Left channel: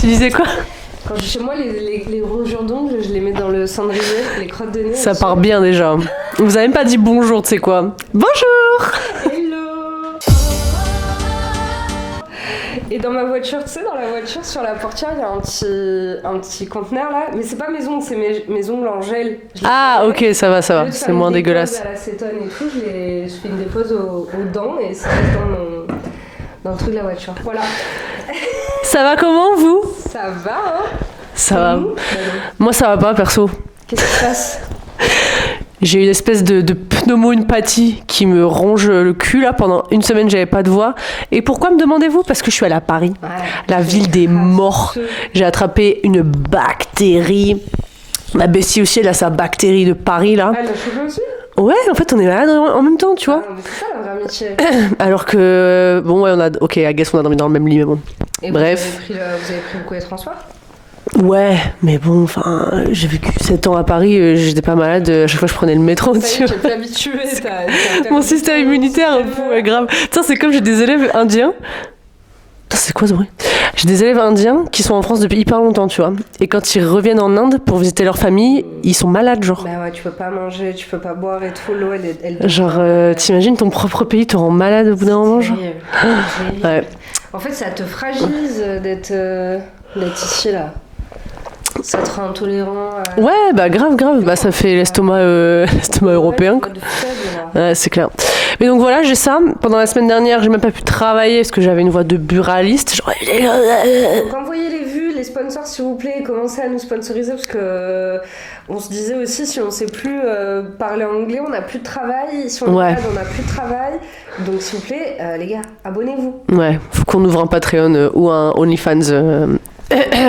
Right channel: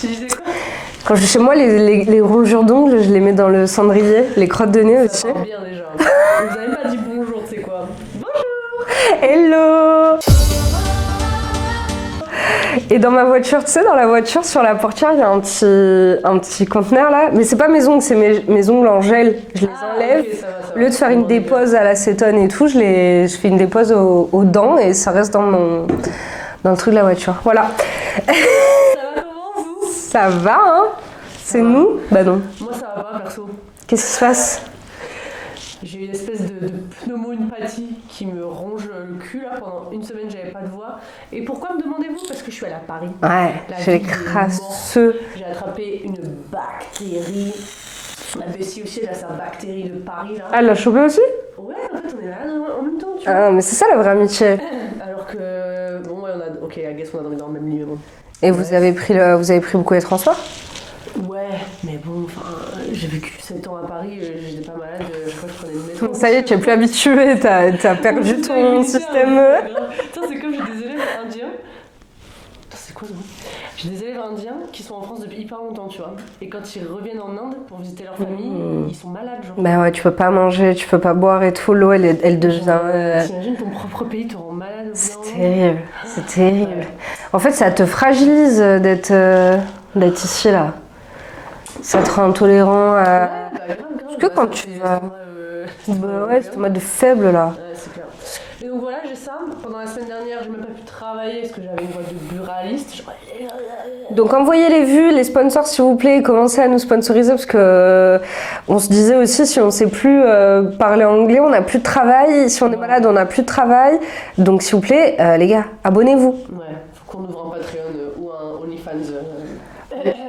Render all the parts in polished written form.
Tu disais quoi? Quand je suis chez moi, les rongures d'ongles, je les mets dans le cendrier, les crottes de nez. Ça aussi. part bien déjà. Vous avez même pas dit bonjour, tu sais quoi? Bonjour! Hello! Et dans ma voiture, tu sais, dans la voiture, sur la portière, il y a un petit conteneur là. Mais c'est pas mes ongles, c'est mes ongles en gel. Ah, ok, ça va. Au lieu de faire C'est moins une dégueulasse. dépose à l'acétone et tout, je fais une dépose aux dents et ça reste dans le truc de la voiture. Voilà. Ça va comment, vous? Ça va, hein? Ça C'est va. nous? Bah non. Moi, ça va pas, perso. Qu'est-ce qui se passe? J'ai une espèce de pneumo-une-pathie qui me ronge le cul là. Pendant une semaine, j'avais pas de voix. Et pourquoi me demandez-vous? Parce que je suis allée à Paris, la ville des morts. J'ai attrapé une bactérie. Ma bestie aussi, elle a sa bactérie de Paris là. Elle l'a chopé aussi? Ouais, en fait, on est malade en même temps, tu vois. Ah, mais c'est ça la vraie amitié. Alors que, bon, ouais, ok, I guess on a dormi dans le même lit, mais bon. Et bref. Vous avez pris beaucoup les transports? Ouais, mais bon, enfin, j'ai vécu 7 ans à Paris, j'étais pas malade, à chaque fois je prenais le métro. Ça y est, tu es plus habituée, t'as perdu mon système immunitaire, ouais, grave. Tiens, c'est comme j'ai des élèves indiens. Putain, c'est quoi ce bruit? J'ai des élèves indiens qui sont en France depuis hyper longtemps, tu vois. Et quand ils reviennent en Inde pour visiter leur famille, ils sont malades, genre. Bah ouais, tu peux pas manger, tu peux pas boire et tout. L'eau, elle devient... Genre, t'imagines ton propre pays te rend malade au bout d'un moment, genre. C'est terrible. Ouais. En fait, ça te fragilise d'être ici, là. Ça te rend intolérant à... Ouais, bah grave. Bah ça fait l'estomac européen. L'estomac de faible, là. Ouais, c'est clair. Mais donc voilà, j'ai ça. Pendant la semaine dernière, j'ai même pas pu travailler parce que j'avais une voix de buraliste. Genre... Donc envoyez les vues, les sponsors, s'il vous plaît, commencez à nous sponsoriser parce que on se disait aussi, si on sait plus parler anglais, on n'a plus de travail. Si on est malade, on n'a plus de travail. Donc s'il vous plaît, les gars, abonnez-vous. Ouais, faut qu'on ouvre un Patreon ou un OnlyFans.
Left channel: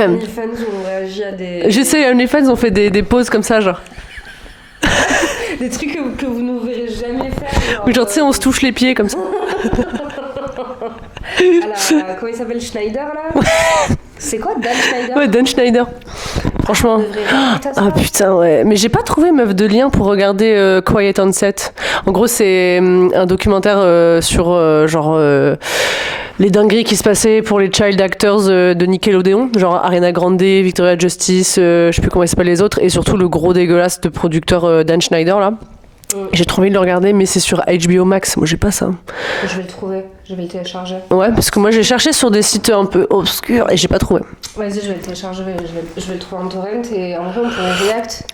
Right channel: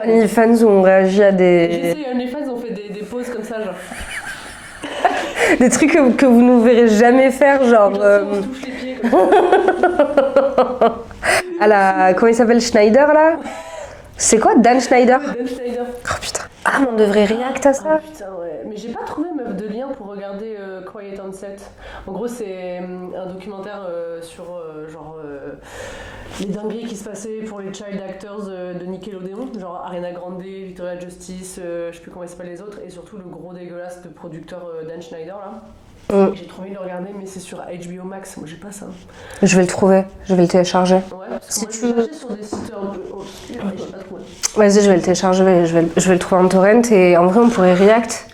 OnlyFans où on réagit à des... J'essaie, OnlyFans, on fait des pauses comme ça, genre. Des trucs que vous ne verrez jamais faire, genre... Genre, tu sais, on se touche les pieds comme ça. Comment il s'appelle, Schneider, là? C'est quoi, Dan Schneider? Ouais, Dan Schneider. Oh putain, franchement. On devrait réécouter ça. Ah putain, ouais. Mais j'ai pas trouvé, meuf, de lien pour regarder Quiet on Set. En gros, c'est un documentaire sur, les dingueries qui se passaient pour les child actors de Nickelodeon, genre Ariana Grande, Victoria Justice, je sais plus comment ils s'appellent les autres, et surtout le gros dégueulasse de producteur Dan Schneider, là. J'ai trop envie de le regarder, mais c'est sur HBO Max. Moi, j'ai pas ça. Je vais le trouver, je vais le télécharger. Ouais, parce que moi, j'ai cherché sur des sites un peu obscurs et j'ai pas trouvé. Vas-y, je vais le télécharger, je vais le trouver en torrent et en vrai, on pourrait react.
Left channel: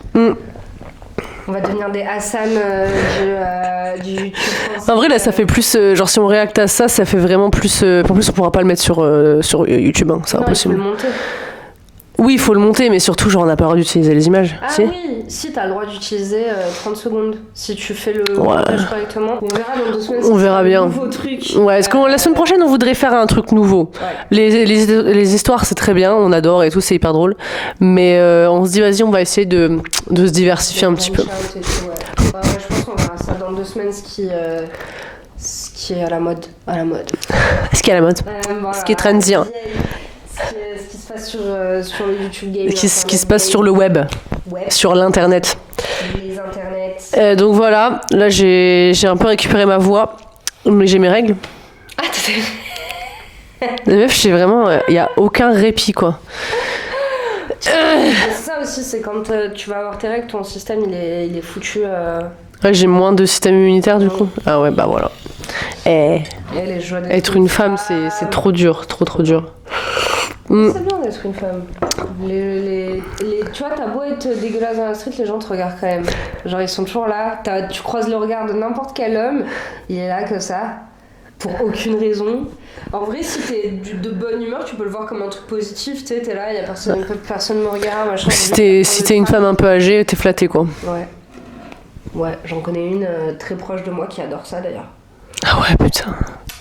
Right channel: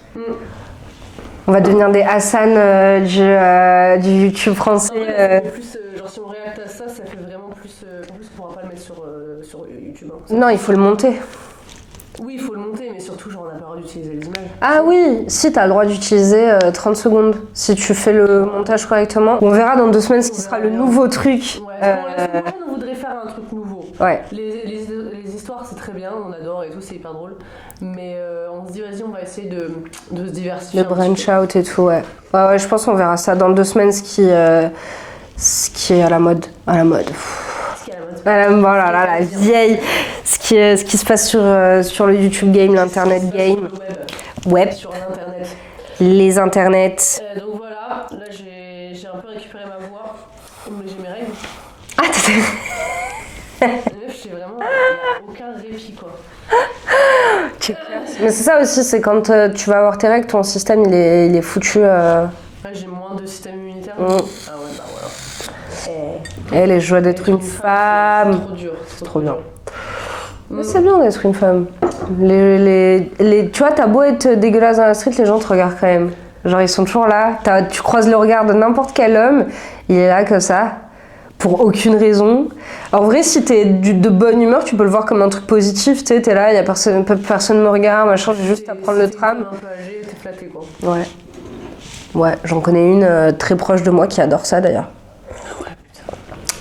On va devenir des Hassan du YouTube français. En vrai, là, ça fait plus... genre, si on réacte à ça, ça fait vraiment plus... en plus, on pourra pas le mettre sur YouTube. Hein, non, il faut le monter. Oui, il faut le monter, mais surtout, genre, on n'a pas le droit d'utiliser les images. Ah oui, si, t'as le droit d'utiliser 30 secondes. Si tu fais le montage correctement. On verra dans 2 semaines si c'est un nouveau truc. Ouais, parce que la semaine prochaine, on voudrait faire un truc nouveau. Ouais. Les histoires, c'est très bien, on adore et tout, c'est hyper drôle. Mais on se dit, vas-y, on va essayer de se diversifier un petit peu. Out et tout, ouais. Ouais, je pense qu'on verra ça dans 2 semaines, ce qui est à la mode. Ce qui est à la mode. Voilà, ce qui est trendy. Ce qui se passe sur le YouTube game, ce qui se passe sur le web. Sur l'internet. Les internets. Donc voilà, là j'ai un peu récupéré ma voix, mais j'ai mes règles. Ah, La meuf, j'ai vraiment... Il n'y a aucun répit, quoi. C'est ça aussi, c'est quand tu vas avoir tes règles, ton système il est foutu. Ouais, j'ai moins de système immunitaire du coup. Ah ouais, bah voilà. Les joies d'être être une femme, c'est trop dur, trop dur. C'est bien d'être une femme. Tu vois, t'as beau être dégueulasse dans la street, les gens te regardent quand même. Genre, ils sont toujours là. Tu croises le regard de n'importe quel homme, il est là comme ça, pour aucune raison. En vrai, si t'es de bonne humeur, tu peux le voir comme un truc positif. Tu sais, t'es là, personne me regarde, machin. Si t'es une femme un peu âgée, t'es flattée, quoi. Ouais, j'en connais une très proche de moi qui adore ça d'ailleurs. Ah ouais, putain.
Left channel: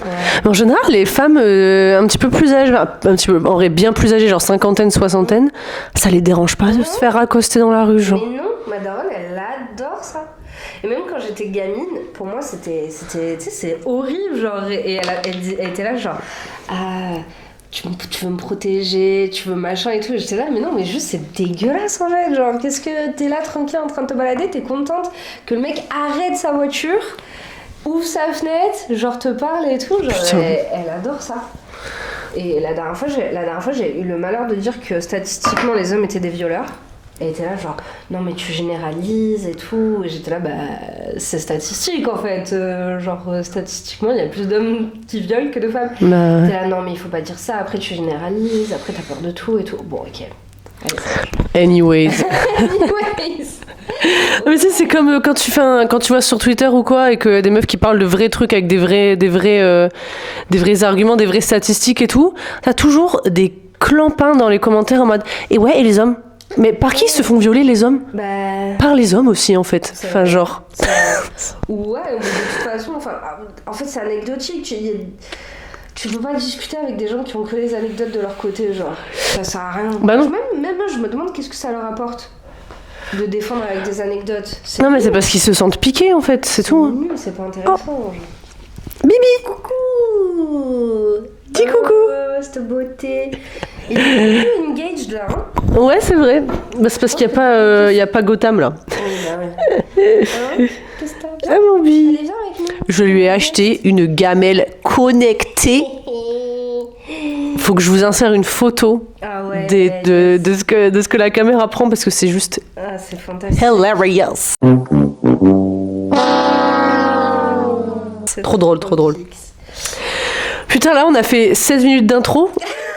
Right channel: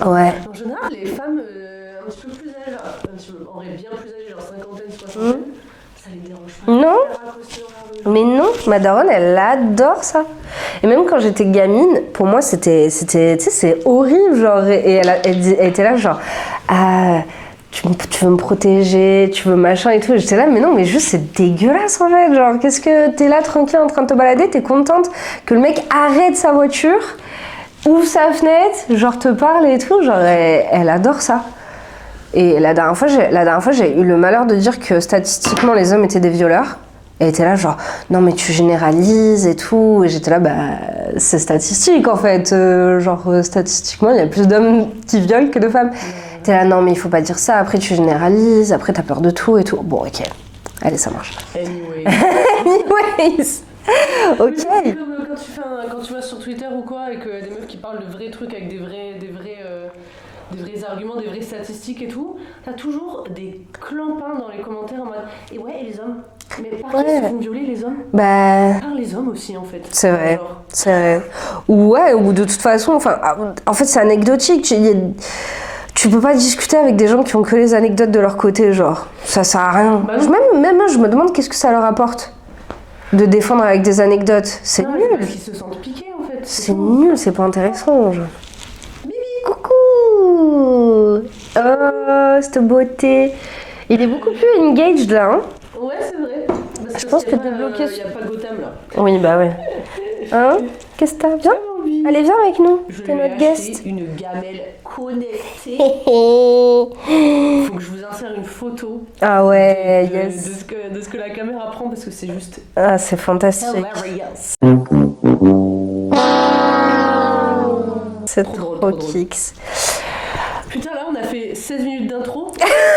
Ouais. En général, les femmes un petit peu plus âgées, en vrai bien plus âgées, genre cinquantaine, soixantaine, ça les dérange pas de se faire accoster dans la rue, genre. Mais non, ma daronne, elle adore ça. Et même quand j'étais gamine, pour moi, c'était tu sais, c'est horrible, genre. Et elle était là, genre, tu veux me protéger, tu veux machin et tout. J'étais là, mais non, mais juste c'est dégueulasse en fait. Genre, qu'est-ce que t'es là tranquille en train de te balader, t'es contente que le mec arrête sa voiture, ouvre sa fenêtre, genre te parle et tout. Genre, elle adore ça. Et la dernière fois, j'ai eu le malheur de dire que statistiquement, les hommes étaient des violeurs. Elle était là genre, non mais tu généralises et tout. Et j'étais là, bah c'est statistique en fait. Statistiquement, il y a plus d'hommes qui violent que de femmes. T'es là, non mais il faut pas dire ça, après tu généralises, après t'as peur de tout et tout. Bon ok, allez ça marche. Anyways. Anyways. Mais tu sais, c'est comme quand tu vois sur Twitter ou quoi et qu'il y a des meufs qui parlent de vrais trucs avec des vrais arguments, des vraies statistiques et tout, t'as toujours des clampins dans les commentaires en mode « Et ouais, et les hommes ?» Mais par qui se font violer les hommes ? Bah... Par les hommes aussi en fait. C'est vrai. Genre. C'est vrai. Ouais, ou de toute façon, en fait c'est anecdotique. Tu peux pas discuter avec des gens qui ont que les anecdotes de leur côté, genre. Ça sert à rien. Bah même moi, je me demande qu'est-ce que ça leur apporte de défendre avec des anecdotes. Non mais c'est parce qu'ils se sentent piqués en fait, c'est tout. C'est nul, c'est pas intéressant. Genre. Bibi, coucou. Dis coucou. Cette beauté. Il est beaucoup plus engaged là, hein. Ouais, c'est vrai. Bah, c'est parce qu'il n'y a pas Gotham là. Oui, bah ouais. Hein? Qu'est-ce que t'as? Ah mon vie. Allez, viens avec nous. Je lui ai acheté une gamelle connectée. Faut que je vous insère une photo de ce que la caméra prend parce que c'est juste c'est fantastique. hilarious. C'est trop drôle. Putain, là, on a fait 16 minutes d'intro.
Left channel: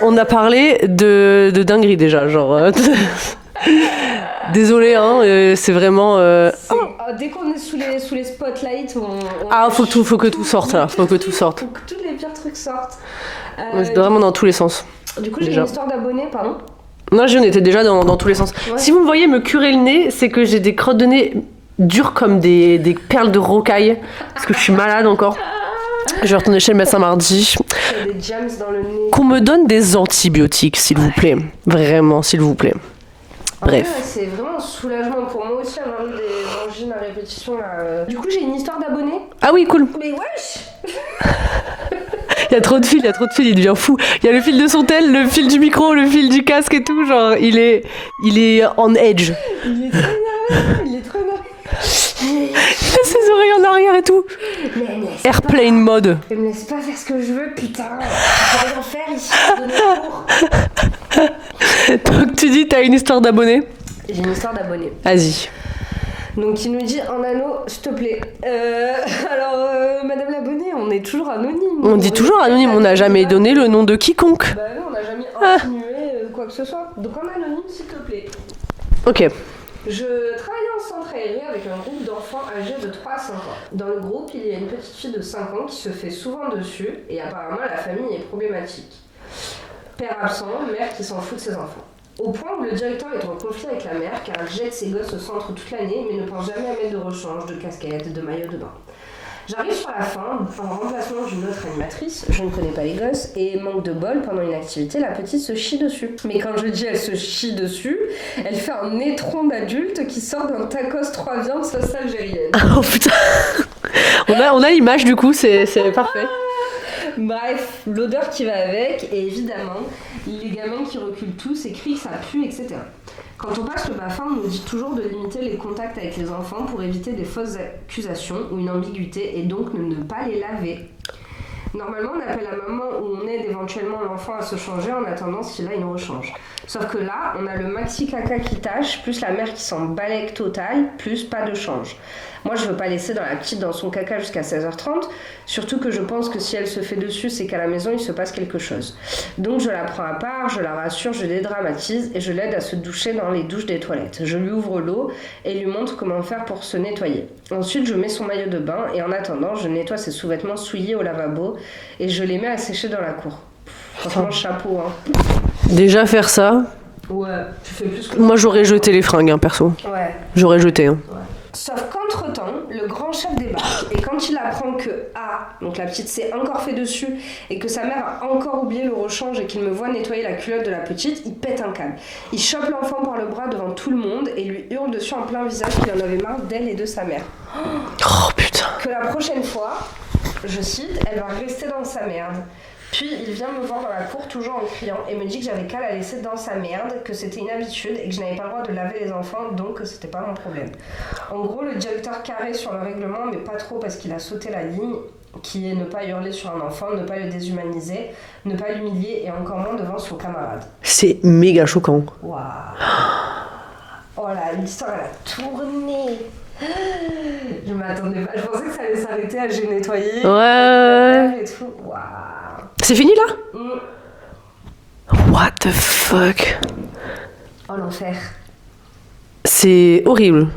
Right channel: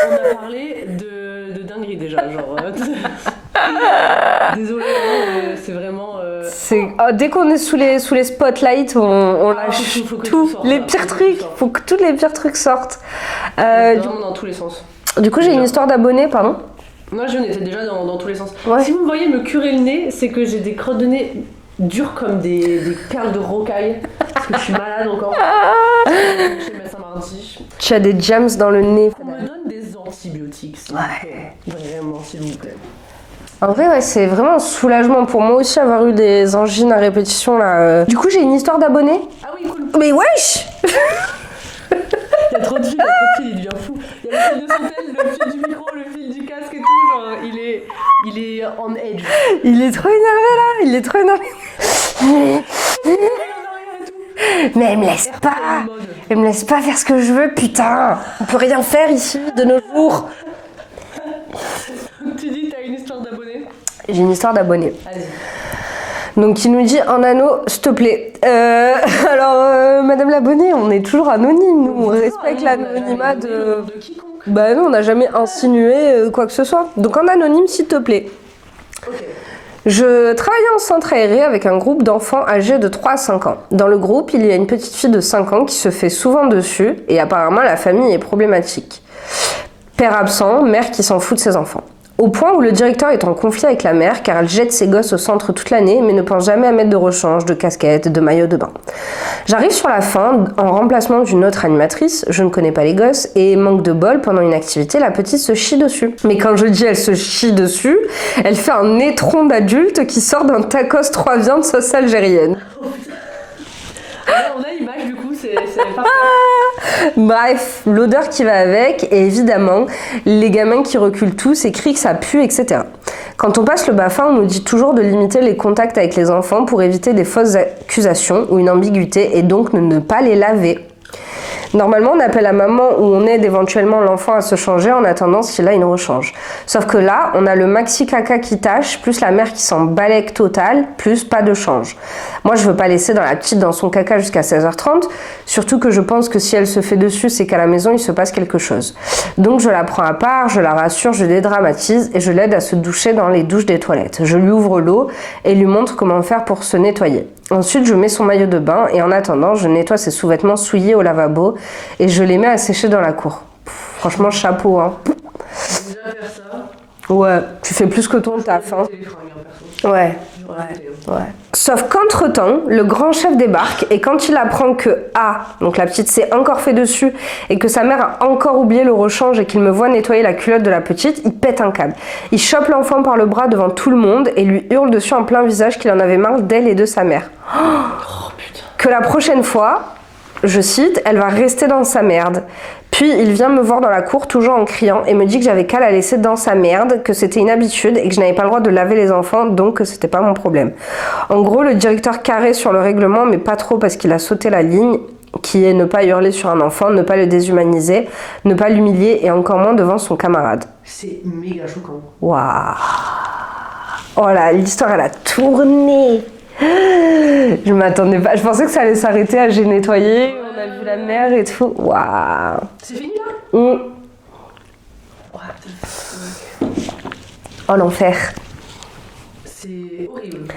On a parlé de dinguerie déjà, genre. Désolé, hein, c'est vraiment. Dès qu'on est sous les spotlights, on faut que tout sorte là. Faut que tous les pires trucs sortent. C'est vraiment dans tous les sens. Du coup, j'ai une histoire d'abonnés, pardon. Non, on était déjà dans tous les sens. Ouais. Si vous me voyez me curer le nez, c'est que j'ai des crottes de nez dures comme des perles de rocaille. Parce que je suis malade encore. Je vais retourner chez le médecin mardi. J'ai des jams dans le nez. Qu'on me donne des antibiotiques, s'il vous plaît. Vraiment, s'il vous plaît. En vrai, c'est vraiment un soulagement pour moi aussi avoir eu des angines à répétition là. Du coup, j'ai une histoire d'abonnés. Ah oui, cool. Mais wesh. Il y a trop de fils, il devient fou. Il y a le fil de son tel, le fil du micro, le fil du casque et tout, genre il est on edge. Il est trop énervé. Ses oreilles en arrière et tout. Mais elle me laisse Airplane mode. Elle me laisse pas faire ce que je veux, putain. Je peux rien faire ici de nos jours. Donc tu dis t'as une histoire d'abonné ? J'ai une histoire d'abonné. Vas-y. Donc il nous dit un anneau, s'il te plaît. Alors Madame l'abonnée, on est toujours anonyme. On dit toujours anonyme, on n'a jamais donné le nom de quiconque. Bah non, on n'a jamais insinué quoi que ce soit. Donc en anonyme, s'il te plaît. Ok. Je travaillais en centre aéré avec un groupe d'enfants âgés de 3 à 5 ans. Dans le groupe, il y a une petite fille de 5 ans qui se fait souvent dessus et apparemment la famille est problématique. Père absent, mère qui s'en fout de ses enfants. Au point où le directeur est en conflit avec la mère car elle jette ses gosses au centre toute l'année mais ne pense jamais à mettre de rechange, de casquette, de maillot de bain. J'arrive sur la fin en remplacement d'une autre animatrice, je ne connais pas les gosses et manque de bol, pendant une activité, la petite se chie dessus. Mais quand je dis elle se chie dessus, elle fait un étron d'adulte qui sort d'un tacos 3 viandes sauce algérienne. Oh putain. On a l'image du coup, c'est parfait. Bref, l'odeur qui va avec et évidemment les gamins qui reculent tous et crient que ça pue, etc. Quand on passe le BAFA, on nous dit toujours de limiter les contacts avec les enfants pour éviter des fausses accusations ou une ambiguïté et donc de ne pas les laver. Normalement, on appelle la maman ou on aide éventuellement l'enfant à se changer en attendant s'il a une rechange. Sauf que là, on a le maxi caca qui tâche, plus la mère qui s'en balèque total, plus pas de change. Moi, je veux pas laisser dans la petite dans son caca jusqu'à 16h30, surtout que je pense que si elle se fait dessus, c'est qu'à la maison, il se passe quelque chose. Donc, je la prends à part, je la rassure, je dédramatise et je l'aide à se doucher dans les douches des toilettes. Je lui ouvre l'eau et lui montre comment faire pour se nettoyer. Ensuite, je mets son maillot de bain et en attendant, je nettoie ses sous-vêtements souillés au lavabo et je les mets à sécher dans la cour. Franchement, chapeau, hein. Déjà faire ça. Ouais, tu fais plus que toi. Moi, j'aurais jeté les fringues, hein, perso. Ouais. J'aurais jeté. Hein. Ouais. Sauf qu'entre-temps, le grand chef débarque et quand il apprend que donc la petite s'est encore fait dessus et que sa mère a encore oublié le rechange et qu'il me voit nettoyer la culotte de la petite, il pète un câble. Il chope l'enfant par le bras devant tout le monde et lui hurle dessus en plein visage qu'il en avait marre d'elle et de sa mère. Oh putain. Que la prochaine fois, je cite, elle va rester dans sa merde. Puis il vient me voir dans la cour, toujours en criant, et me dit que j'avais qu'à la laisser dans sa merde, que c'était une habitude et que je n'avais pas le droit de laver les enfants, donc que c'était pas mon problème. En gros, le directeur carré sur le règlement, mais pas trop parce qu'il a sauté la ligne. qui est ne pas hurler sur un enfant, ne pas le déshumaniser, ne pas l'humilier et encore moins devant son camarade. C'est méga choquant. Waouh. Oh là, l'histoire elle a tourné. Je m'attendais pas, je pensais que ça allait s'arrêter à j'ai nettoyé la mer et tout. Waouh. C'est fini là? What the fuck? Oh l'enfer. C'est horrible.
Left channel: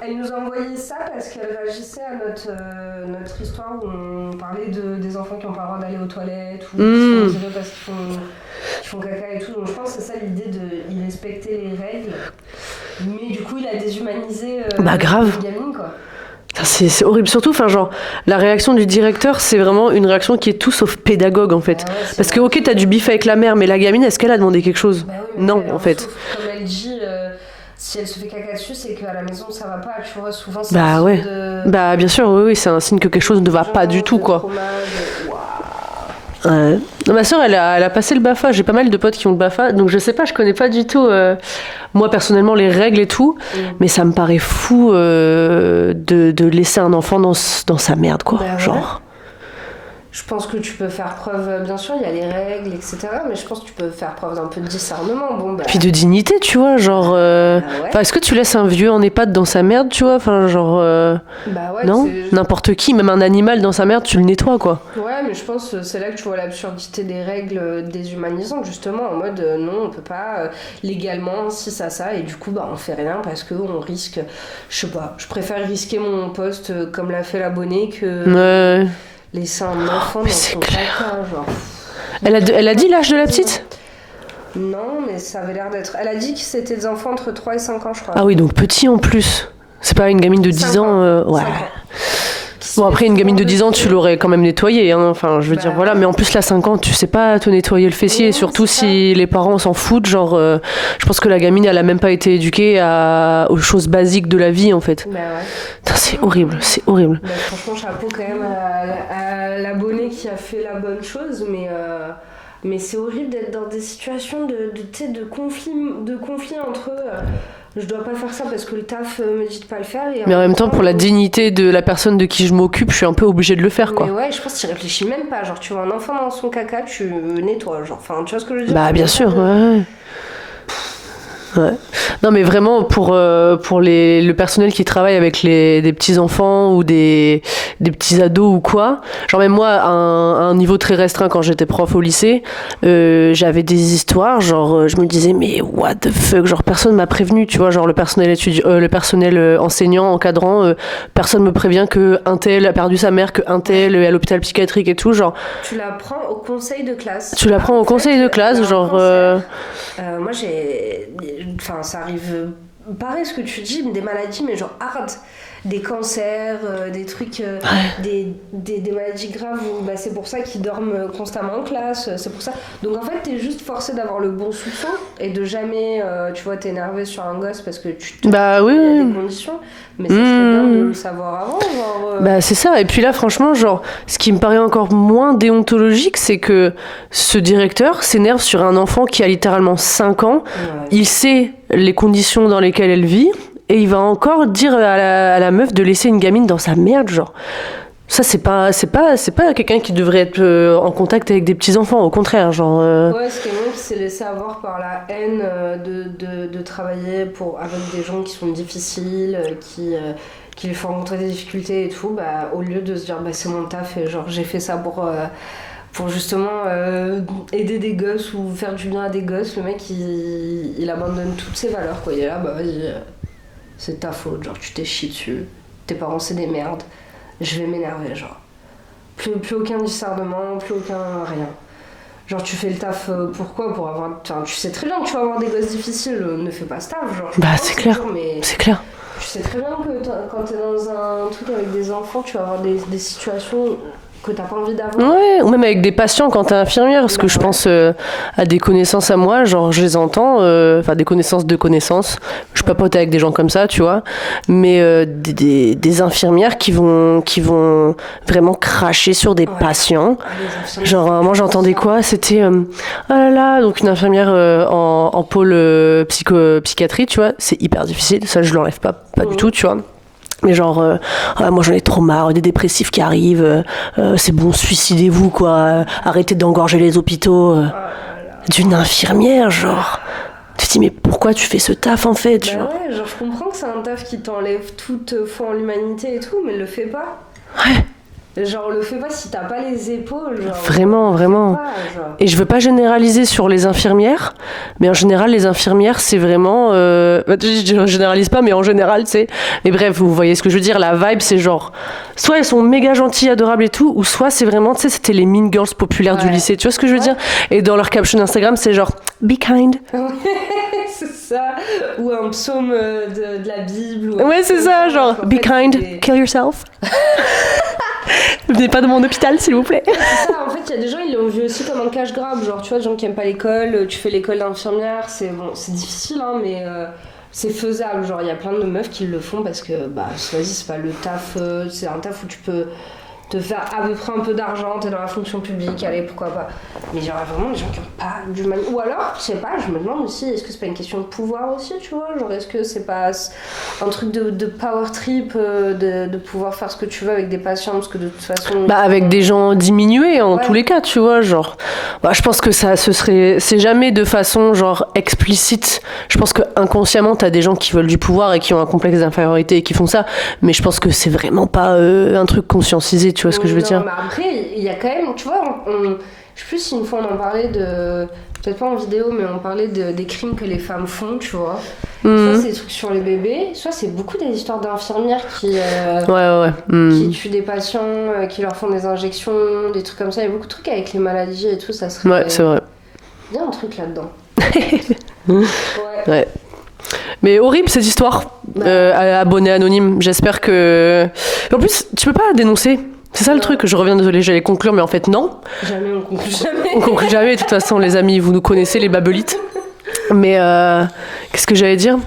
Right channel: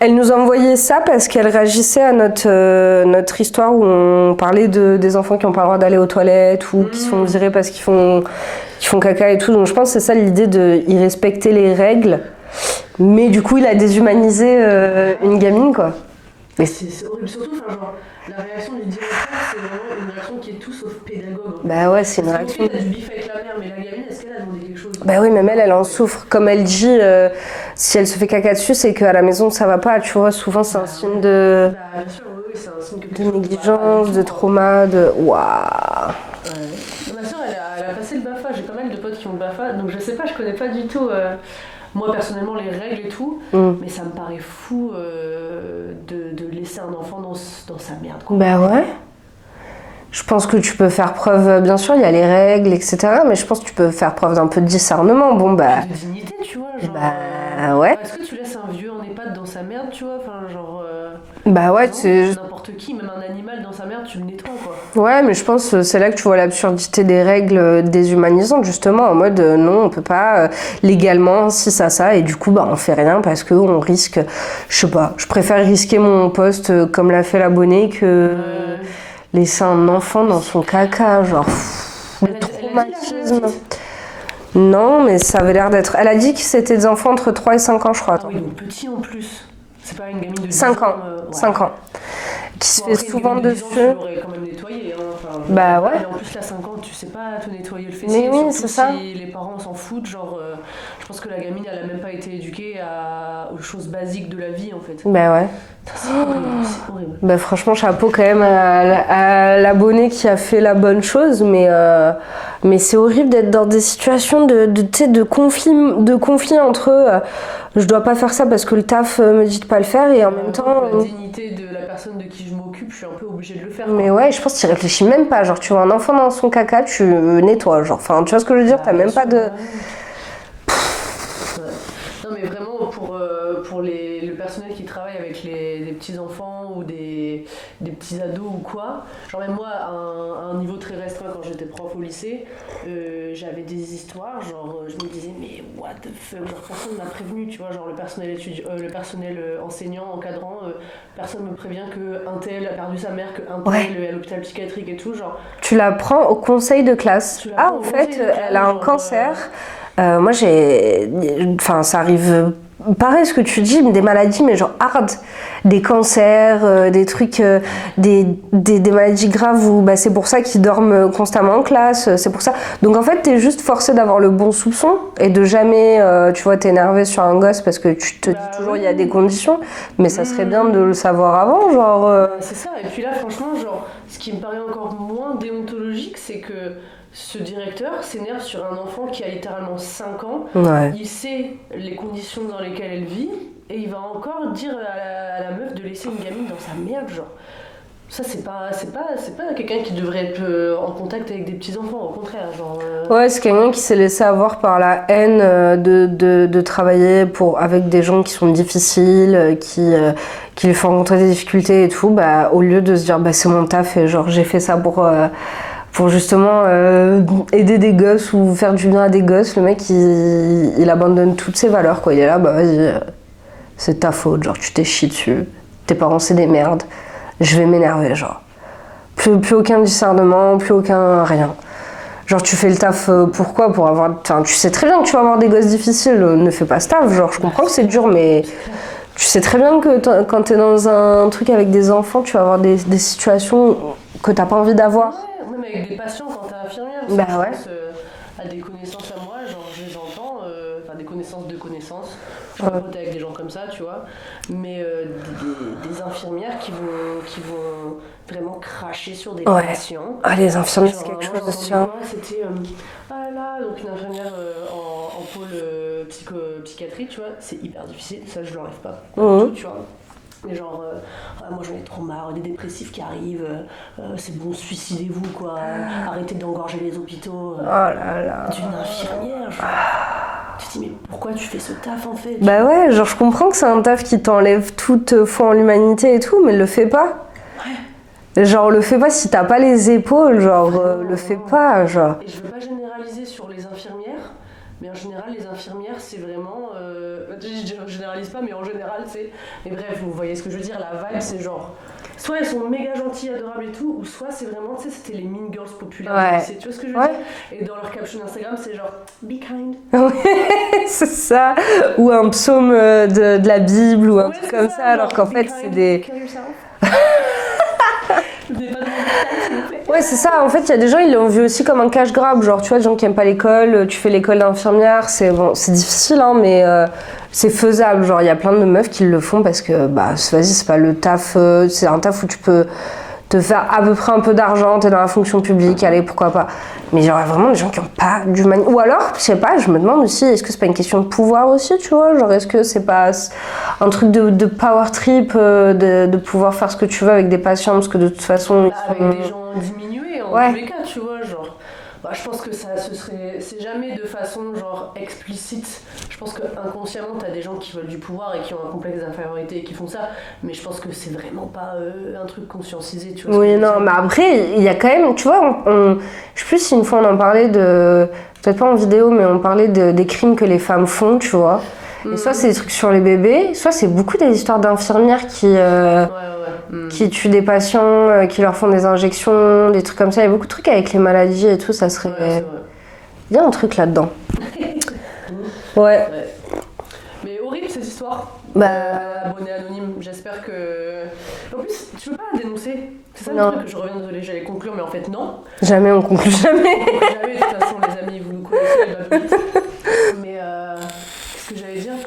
Elle nous a envoyé ça parce qu'elle réagissait à notre histoire où on parlait des enfants qui n'ont pas le droit d'aller aux toilettes ou qui se font virer parce qu'ils font caca et tout. Donc je pense que c'est ça l'idée de y respecter les règles. Mais du coup, il a déshumanisé une gamine, quoi. C'est horrible. Surtout, enfin, genre, la réaction du directeur, c'est vraiment une réaction qui est tout sauf pédagogue, en fait. Bah ouais, parce que, ok, t'as du bif avec la mère, mais la gamine, est-ce qu'elle a demandé quelque chose? Bah oui, mais non, elle en fait. souffre. Comme elle dit, si elle se fait caca dessus, c'est qu'à la maison, ça va pas. Tu vois, souvent, c'est un signe de... Bah, bien sûr, oui, c'est un signe que quelque chose ne va pas du tout, quoi. Trauma, waouh. Ouais. Non, ma soeur, elle a passé le BAFA. J'ai pas mal de potes qui ont le BAFA, donc je sais pas, je connais pas du tout, moi personnellement, les règles et tout, mais ça me paraît fou de laisser un enfant dans sa merde, quoi. Bah, genre. Ouais. Je pense que tu peux faire preuve, bien sûr, il y a les règles, etc. Mais je pense que tu peux faire preuve d'un peu de discernement. Bon, bah... Puis de dignité, tu vois, genre... ouais. Est-ce que tu laisses un vieux en EHPAD dans sa merde, tu vois? Enfin, genre... Bah ouais, non, n'importe qui, même un animal dans sa merde, tu le nettoies, quoi. Ouais, mais je pense que c'est là que tu vois l'absurdité des règles déshumanisantes, justement, en mode non, on peut pas légalement, si ça, et du coup, bah on fait rien parce qu'on risque... Je sais pas, je préfère risquer mon poste comme l'a fait l'abonné que... Laisser un enfant dans son caca, genre... Elle a dit l'âge de la petite? Non, mais ça avait l'air d'être... Elle a dit que c'était des enfants entre 3 et 5 ans, je crois. Ah oui, donc petit en plus. C'est pas une gamine de 10 ans. 5 ans. Bon, après, une gamine de 10 ans, tu l'aurais quand même nettoyée. Hein. Enfin, je veux dire, voilà. Mais en plus, là, 5 ans, tu sais pas te nettoyer le fessier. Et surtout si les parents s'en foutent. Genre, je pense que la gamine, elle a même pas été éduquée aux choses basiques de la vie, en fait. Bah ouais. Putain, c'est horrible, c'est horrible. Bah, franchement, chapeau quand même à l'abonné qui a fait la bonne chose. Mais c'est horrible d'être dans des situations de conflit entre eux. Je dois pas faire ça parce que le taf me dit de pas le faire. Mais en même temps, pour la dignité de la personne de qui je m'occupe, je suis un peu obligée de le faire, quoi. Mais ouais, je pense que tu réfléchis même pas. Genre, tu vois un enfant dans son caca, tu nettoies. Genre, enfin, tu vois ce que je veux dire? Bah, bien sûr, Ouais. Non, mais vraiment pour le personnel qui travaille avec des petits enfants ou des petits ados ou quoi, genre même moi à un niveau très restreint quand j'étais prof au lycée, j'avais des histoires, genre je me disais mais what the fuck, genre personne m'a prévenu, tu vois, genre le personnel enseignant, encadrant, personne me prévient que un tel a perdu sa mère, que un tel est à l'hôpital psychiatrique et tout, genre. Tu l'apprends au conseil de classe. Tu l'apprends au conseil de classe, genre. Moi enfin ça arrive pareil ce que tu dis, des maladies mais genre hard, des cancers, des trucs, des maladies graves où bah, c'est pour ça qu'ils dorment constamment en classe, c'est pour ça. Donc en fait t'es juste forcé d'avoir le bon soupçon et de jamais tu vois t'énerver sur un gosse parce que tu te dis il y a des conditions, mais ça serait bien de le savoir avant, genre. Bah c'est ça, et puis là franchement genre ce qui me paraît encore moins déontologique, c'est que ce directeur s'énerve sur un enfant qui a littéralement 5 ans, il sait les conditions dans lesquelles elle vit. Et il va encore dire à la meuf de laisser une gamine dans sa merde, genre. Ça, c'est pas quelqu'un qui devrait être en contact avec des petits-enfants, au contraire, genre... Ouais, c'est quelqu'un qui s'est laissé avoir par la haine de travailler avec des gens qui sont difficiles, qui lui font rencontrer des difficultés et tout, bah, au lieu de se dire, bah, c'est mon taf et genre, j'ai fait ça pour justement aider des gosses ou faire du bien à des gosses, le mec, il abandonne toutes ses valeurs, quoi. Il est là, bah, vas-y... C'est ta faute, genre tu t'es chié dessus, tes parents c'est des merdes, je vais m'énerver, genre. Plus aucun discernement, plus aucun rien. Genre tu fais le taf pourquoi? Pour avoir... Enfin, tu sais très bien que tu vas avoir des gosses difficiles, ne fais pas ce taf, genre je comprends que c'est dur, mais... C'est clair. Tu sais très bien que quand t'es dans un truc avec des enfants, tu vas avoir des situations que t'as pas envie d'avoir. Ouais, ou même avec des patients quand t'es infirmière, parce que je pense à des connaissances à moi, genre je les entends, enfin des connaissances de connaissances, je papote avec des gens comme ça, tu vois, mais des infirmières qui vont vraiment cracher sur des patients. Ah, les infirmières, genre moi j'entendais quoi, c'était ah là là, donc une infirmière en pôle psychiatrie, tu vois, c'est hyper difficile, ça je l'enlève pas du tout, tu vois. Mais genre, moi j'en ai trop marre des dépressifs qui arrivent, c'est bon, suicidez-vous quoi, arrêtez d'engorger les hôpitaux. D'une infirmière, genre. Tu te dis, mais pourquoi tu fais ce taf en fait? Bah ouais, genre je comprends que c'est un taf qui t'enlève toute foi en l'humanité et tout, mais le fais pas. Ouais. Genre, le fais pas si t'as pas les épaules, genre. Vraiment, le vraiment. Fais pas, genre. Et je veux pas généraliser sur les infirmières, mais en général, les infirmières, c'est vraiment. Je généralise pas, mais en général, tu sais. Mais bref, vous voyez ce que je veux dire. La vibe, c'est genre. Soit elles sont méga gentilles, adorables et tout, ou soit c'est vraiment, tu sais, c'était les mean girls populaires du lycée. Tu vois ce que je veux dire? Et dans leur caption Instagram, c'est genre be kind. C'est ça. Ou un psaume de la Bible. Ou ouais, c'est ça, genre be kind, kill yourself. Ne venez pas de mon hôpital, s'il vous plaît. Ouais, c'est ça. En fait, il y a des gens, ils l'ont vu aussi comme un cash grab. Genre, tu vois, des gens qui aiment pas l'école, tu fais l'école d'infirmière. C'est bon, c'est difficile, hein, mais c'est faisable. Genre, il y a plein de meufs qui le font parce que, bah, vas-y, c'est pas le taf. C'est un taf où tu peux te faire à peu près un peu d'argent, t'es dans la fonction publique, allez, pourquoi pas. Mais genre, vraiment des gens qui ont pas d'humanité. Ou alors, je sais pas, je me demande aussi, est-ce que c'est pas une question de pouvoir aussi, tu vois? Genre, est-ce que c'est pas un truc de power trip, de pouvoir faire ce que tu veux avec des patients, parce que de toute façon... Bah, avec des gens diminués, en tous les cas, tu vois, genre... Bah, je pense que ça, c'est jamais de façon, genre, explicite. Je pense que inconsciemment, t'as des gens qui veulent du pouvoir et qui ont un complexe d'infériorité et qui font ça, mais je pense que c'est vraiment pas un truc conscientisé, tu vois ce que je veux dire? Mais après, il y a quand même, tu vois, je sais plus si une fois on en parlait de, peut-être pas en vidéo, mais on parlait des crimes que les femmes font, tu vois. Et soit c'est des trucs sur les bébés, soit c'est beaucoup des histoires d'infirmières qui tuent des patients, qui leur font des injections, des trucs comme ça. Il y a beaucoup de trucs avec les maladies et tout, ça serait... Ouais, c'est vrai. Il y a un truc là-dedans. Ouais. Mais horrible cette histoire. Abonné anonyme, j'espère que... En plus, tu peux pas dénoncer. C'est ça le truc, je reviens, désolée, j'allais conclure, mais en fait non. Jamais, on conclut jamais. On conclut jamais, de toute façon les amis, vous nous connaissez, les babelites. Mais qu'est-ce que j'allais dire?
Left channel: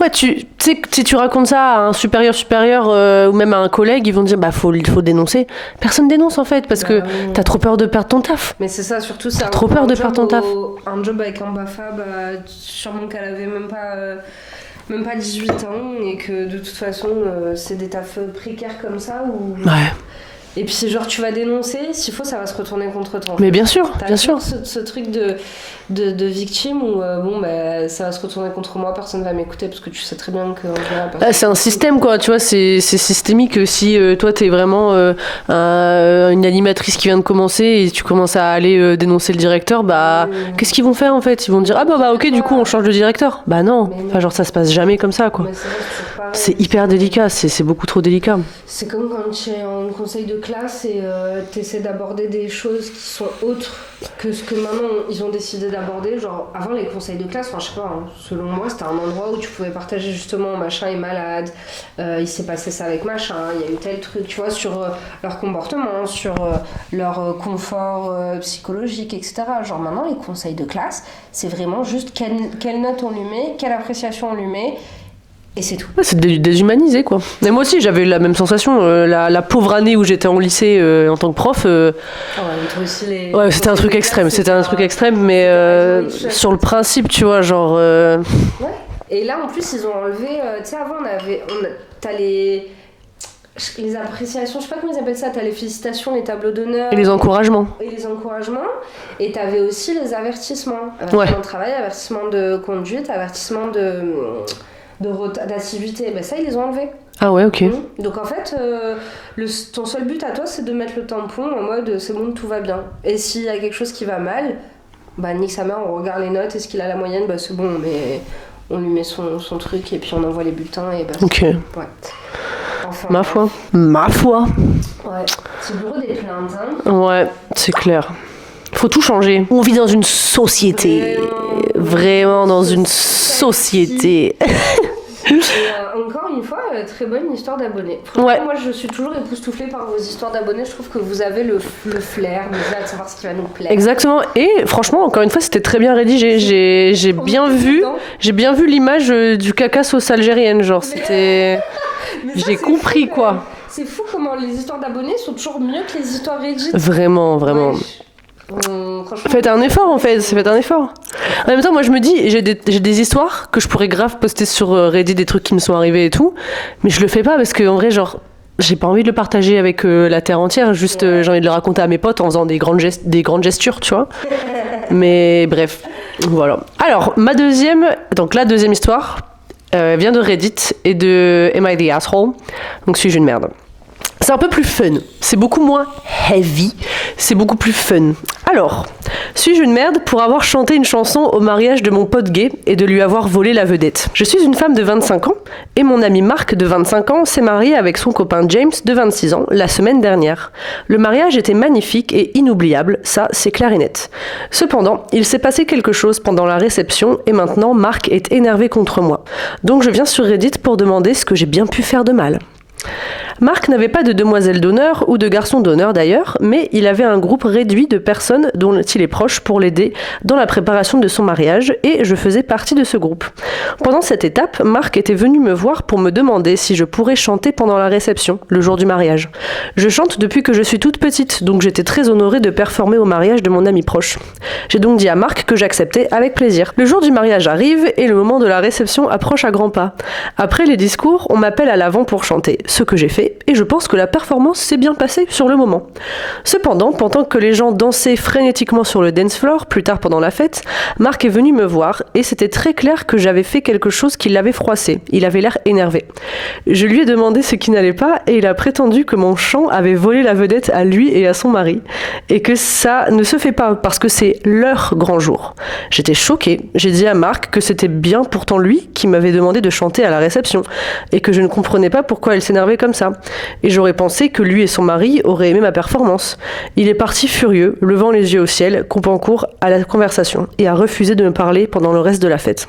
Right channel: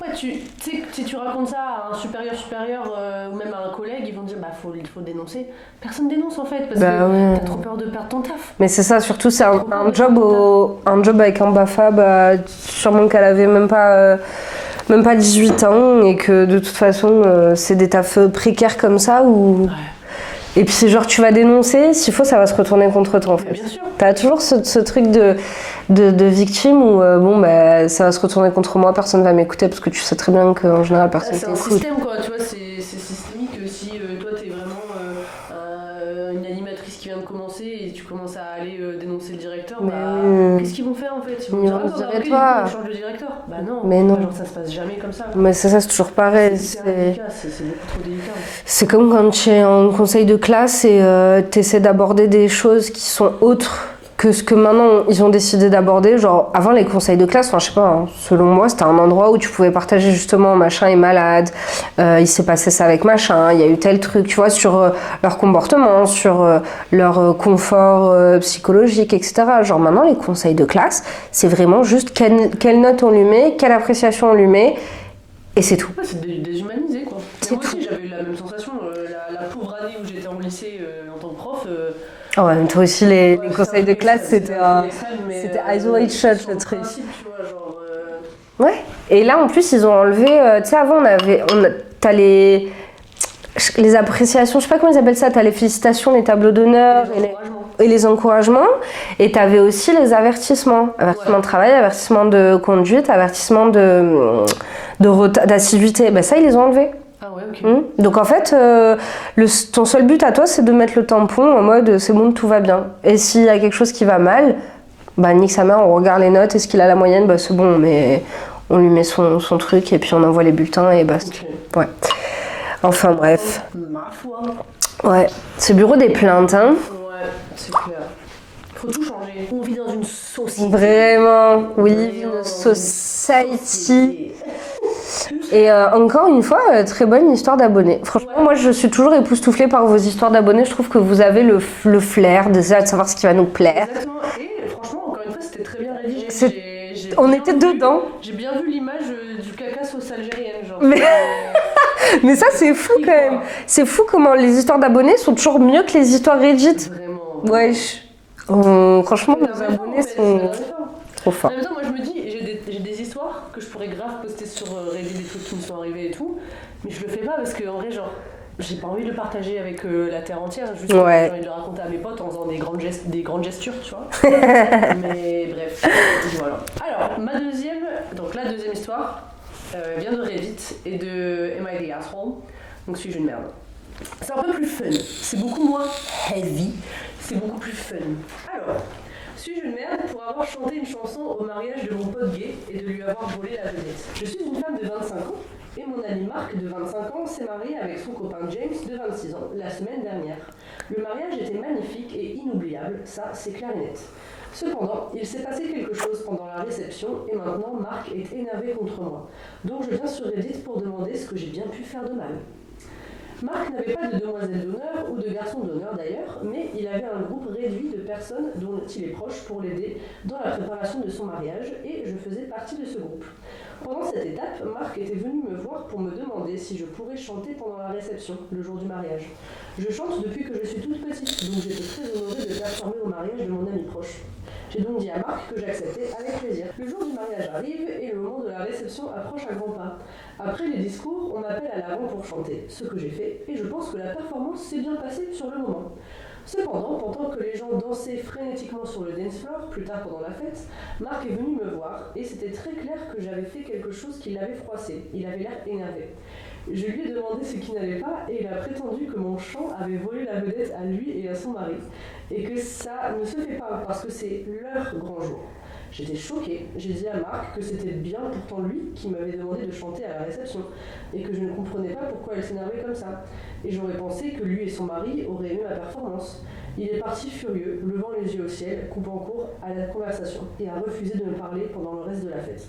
Ouais, tu sais, si tu racontes ça à un supérieur ou même à un collègue, ils vont te dire bah faut dénoncer. Personne dénonce en fait parce que t'as trop peur de perdre ton taf. Mais c'est ça, surtout c'est trop peur de perdre ton taf. Un job avec un BAFA, sûrement qu'elle avait même pas 18 ans et que de toute façon c'est des tafs précaires comme ça où... Ouais. Et puis c'est genre tu vas dénoncer, s'il faut ça va se retourner contre toi. Mais bien sûr. T'as toujours ce truc de victime où ça va se retourner contre moi, personne va m'écouter parce que tu sais très bien qu'en général personne... c'est un système quoi, tu vois, c'est systémique. Si toi t'es vraiment une animatrice qui vient de commencer et tu commences à aller dénoncer le directeur, qu'est-ce qu'ils vont faire en fait? Ils vont te dire ok du coup on change de directeur. Bah non, enfin, genre ça se passe jamais comme ça quoi. Mais c'est ça, c'est toujours pareil. C'est hyper délicat, c'est beaucoup trop délicat. C'est comme quand tu es en conseil de classe et t'essaies d'aborder des choses qui sont autres que ce que maintenant ils ont décidé d'aborder. Genre avant les conseils de classe, enfin je sais pas, hein, selon moi c'était un endroit où tu pouvais partager justement machin est malade, il s'est passé ça avec machin, il y a eu tel truc, tu vois, sur leur comportement, sur leur confort psychologique, etc. Genre maintenant les conseils de classe, c'est vraiment juste quelle note on lui met, quelle appréciation on lui met. Et c'est tout. C'est déshumanisé quoi. Mais moi aussi j'avais eu la même sensation. La pauvre année où j'étais en lycée en tant que prof. Toi aussi c'était un truc extrême. C'était un truc extrême, mais sur le principe, tu vois, genre. Ouais. Et là en plus ils ont enlevé. Tu sais avant t'as les appréciations, je sais pas comment ils appellent ça, t'as les félicitations, les tableaux d'honneur. Et les encouragements. Et t'avais aussi les avertissements. Avertissement de travail, avertissement de conduite, avertissement d'assiduité. Ça ils les ont enlevés. Ah ouais, ok. Donc en fait, ton seul but à toi c'est de mettre le tampon en mode c'est bon, tout va bien. Et s'il y a quelque chose qui va mal, nique sa mère, on regarde les notes, est-ce qu'il a la moyenne, c'est bon, mais on lui met son truc et puis on envoie les bulletins et ok. Ouais. Enfin Ma foi. Ouais, c'est le bureau des plaintes, hein. Ouais, c'est clair. Faut tout changer. On vit dans une société. Vraiment dans une société. Et encore une fois, très bonne histoire d'abonnés. Franchement, moi je suis toujours époustouflée par vos histoires d'abonnés. Je trouve que vous avez le flair de savoir ce qui va nous plaire. Exactement. Et franchement, encore une fois, c'était très bien rédigé. J'ai bien vu l'image du caca sauce algérienne. Genre, c'était. Mais ça, j'ai compris fou, quoi. C'est fou comment les histoires d'abonnés sont toujours mieux que les histoires Reddit. Vraiment. Ouais. Franchement, Faites un effort en fait, faites un effort. Trop fort. En même temps, moi je me dis, j'ai des histoires que je pourrais grave poster sur Reddit, des trucs qui me sont arrivés et tout, mais je le fais pas parce que en vrai, genre, j'ai pas envie de le partager avec la terre entière, juste Ouais. j'ai envie de le raconter à mes potes en faisant des grandes gestures, tu vois. Mais bref, voilà. Alors, la deuxième histoire vient de Reddit et de Am I the Asshole? Donc, suis-je une merde? C'est un peu plus fun, c'est beaucoup moins heavy, c'est beaucoup plus fun. Alors, suis-je une merde pour avoir chanté une chanson au mariage de mon pote gay et de lui avoir volé la vedette? Je suis une femme de 25 ans et mon ami Marc de 25 ans s'est marié avec son copain James de 26 ans la semaine dernière. Le mariage était magnifique et inoubliable, ça c'est clair et net. Cependant, il s'est passé quelque chose pendant la réception et maintenant Marc est énervé contre moi. Donc je viens sur Reddit pour demander ce que j'ai bien pu faire de mal. Marc n'avait pas de demoiselle d'honneur ou de garçon d'honneur d'ailleurs, mais il avait un groupe réduit de personnes dont il est proche pour l'aider dans la préparation de son mariage et je faisais partie de ce groupe. Pendant cette étape, Marc était venu me voir pour me demander si je pourrais chanter pendant la réception, le jour du mariage. Je chante depuis que je suis toute petite, donc j'étais très honorée de performer au mariage de mon ami proche. J'ai donc dit à Marc que j'acceptais avec plaisir. Le jour du mariage arrive et le moment de la réception approche à grands pas. Après les discours, on m'appelle à l'avant pour chanter, ce que j'ai fait et je pense que la performance s'est bien passée sur le moment. Cependant, pendant que les gens dansaient frénétiquement sur le dance floor, plus tard pendant la fête, Marc est venu me voir et c'était très clair que j'avais fait quelque chose qui l'avait froissé. Il avait l'air énervé. Je lui ai demandé ce qui n'allait pas et il a prétendu que mon chant avait volé la vedette à lui et à son mari et que ça ne se fait pas parce que c'est leur grand jour. J'étais choquée. J'ai dit à Marc que c'était bien pourtant lui qui m'avait demandé de chanter à la réception et que je ne comprenais pas pourquoi elle s'énervait comme ça. Et j'aurais pensé que lui et son mari auraient aimé ma performance. Il est parti furieux, levant les yeux au ciel, coupant court à la conversation et a refusé de me parler pendant le reste de la fête.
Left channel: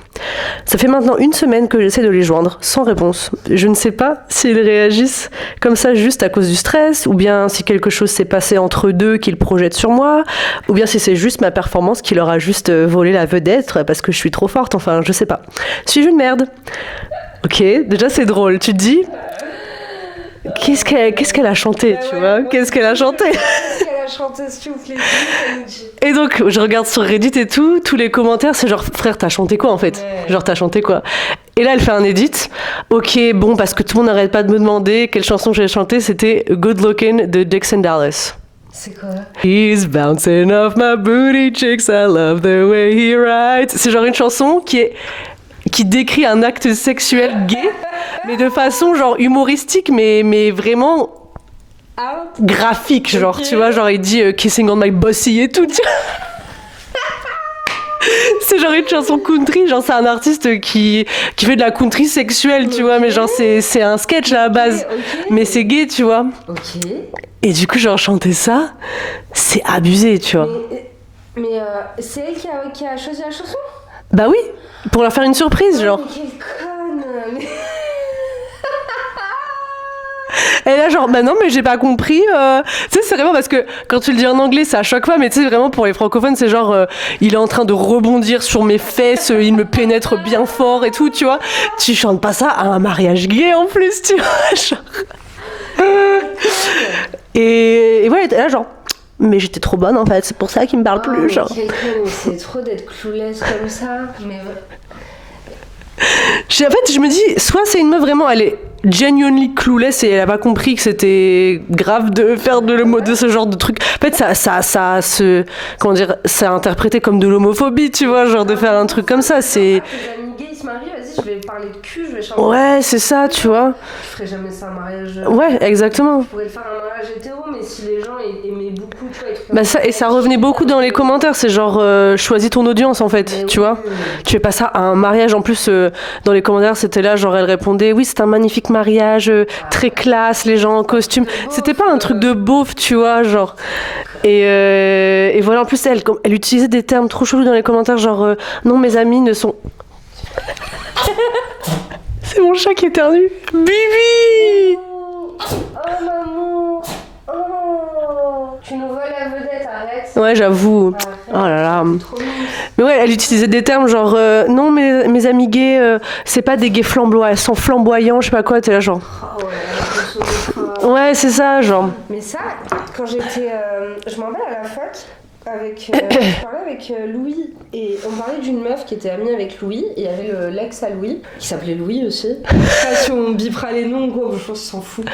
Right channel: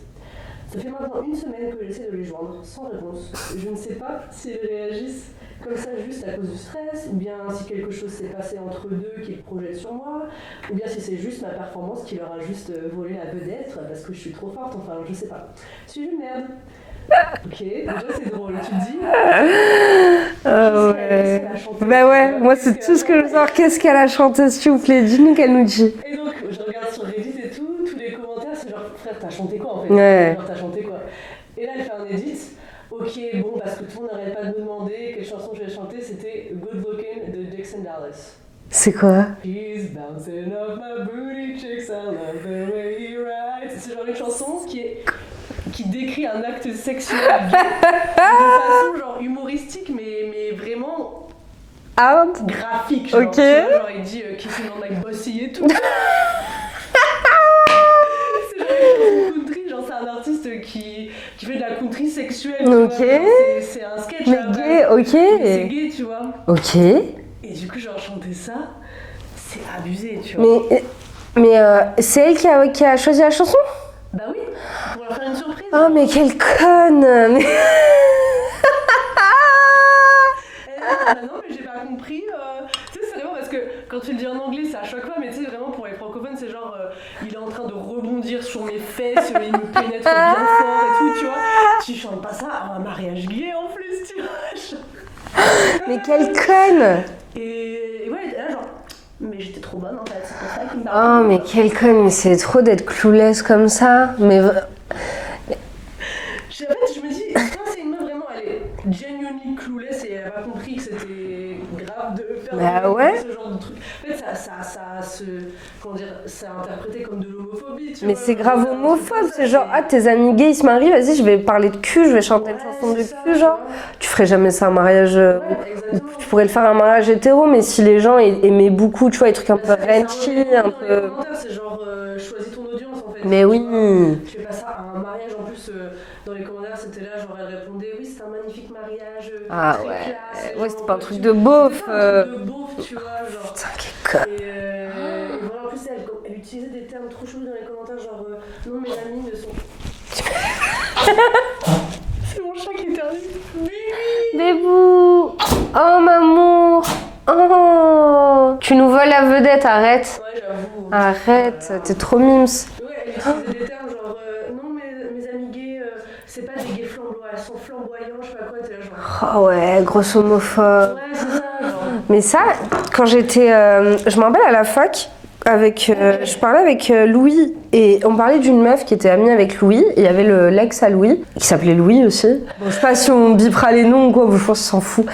Ça fait maintenant 1 semaine que j'essaie de les joindre, sans réponse. Je ne sais pas s'ils réagissent comme ça juste à cause du stress, ou bien si quelque chose s'est passé entre eux deux qu'ils projettent sur moi, ou bien si c'est juste ma performance qui leur a juste volé la vedette parce que je suis trop forte, enfin je sais pas. Suis-je une merde? Ok, déjà c'est drôle, tu te dis... Qu'est-ce qu'elle a chanté, Bah tu ouais, vois? moi, Qu'est-ce c'est qu'elle a tout ce que chanté? je veux savoir. Qu'est-ce qu'elle a chanté, s'il vous plaît? Dis-nous qu'elle nous dit. Et donc, je regarde sur Reddit et tout, tous les commentaires, c'est genre, frère, t'as chanté quoi en fait? Ouais. Genre, t'as chanté quoi? Et là, elle fait un edit. Ok, bon, parce que tout le monde n'arrête pas de me demander quelle chanson j'ai chanté, c'était Good Looking de Dixon Dallas. C'est quoi? He's bouncing off my booty cheeks, I love the way he writes. C'est genre une chanson qui décrit un acte sexuel gay, mais de façon genre humoristique, mais vraiment graphique, genre, Ok. tu vois, genre il dit kissing on my bossy et tout. C'est genre une chanson country, genre c'est un artiste qui fait de la country sexuelle, tu Ok. vois, mais genre c'est un sketch à la base, Ok. mais c'est gay, tu vois. Ok. Et du coup, genre chanter ça, c'est abusé, tu vois. Mais c'est elle qui a choisi la chanson? Bah oui, pour leur faire une surprise, Oh, genre. mais quelle conne! Mais... Et là, genre, bah non, mais j'ai pas compris. Tu sais, c'est vraiment parce que quand tu le dis en anglais, ça choque pas, mais tu sais, vraiment pour les francophones, c'est genre, il est en train de rebondir sur mes fesses, il me pénètre bien fort et tout, tu vois. Tu chantes pas ça à un mariage gay en plus, tu vois. Genre. Mais quelle conne! Et ouais, là, genre, mais j'étais trop bonne en fait, c'est pour ça qu'il me parle Oh, plus, mais genre. quelle conne! Mais c'est trop d'être clueless comme ça. Mais... En fait, je me dis, soit c'est une meuf vraiment, elle est genuinely clueless et elle a pas compris que c'était grave de faire Bah ouais. de ce genre de truc. En fait, ça se, comment dire, c'est interprété comme de l'homophobie, tu vois, c'est genre de grave faire un truc comme ça, c'est... Genre, ah, tes amis gays ils se marient, vas-y, je vais parler de cul, je vais chanter. Ouais, c'est ça, tu vois. Tu ferais jamais ça un mariage... Ouais, exactement. Tu pourrais le faire un mariage hétéro, mais si les gens aimaient beaucoup, tu vois, les trucs un Bah peu ça, et ça revenait intimes, beaucoup un dans les peu- commentaires, c'est genre choisis ton audience en fait, Mais tu oui. vois. Tu fais pas ça à un mariage en plus dans les commentaires, c'était là genre elle répondait oui, c'est un magnifique mariage très ouais. classe, les gens en pas un costume. truc de beauf, C'était pas un truc de beauf, tu vois, genre. Et voilà, en plus elle utilisait des termes trop chelous dans les commentaires genre non, mes amis ne sont C'est mon chat qui éternue. Bibi. Debout. Oh, maman. Oh. Tu nous voles la vedette, arrête. Ouais, j'avoue. Arrête, Oh là là. t'es trop mince. Mais ouais, elle utilisait des termes genre non, mes amis gays, c'est pas des gays flamboyants, elles sont flamboyants, je sais pas quoi, t'es là genre. Oh ouais, grosse homophobe. Ouais, c'est ça, genre. Mais ça, quand j'étais... je me rappelle à la fac, je parlais avec Louis et on parlait d'une meuf qui était amie avec Louis. Il y avait l'ex à Louis qui s'appelait Louis aussi. Je sais pas si on bipera les noms ou quoi, je pense qu'on s'en fout.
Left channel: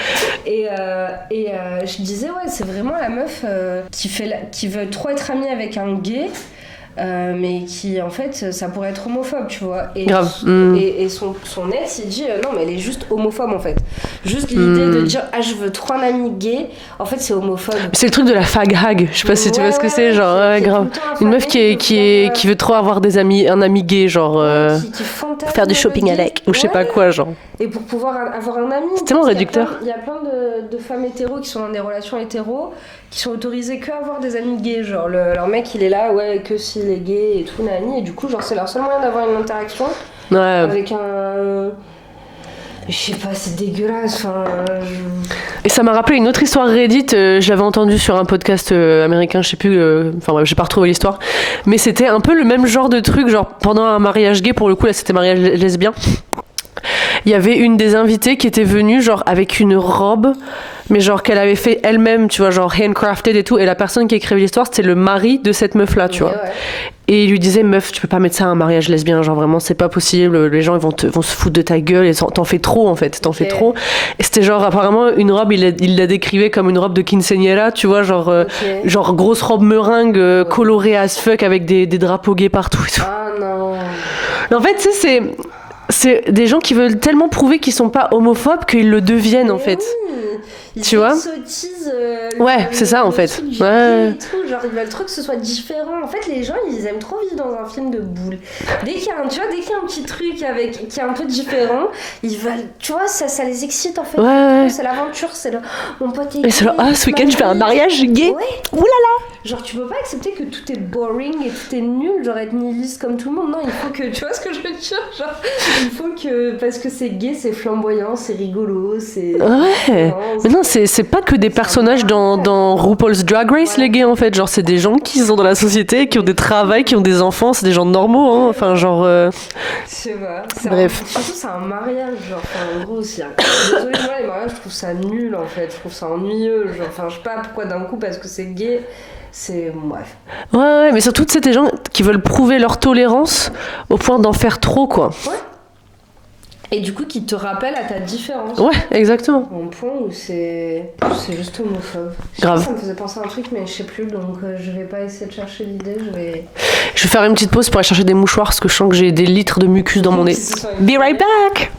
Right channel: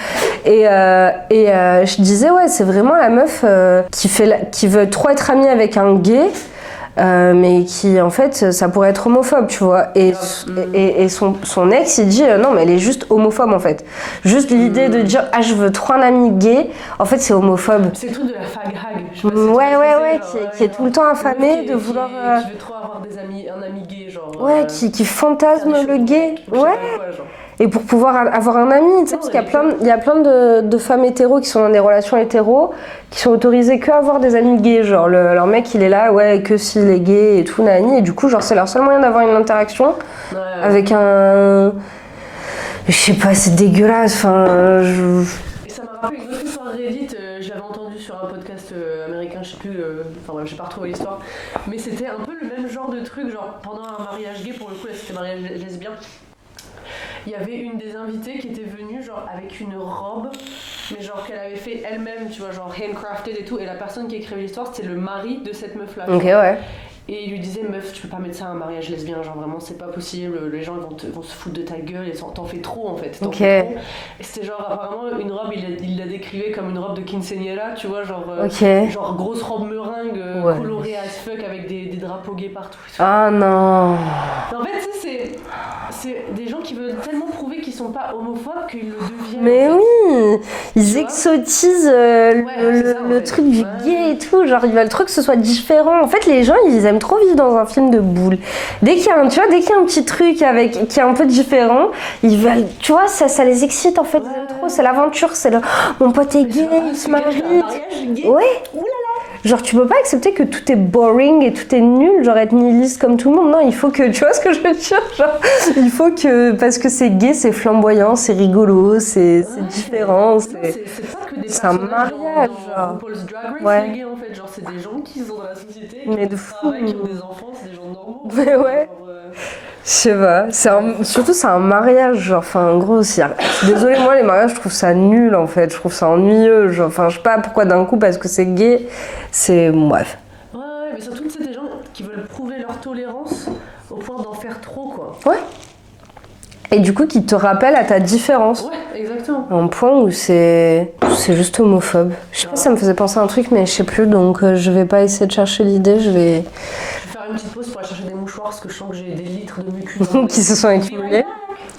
Et je disais ouais, c'est vraiment la meuf qui veut trop être amie avec un gay. Mais qui en fait ça pourrait être homophobe, tu vois, et son ex il dit non mais elle est juste homophobe en fait, juste l'idée de dire je veux trop un ami gay, en fait c'est homophobe. C'est le truc de la fag hag, je sais pas si tu vois ce que c'est, genre grave. Une meuf qui veut trop avoir un ami gay, genre qui fantasme faire du shopping avec ou je sais pas quoi, genre. Et pour pouvoir avoir un ami, c'est tellement réducteur. Il y a plein de femmes hétéros qui sont dans des relations hétéros qui sont autorisées qu'à avoir des amis gays, genre leur mec il est là que s'il est gay et tout nani, et du coup genre c'est leur seul moyen d'avoir une interaction avec un... Je sais pas, c'est dégueulasse, enfin... Et ça m'a rappelé une autre histoire Reddit, je l'avais entendue sur un podcast américain, je sais plus, enfin bref, j'ai pas retrouvé l'histoire, mais c'était un peu le même genre de truc, genre pendant un mariage gay, pour le coup là c'était mariage lesbien. Il y avait une des invitées qui était venue genre avec une robe, mais genre qu'elle avait fait elle-même, tu vois, genre handcrafted et tout, et la personne qui écrivait l'histoire c'était le mari de cette meuf là, tu vois. Ouais. Et il lui disait meuf, tu peux pas mettre ça à un mariage lesbien, genre vraiment c'est pas possible, les gens ils vont se foutre de ta gueule et t'en fais trop en fait, fais trop. Et c'était genre apparemment une robe, il la décrivait comme une robe de quinceañera, tu vois, genre genre grosse robe meringue colorée as fuck avec des drapeaux gays partout et tout. Ah non. En fait tu sais c'est des gens qui veulent tellement prouver qu'ils sont pas homophobes qu'ils le deviennent en fait. Oui. Ils exotisent c'est ça en fait. Truc du gay et tout, genre ils veulent trop que ce soit différent. En fait les gens ils aiment trop vivre dans un film de boule. Dès qu'il y a un petit truc qui est un peu différent, ils veulent, tu vois, ça les excite en fait. C'est l'aventure, c'est le mon pote est gay. Ce week-end je fais un mariage gay. Ouais. Ouh là là. Genre tu peux pas accepter que tout est boring et tout est nul, genre être nihiliste comme tout le monde. Non, il faut que, tu vois ce que je veux dire, genre, il faut que, parce que c'est gay, c'est flamboyant, c'est rigolo, c'est différent. Mais non, c'est pas que des personnages dans RuPaul's Drag Race, les gays en fait. Genre c'est des gens qui sont dans la société, qui ont des travails, qui ont des enfants, c'est des gens normaux, hein. Enfin genre... Je sais pas, surtout c'est un mariage, genre, enfin en gros, désolée, moi les mariages je trouve ça nul en fait, je trouve ça ennuyeux, genre, enfin je sais pas pourquoi d'un coup parce que c'est gay. C'est... bref. Ouais, mais surtout, c'est des gens qui veulent prouver leur tolérance au point d'en faire trop, quoi. Ouais. Et du coup, qui te rappellent à ta différence. Ouais, exactement. Un point où c'est juste homophobe. Je sais pas, ça me faisait penser à un truc, mais je sais plus, donc je vais pas essayer de chercher l'idée, je vais faire une petite pause pour aller chercher des mouchoirs, parce que je sens que j'ai des litres de mucus dans mon nez. Be right back!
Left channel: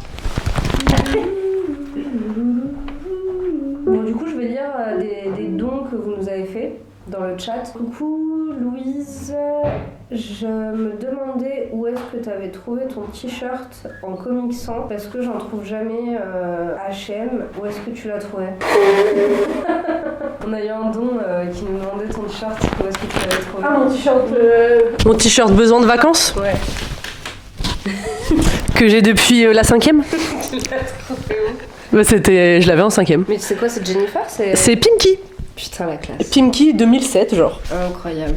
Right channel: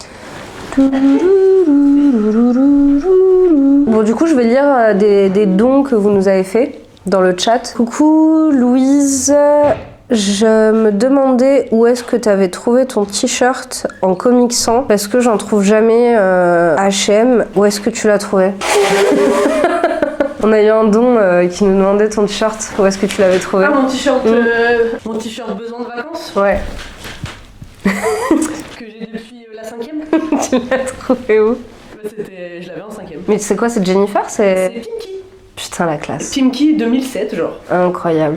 Bon, du coup, je vais lire des dons que vous nous avez faits dans le chat. Coucou Louise, je me demandais où est-ce que tu avais trouvé ton t-shirt en Comic Sans parce que j'en trouve jamais H&M. Où est-ce que tu l'as trouvé? On a eu un don qui nous demandait ton t-shirt. Où est-ce que tu l'avais trouvé? Mon t-shirt. Mon t-shirt besoin de vacances. Ouais. Que j'ai depuis la 5e. Tu l'as trouvé où? Je l'avais en 5e. Mais c'est quoi, c'est Jennifer? C'est Pinky. Putain, la classe. Pinky 2007, genre. Incroyable.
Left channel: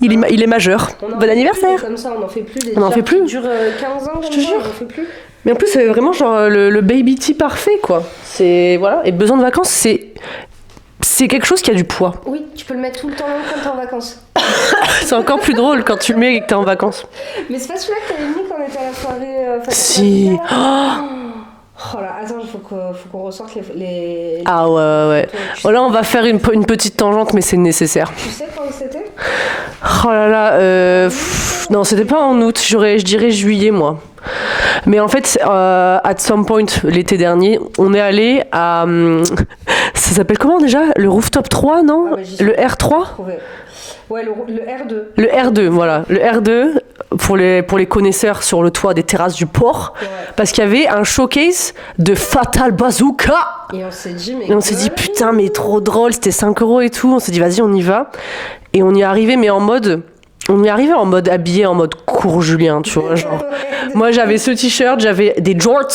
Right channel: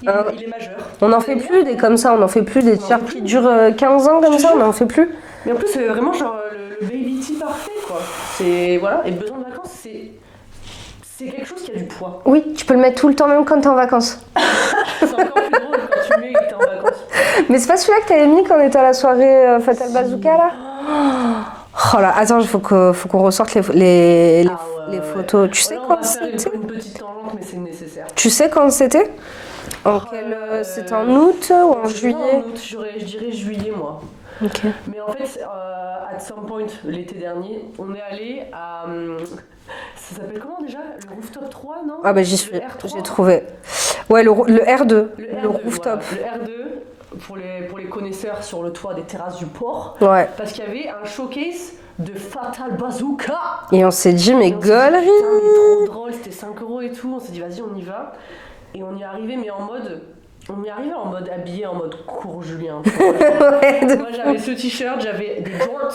Il est majeur. On en fait anniversaire. Plus comme ça, on en fait plus des t-shirts qui durent 15 ans comme ça, on en fait plus. Mais en plus, c'est vraiment genre le baby tee parfait, quoi. C'est voilà. Et besoin de vacances, c'est quelque chose qui a du poids. Oui, tu peux le mettre tout le temps, même quand t'es en vacances. C'est encore plus drôle quand tu le mets et que t'es en vacances. Mais c'est pas celui-là que t'avais mis quand on était à la soirée Fatal Bazooka, là? Oh là, attends, il faut qu'on ressorte les photos. Là, on va faire une petite tangente, mais c'est nécessaire. Tu sais quand c'était? Oh là là, c'était en août, non, c'était pas en août. Je dirais juillet, moi. Okay. Mais en fait, at some point, l'été dernier, on est allé à... ça s'appelle comment déjà? Le Rooftop 3, non? Le R3? J'ai trouvé. Ouais, le R2. Le R2, voilà. Le R2, pour les connaisseurs sur le toit des terrasses du port. Ouais. Parce qu'il y avait un showcase de Fatal Bazooka. Et on s'est dit, mais putain, mais trop drôle, c'était 5 € et tout. On s'est dit, vas-y, on y va. Et on y est arrivé, mais en mode habillé en mode court Julien, tu vois. Genre. Moi, j'avais ce t-shirt, j'avais des jorts,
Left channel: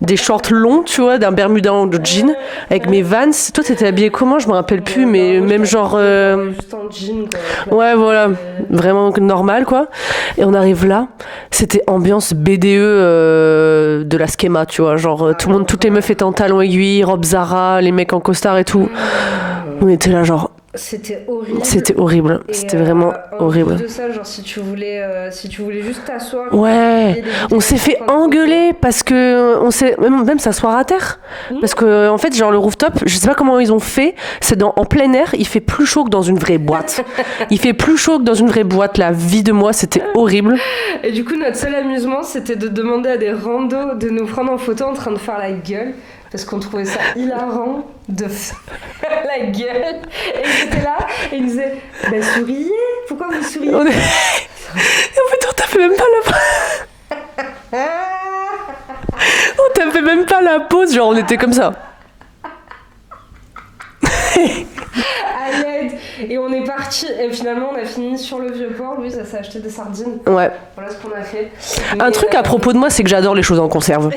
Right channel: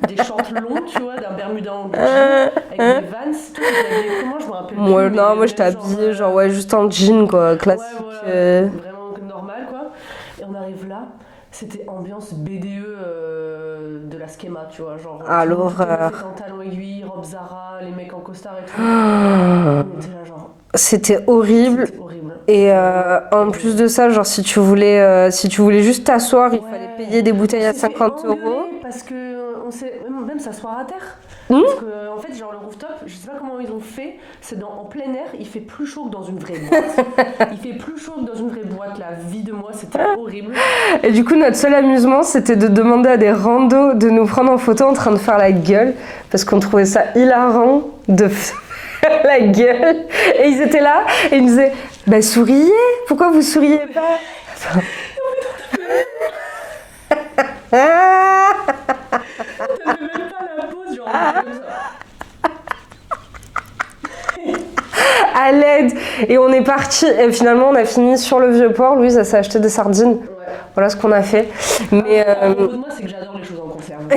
des shorts longs, tu vois, d'un bermuda en jean, avec mes Vans. Toi, t'étais habillé comment? Je me rappelle plus, mais non, moi, même genre... ouais, juste en jean, quoi. Classique. Ouais, voilà, vraiment normal, quoi. Et on arrive là, c'était ambiance BDE de la Schema, tu vois. Genre, toutes les meufs étaient en talons aiguilles, robe Zara, les mecs en costard et tout. On était là, genre... C'était horrible. C'était horrible. Et C'était vraiment en horrible. plus de ça, genre si tu voulais juste t'asseoir, Ouais, des bouteilles on s'est à fait 50 engueuler parce que on s'est même s'asseoir à terre. Parce que en fait, genre le rooftop, je sais pas comment ils ont fait. C'est en plein air, il fait plus chaud que dans une vraie boîte. Il fait plus chaud que dans une vraie boîte. La vie de moi, c'était horrible. Et du coup, notre seul amusement, c'était de demander à des randos de nous prendre en photo en train de faire la gueule, parce qu'on trouvait ça hilarant de faire la gueule. Et ils étaient là, et ils nous disaient « Bah souriez, pourquoi vous souriez ?» En fait, on tapait même pas on tapait même pas la pause, genre on était comme ça. À l'aide. Et on est parti. Et finalement, on a fini sur le Vieux-Port. Louise, elle s'est acheté des sardines. Ouais. Voilà ce qu'on a fait. Un truc à propos de moi, c'est que j'adore les choses en conserve.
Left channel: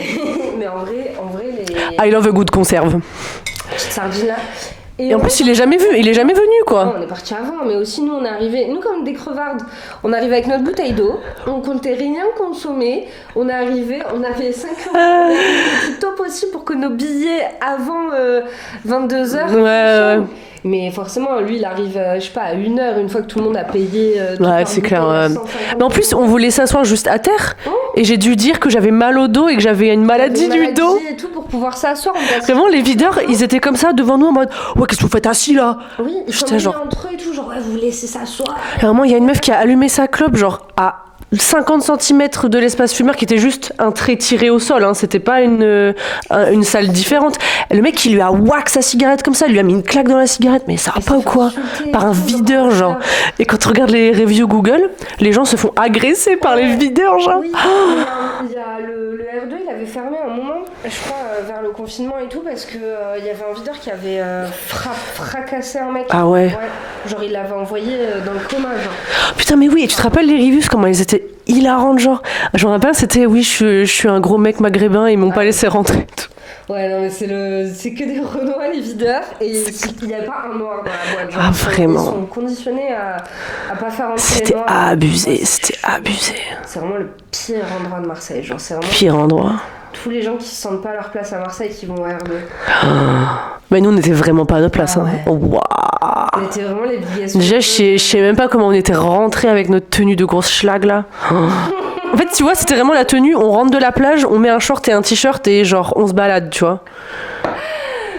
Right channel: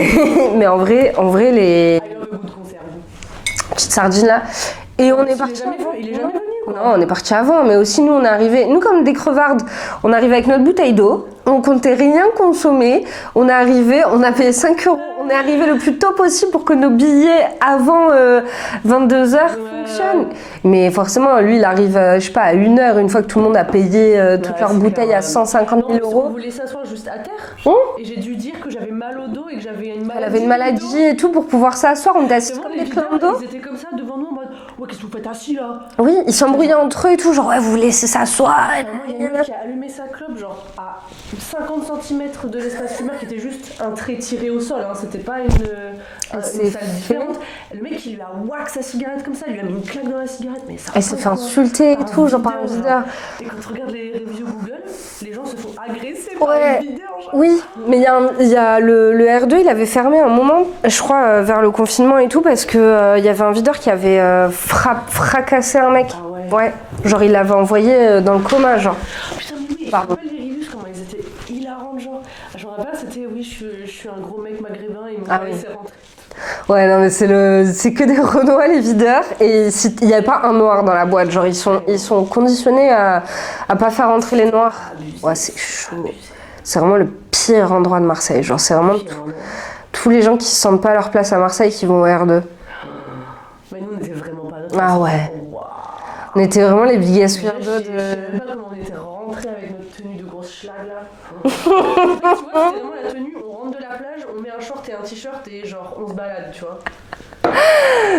Mais en vrai, les I love a good conserve. petites sardines là. Et en plus, il est jamais venu, quoi. Non, on est parti avant, mais aussi nous, on est arrivé, nous comme des crevardes, on arrivait avec notre bouteille d'eau, on comptait rien consommer, on est arrivé, on a payé 5 €, on est arrivé le plus tôt possible pour que nos billets avant 22h fonctionnent. Mais forcément, lui, il arrive, je sais pas, à 1h, une fois que tout le monde a payé toute leur bouteille à 150 €. Mais en plus, on voulait s'asseoir juste à terre, et j'ai dû dire que j'avais mal au dos et que j'avais une maladie du dos. Et tout pour pouvoir s'asseoir. Vraiment, les videurs, ils étaient comme ça devant nous en mode « Ouais, qu'est-ce que vous faites assis là ?» Oui, ils s'embrouillaient genre... entre eux et tout, genre « Ouais, vous laissez s'asseoir. » À un moment, il y a une meuf qui a allumé sa clope, genre à 50 cm de l'espace fumeur, qui était juste un trait tiré au sol, hein. C'était pas une salle différente. Le mec qui lui a whack sa cigarette comme ça, il lui a mis une claque dans la cigarette, mais ça va pas ou quoi? Par un videur, genre. Et quand tu regardes les reviews Google, les gens se font agresser par les videurs, genre. Oui, mais il y a le R2, il avait fermé un moment, je crois, vers le confinement et tout, parce que il y avait un videur qui avait fracassé un mec. Ah ouais. Ouais. Genre, il l'avait envoyé dans le coma, genre. Putain, mais oui, tu te rappelles les reviews, comment ils étaient hilarantes, genre. Je me rappelle, c'était oui, je suis un gros mec maghrébin, ils m'ont pas laissé rentrer. Ouais, non, mais c'est que des Renois, les videurs, et il n'y a pas un noir dans la boîte, genre. Ils sont conditionnés à pas faire rentrer les noirs. C'était abusé. C'est vraiment le pire endroit de Marseille, genre, c'est vraiment. Pire endroit. Tous les gens qui se sentent pas à leur place à Marseille qui vont au R2. Mais nous, on n'était vraiment pas à notre place. Ah ouais. Hein. Wow. On était vraiment les biggest. Déjà, je sais même pas comment on était rentrés avec notre tenue de grosse schlag là. En fait, tu vois, c'était vraiment la tenue. On rentre de la plage, on met un short et un t-shirt et genre on se balade, tu vois.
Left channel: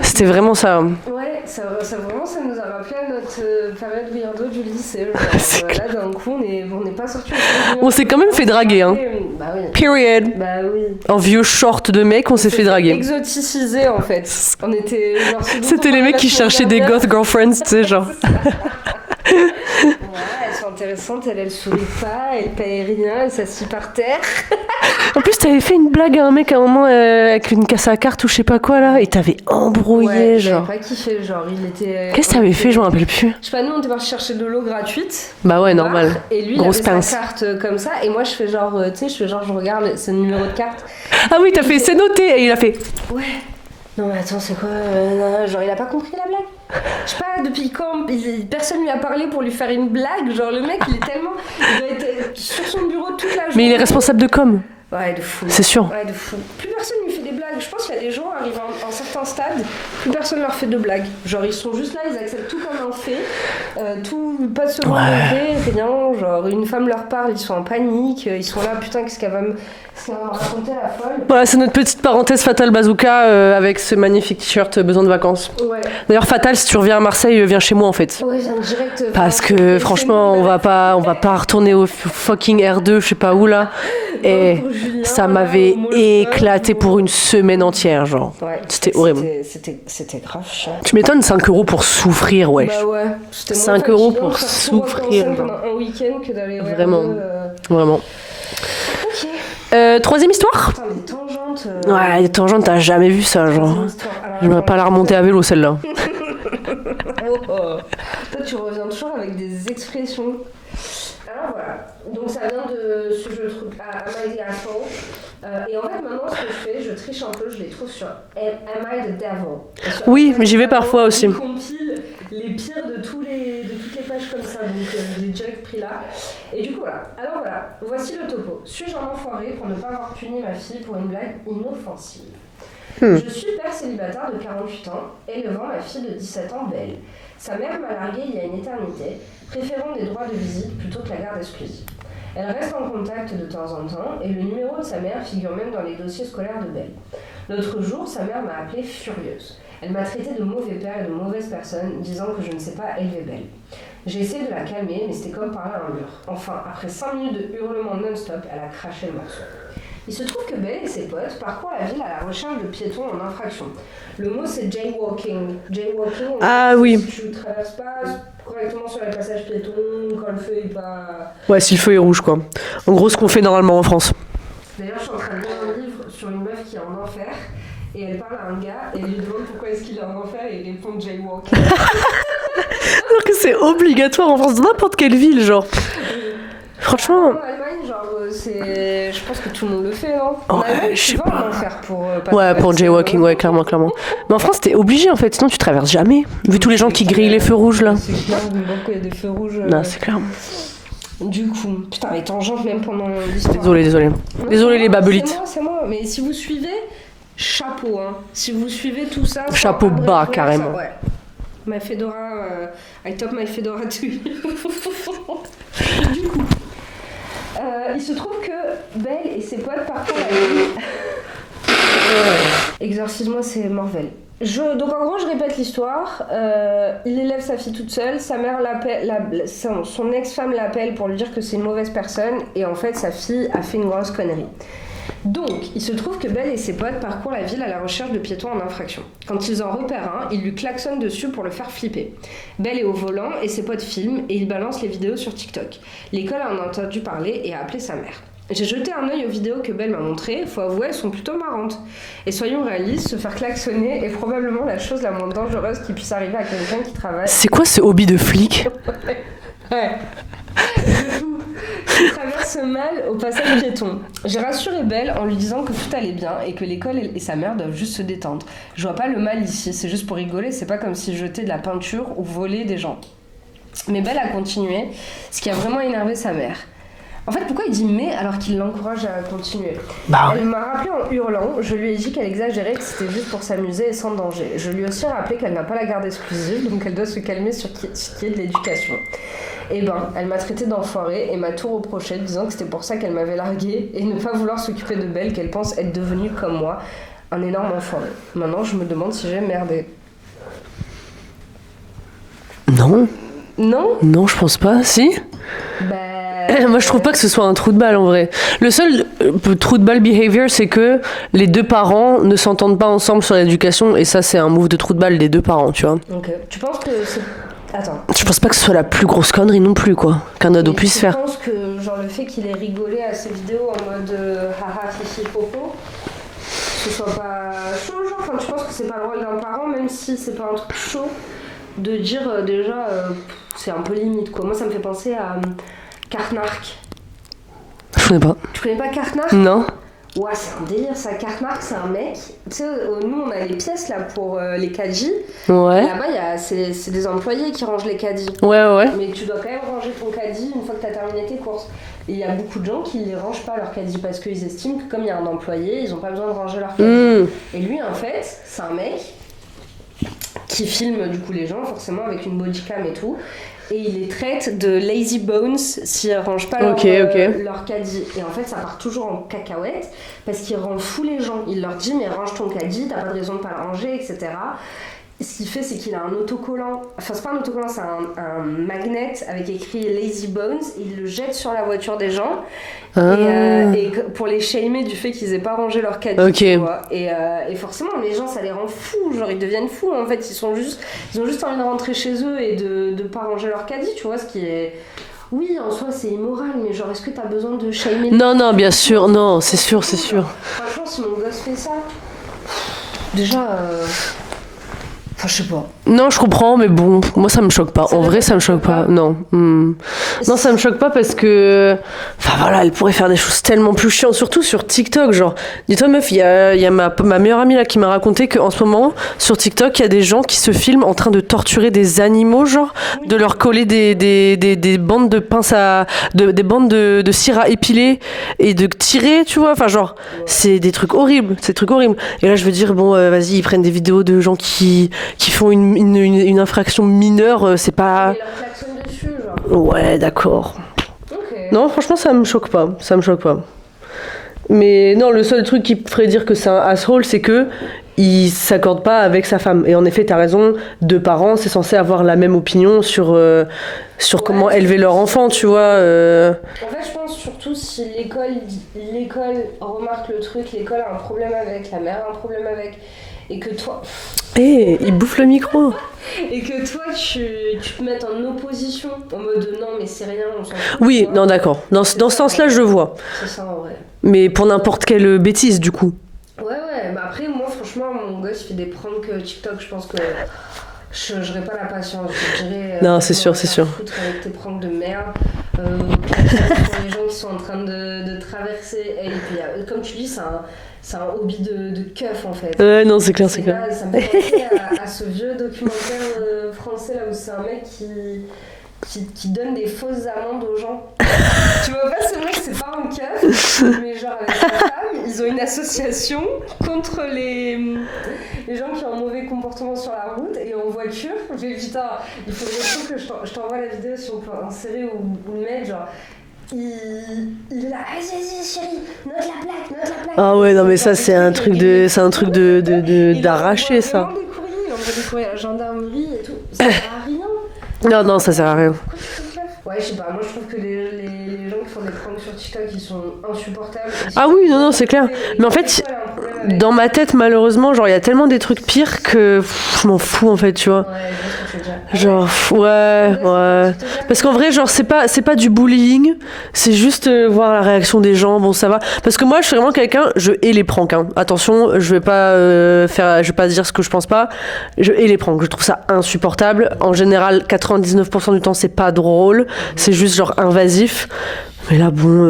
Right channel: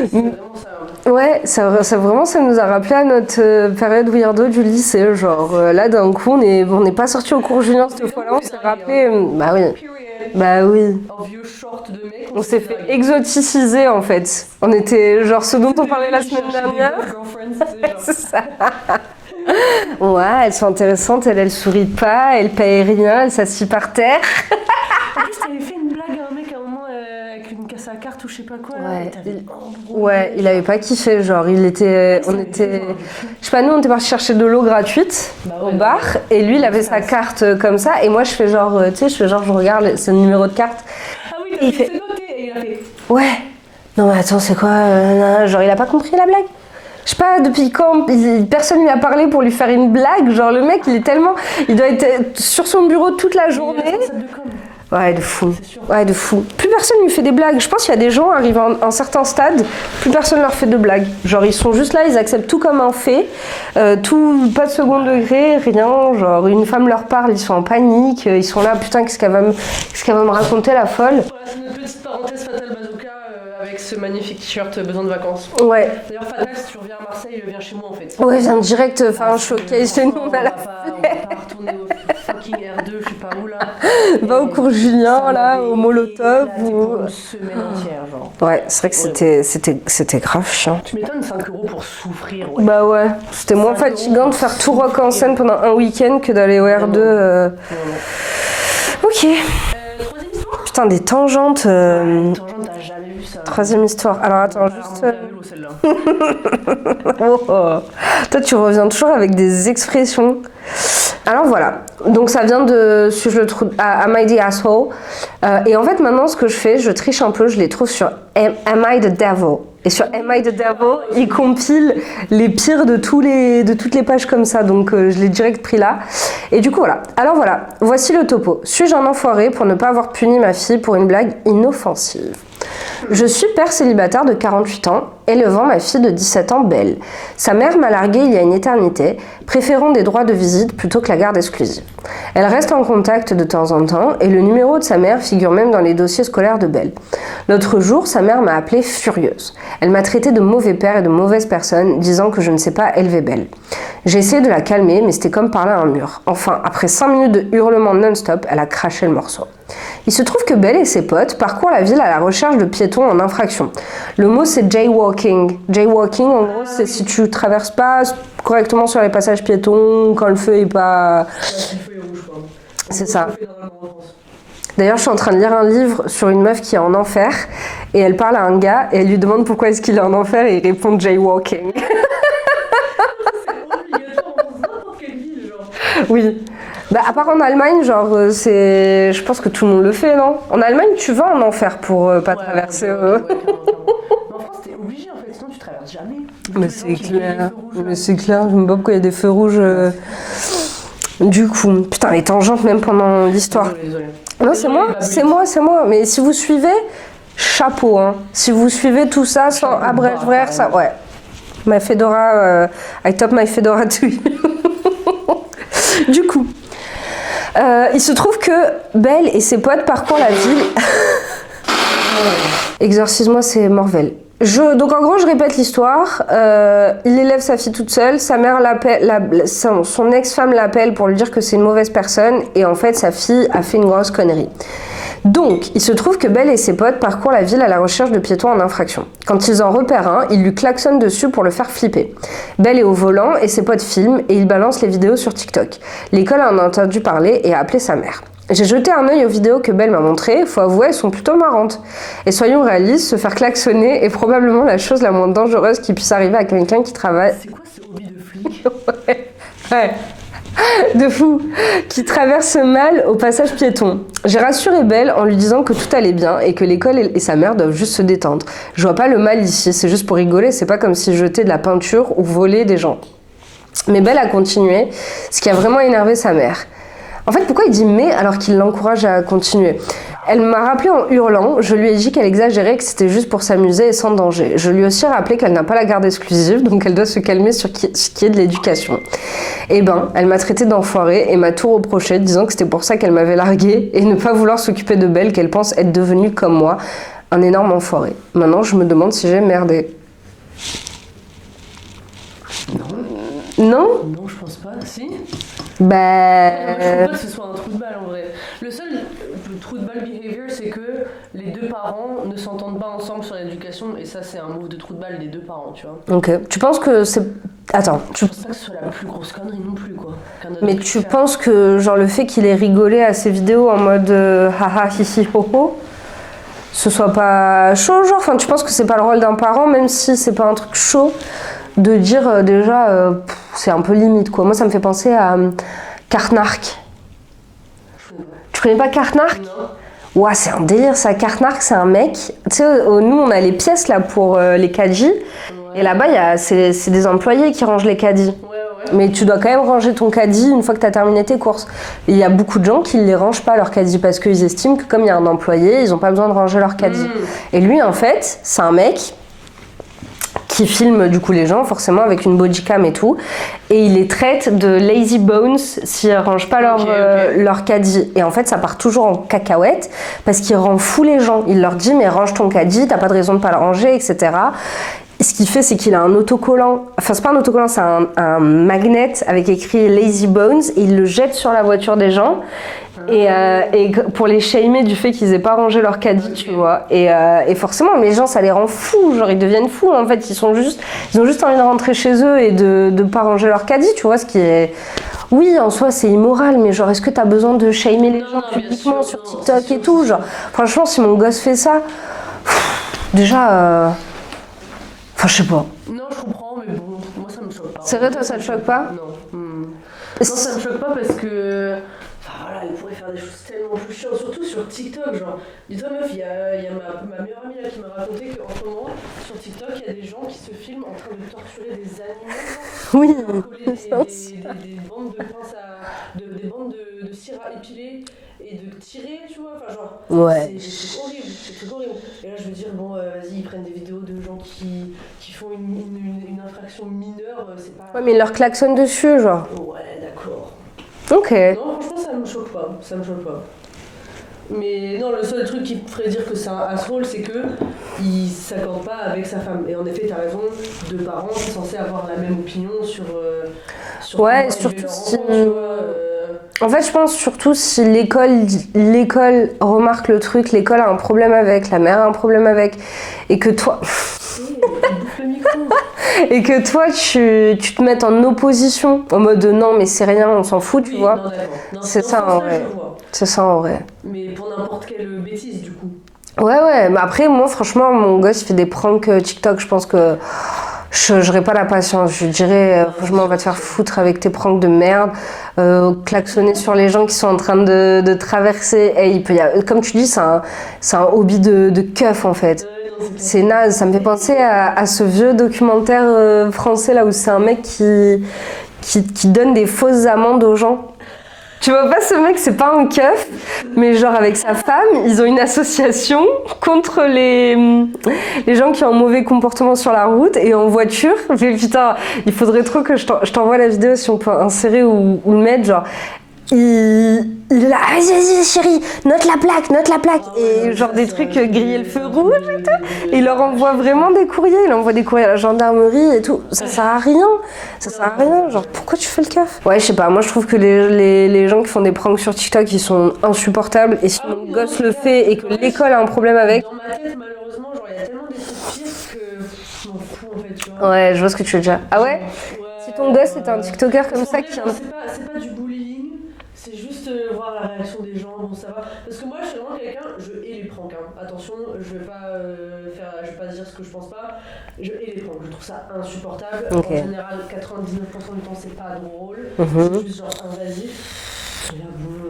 C'était vraiment ça. Ouais, ça nous a rappelé à notre période weirdo du lycée. Genre, là, d'un coup, on n'est pas sorti au cours d'une heure. On s'est quand même fait draguer. Hein. Bah oui. Period. Bah oui. En vieux short de mec, on s'est fait draguer. Exoticisé, en fait. On était genre ce dont C'était les mecs qui cherchaient des goth girlfriends, tu sais, genre. Ouais, elles sont intéressantes, elle sourit pas, elle paye rien, elle s'assied par terre. En plus, t'avais fait une blague à un mec à un moment avec une casse à carte ou je sais pas quoi là, et t'avais embrouillé. Ouais, il avait pas kiffé, genre il était. Qu'est-ce que t'avais fait, je m'en rappelle plus. Je sais pas, nous on était parti chercher de l'eau gratuite. Bah ouais, normal. Bar, et lui il avait sa carte comme ça, et moi je fais genre, tu sais, je regarde, c'est le numéro de carte. Ah oui, t'as fait, c'est noté, et il a fait. Ouais. Non mais attends, c'est quoi genre il a pas compris la blague. Je sais pas depuis quand personne lui a parlé pour lui faire une blague, genre le mec il doit être sur son bureau toute la journée. Mais il est responsable de com. Ouais, de fou. C'est sûr. Ouais, de fou. Plus personne lui fait des blagues. Je pense qu'il y a des gens arrivant en certains stades, plus personne leur fait de blagues. Genre ils sont juste là, ils acceptent tout comme un fait, tout, pas de second degré, rien. Genre une femme leur parle, ils sont en panique, ils sont là, putain, qu'est-ce qu'elle va me raconter la folle. Voilà, c'est notre petite parenthèse Fatal Bazooka avec ce magnifique t-shirt besoin de vacances. Ouais. D'ailleurs Fatal, si tu reviens à Marseille, viens chez moi en fait. Ouais, viens direct. Parce que franchement, on va pas retourner au fucking R2, je sais pas où là. Et Julien, ça m'avait éclaté pour une semaine entière, genre. Ouais, c'était horrible. C'était grave chiant. Tu m'étonnes, 5 € pour souffrir, ouais. Bah ouais, c'était moins fatigant de faire tout rock en scène pendant un week-end que d'aller au R2. Vraiment. Ok. Troisième histoire. Putain, des tangentes. Ouais, les tangentes, t'as jamais vu ça, genre. Troisième histoire. Alors, on va pas la remonter à vélo, celle-là. Toi, tu reviens toujours avec des expressions. Alors voilà, donc ça vient de Suis-je le trou Am I the asshole? Et en fait maintenant ce que je fais, je triche un peu, je les trouve sur Am I the devil? Et sur oui, mais j'y vais parfois aussi. Ils compilent les pires de toutes les pages comme ça, donc je l'ai direct pris là. Et du coup voilà, alors voilà, voici le topo. Suis-je un enfoiré pour ne pas avoir puni ma fille pour une blague inoffensive? Je suis père célibataire de 48 ans, élevant ma fille de 17 ans, Belle. Sa mère m'a larguée il y a une éternité, préférant des droits de visite plutôt que la garde exclusive. Elle reste en contact de temps en temps et le numéro de sa mère figure même dans les dossiers scolaires de Belle. L'autre jour, sa mère m'a appelée furieuse. Elle m'a traité de mauvais père et de mauvaise personne, disant que je ne sais pas élever Belle. J'ai essayé de la calmer, mais c'était comme parler à un mur. Enfin, après 5 minutes de hurlements non-stop, elle a craché le morceau. Il se trouve que Belle et ses potes parcourent la ville à la recherche de piétons en infraction. Le mot c'est jaywalking. Jaywalking, en gros, c'est si tu traverses pas correctement sur les passages piétons, quand le feu est pas... Ouais, si le feu est rouge, quoi. En gros, ce qu'on fait normalement en France. D'ailleurs, je suis en train de lire un livre sur une meuf qui est en enfer, et elle parle à un gars, et elle lui demande pourquoi est-ce qu'il est en enfer, et il répond jaywalking. Alors que c'est obligatoire en France, dans n'importe quelle ville, genre. Oui. Franchement, à part en Allemagne, genre, je pense que tout le monde le fait, non? En Allemagne, tu vas en enfer pour pas ouais, pour jaywalking, ouais, clairement. Mais en France, t'es obligé, en fait, sinon tu traverses jamais. Vu tous les gens qui grillent les feux rouges, là. C'est clair, je me vois pourquoi il y a des feux rouges. Non, c'est clair. Du coup, putain, les tangentes même pendant l'histoire. Désolé. Non, Désolé les babelites. C'est moi. Mais si vous suivez, chapeau, hein. Si vous suivez tout ça, chapeau sans bas, carrément. ça, ouais. Ma fedora, I top my fedora to you. Du coup, il se trouve que Belle et ses potes parcourent la ville. Exorcise-moi, c'est Morvel. Donc en gros, je répète l'histoire. Il élève sa fille toute seule. Sa mère l'appelle, son ex-femme l'appelle pour lui dire que c'est une mauvaise personne. Et en fait, sa fille a fait une grosse connerie. Donc, il se trouve que Belle et ses potes parcourent la ville à la recherche de piétons en infraction. Quand ils en repèrent un, ils lui klaxonnent dessus pour le faire flipper. Belle est au volant et ses potes filment et ils balancent les vidéos sur TikTok. L'école en a entendu parler et a appelé sa mère. J'ai jeté un œil aux vidéos que Belle m'a montrées, faut avouer, elles sont plutôt marrantes. Et soyons réalistes, se faire klaxonner est probablement la chose la moins dangereuse qui puisse arriver à quelqu'un qui travaille. C'est quoi ce hobby de flic? Ouais. De fou, qui traverse mal au passage piéton. J'ai rassuré Belle en lui disant que tout allait bien et que l'école et sa mère doivent juste se détendre. Je vois pas le mal ici, c'est juste pour rigoler, c'est pas comme si je jetais de la peinture ou volais des gens. Mais Belle a continué, ce qui a vraiment énervé sa mère. En fait, pourquoi il dit « mais » alors qu'il l'encourage à continuer? Elle m'a rappelé en hurlant, je lui ai dit qu'elle exagérait, que c'était juste pour s'amuser et sans danger. Je lui ai aussi rappelé qu'elle n'a pas la garde exclusive, donc elle doit se calmer sur ce qui est de l'éducation. Eh ben, elle m'a traité d'enfoirée et m'a tout reproché, disant que c'était pour ça qu'elle m'avait larguée et ne pas vouloir s'occuper de Belle, qu'elle pense être devenue comme moi, un énorme enfoiré. Maintenant, je me demande si j'ai merdé. Non. Non? Non, je pense pas. Si? Moi, je trouve pas que ce soit un trou de balle en vrai. Le seul trou de balle behavior, c'est que les deux parents ne s'entendent pas ensemble sur l'éducation, et ça, c'est un move de trou de balle des deux parents, tu vois. Ok. Tu penses que c'est. Attends. Je pense pas que ce soit la plus grosse connerie non plus, quoi, qu'un ado puisse faire. Tu penses que, genre, le fait qu'il ait rigolé à ses vidéos en mode haha, hihi, ho ho, ce soit pas chaud, genre? Enfin, tu penses que c'est pas le rôle d'un parent, même si c'est pas un truc chaud, de dire déjà. C'est un peu limite, quoi. Moi, ça me fait penser à Kartnark. Je connais pas. Tu connais pas Kartnark? Non. Ouah, c'est un délire, ça. Kartnark, c'est un mec. Tu sais, nous, on a les pièces, là, pour les caddies. Ouais. Et là-bas, c'est des employés qui rangent les caddies. Ouais. Mais tu dois quand même ranger ton caddie une fois que tu as terminé tes courses. Il y a beaucoup de gens qui ne les rangent pas, leurs caddies, parce qu'ils estiment que comme il y a un employé, ils n'ont pas besoin de ranger leur caddie. Et lui, en fait, c'est un mec qui filme du coup les gens forcément avec une bodycam et tout, et il les traite de lazy bones s'ils rangent pas leur caddie, et en fait ça part toujours en cacahuète parce qu'il rend fou les gens. Il leur dit mais range ton caddie, t'as pas de raison de pas le ranger, etc. Ce qu'il fait, c'est qu'il a un autocollant, enfin c'est pas un autocollant, c'est un magnet avec écrit Lazy Bones, et il le jette sur la voiture des gens, et pour les shamer du fait qu'ils aient pas rangé leur caddie, tu vois. Et forcément, les gens, ça les rend fous, genre ils deviennent fous, en fait, ils ont juste envie de rentrer chez eux et de pas ranger leur caddie, tu vois, ce qui est... Oui, en soi, c'est immoral, mais genre, est-ce que t'as besoin de shamer les gens? Non, bien sûr, non, c'est sûr, c'est sûr. Franchement, si mon gosse fait ça, déjà... Enfin, je sais pas. Non, je comprends, mais bon, moi ça me choque pas. C'est En vrai vrai, que ça me choque pas. Non. Non, ça me choque pas parce que. Enfin voilà, elle pourrait faire des choses tellement plus chiantes, surtout sur TikTok. Genre, dis-toi, meuf, il y a ma meilleure amie là qui m'a raconté qu'en ce moment, sur TikTok, il y a des gens qui se filment en train de torturer des animaux, genre, Oui. de leur coller des bandes de pinces à. Des bandes de cire à épiler et de tirer, tu vois. Enfin, genre, Ouais. c'est des trucs horribles. C'est des trucs horribles. Et là, je veux dire, bon, vas-y, ils prennent des vidéos de gens qui font une infraction mineure, c'est pas... Mais ils leur klaxonnent dessus, genre. Ouais, d'accord. Ok. Non, franchement, ça me choque pas. Ça me choque pas. Mais non, le seul truc qui me ferait dire que c'est un asshole, c'est que il s'accorde pas avec sa femme. Et en effet, t'as raison, deux parents, c'est censé avoir la même opinion sur Ouais, comment élever surtout leur si- enfant, tu vois. En fait, je pense surtout si l'école remarque le truc, l'école a un problème avec, la mère a un problème avec, et que toi, Il bouffe le micro. tu te mettes en opposition, en mode non, mais c'est rien, on s'en fout, tu Oui, vois. non, d'accord. Dans ce C'est ça, sens-là, en je vrai. vois. C'est ça en vrai. Mais pour n'importe quelle bêtise, du coup. Ouais, mais après, moi, franchement, mon gosse, il fait des pranks TikTok, je pense que je n'aurais pas la patience. Je dirais, Non, c'est franchement, sûr, va c'est te sûr. faire foutre avec tes pranks de merde, klaxonner sur les gens qui sont en train de traverser. Et comme tu dis, c'est un hobby de keuf, en fait. Ouais, non, c'est clair. C'est clair. naze, ça me fait penser à ce vieux documentaire français là où c'est un mec qui donne des fausses amendes aux gens. Tu vois pas, ce mec, c'est pas un keuf, mais genre avec sa femme, ils ont une association contre les gens qui ont un mauvais comportement sur la route et en voiture. Mais putain, il faudrait trop que je t'envoie la vidéo si on peut insérer ou le mettre, genre. Il est là, vas-y chérie, note la plaque. Ah ouais, Et non, mais genre ça, des c'est un trucs truc grillés de, c'est un truc il leur envoie d'arracher, ça. vraiment des courriers, il envoie des courriers à la gendarmerie et tout. Ça sert à rien. Non, ça sert à Genre, rien. pourquoi tu fais le keuf? Ouais, je sais pas, moi je trouve que les gens qui font des pranks sur TikTok, ils sont insupportables. Et si Ah mon oui, non, gosse c'est le clair. fait et que Mais en fait, l'école a un problème avec. Dans ma tête, malheureusement, genre, il y a tellement des trucs pires que je m'en fous, en fait, tu vois. Ouais, je vois ce que tu veux dire. Ah ouais? Genre, ouais, Ton gosse, c'est un ouais. TikToker Parce comme qu'en ça vrai, qui- genre, c'est pas du bullying, c'est juste voir la réaction des gens, bon, ça va. Parce que moi, je suis vraiment quelqu'un, je hais les pranks, hein. Attention, je vais pas dire ce que je pense pas. Je hais les pranks, je trouve ça insupportable. Ok. En général, 99% du temps, c'est pas drôle, c'est juste genre invasif. Mais là, bon,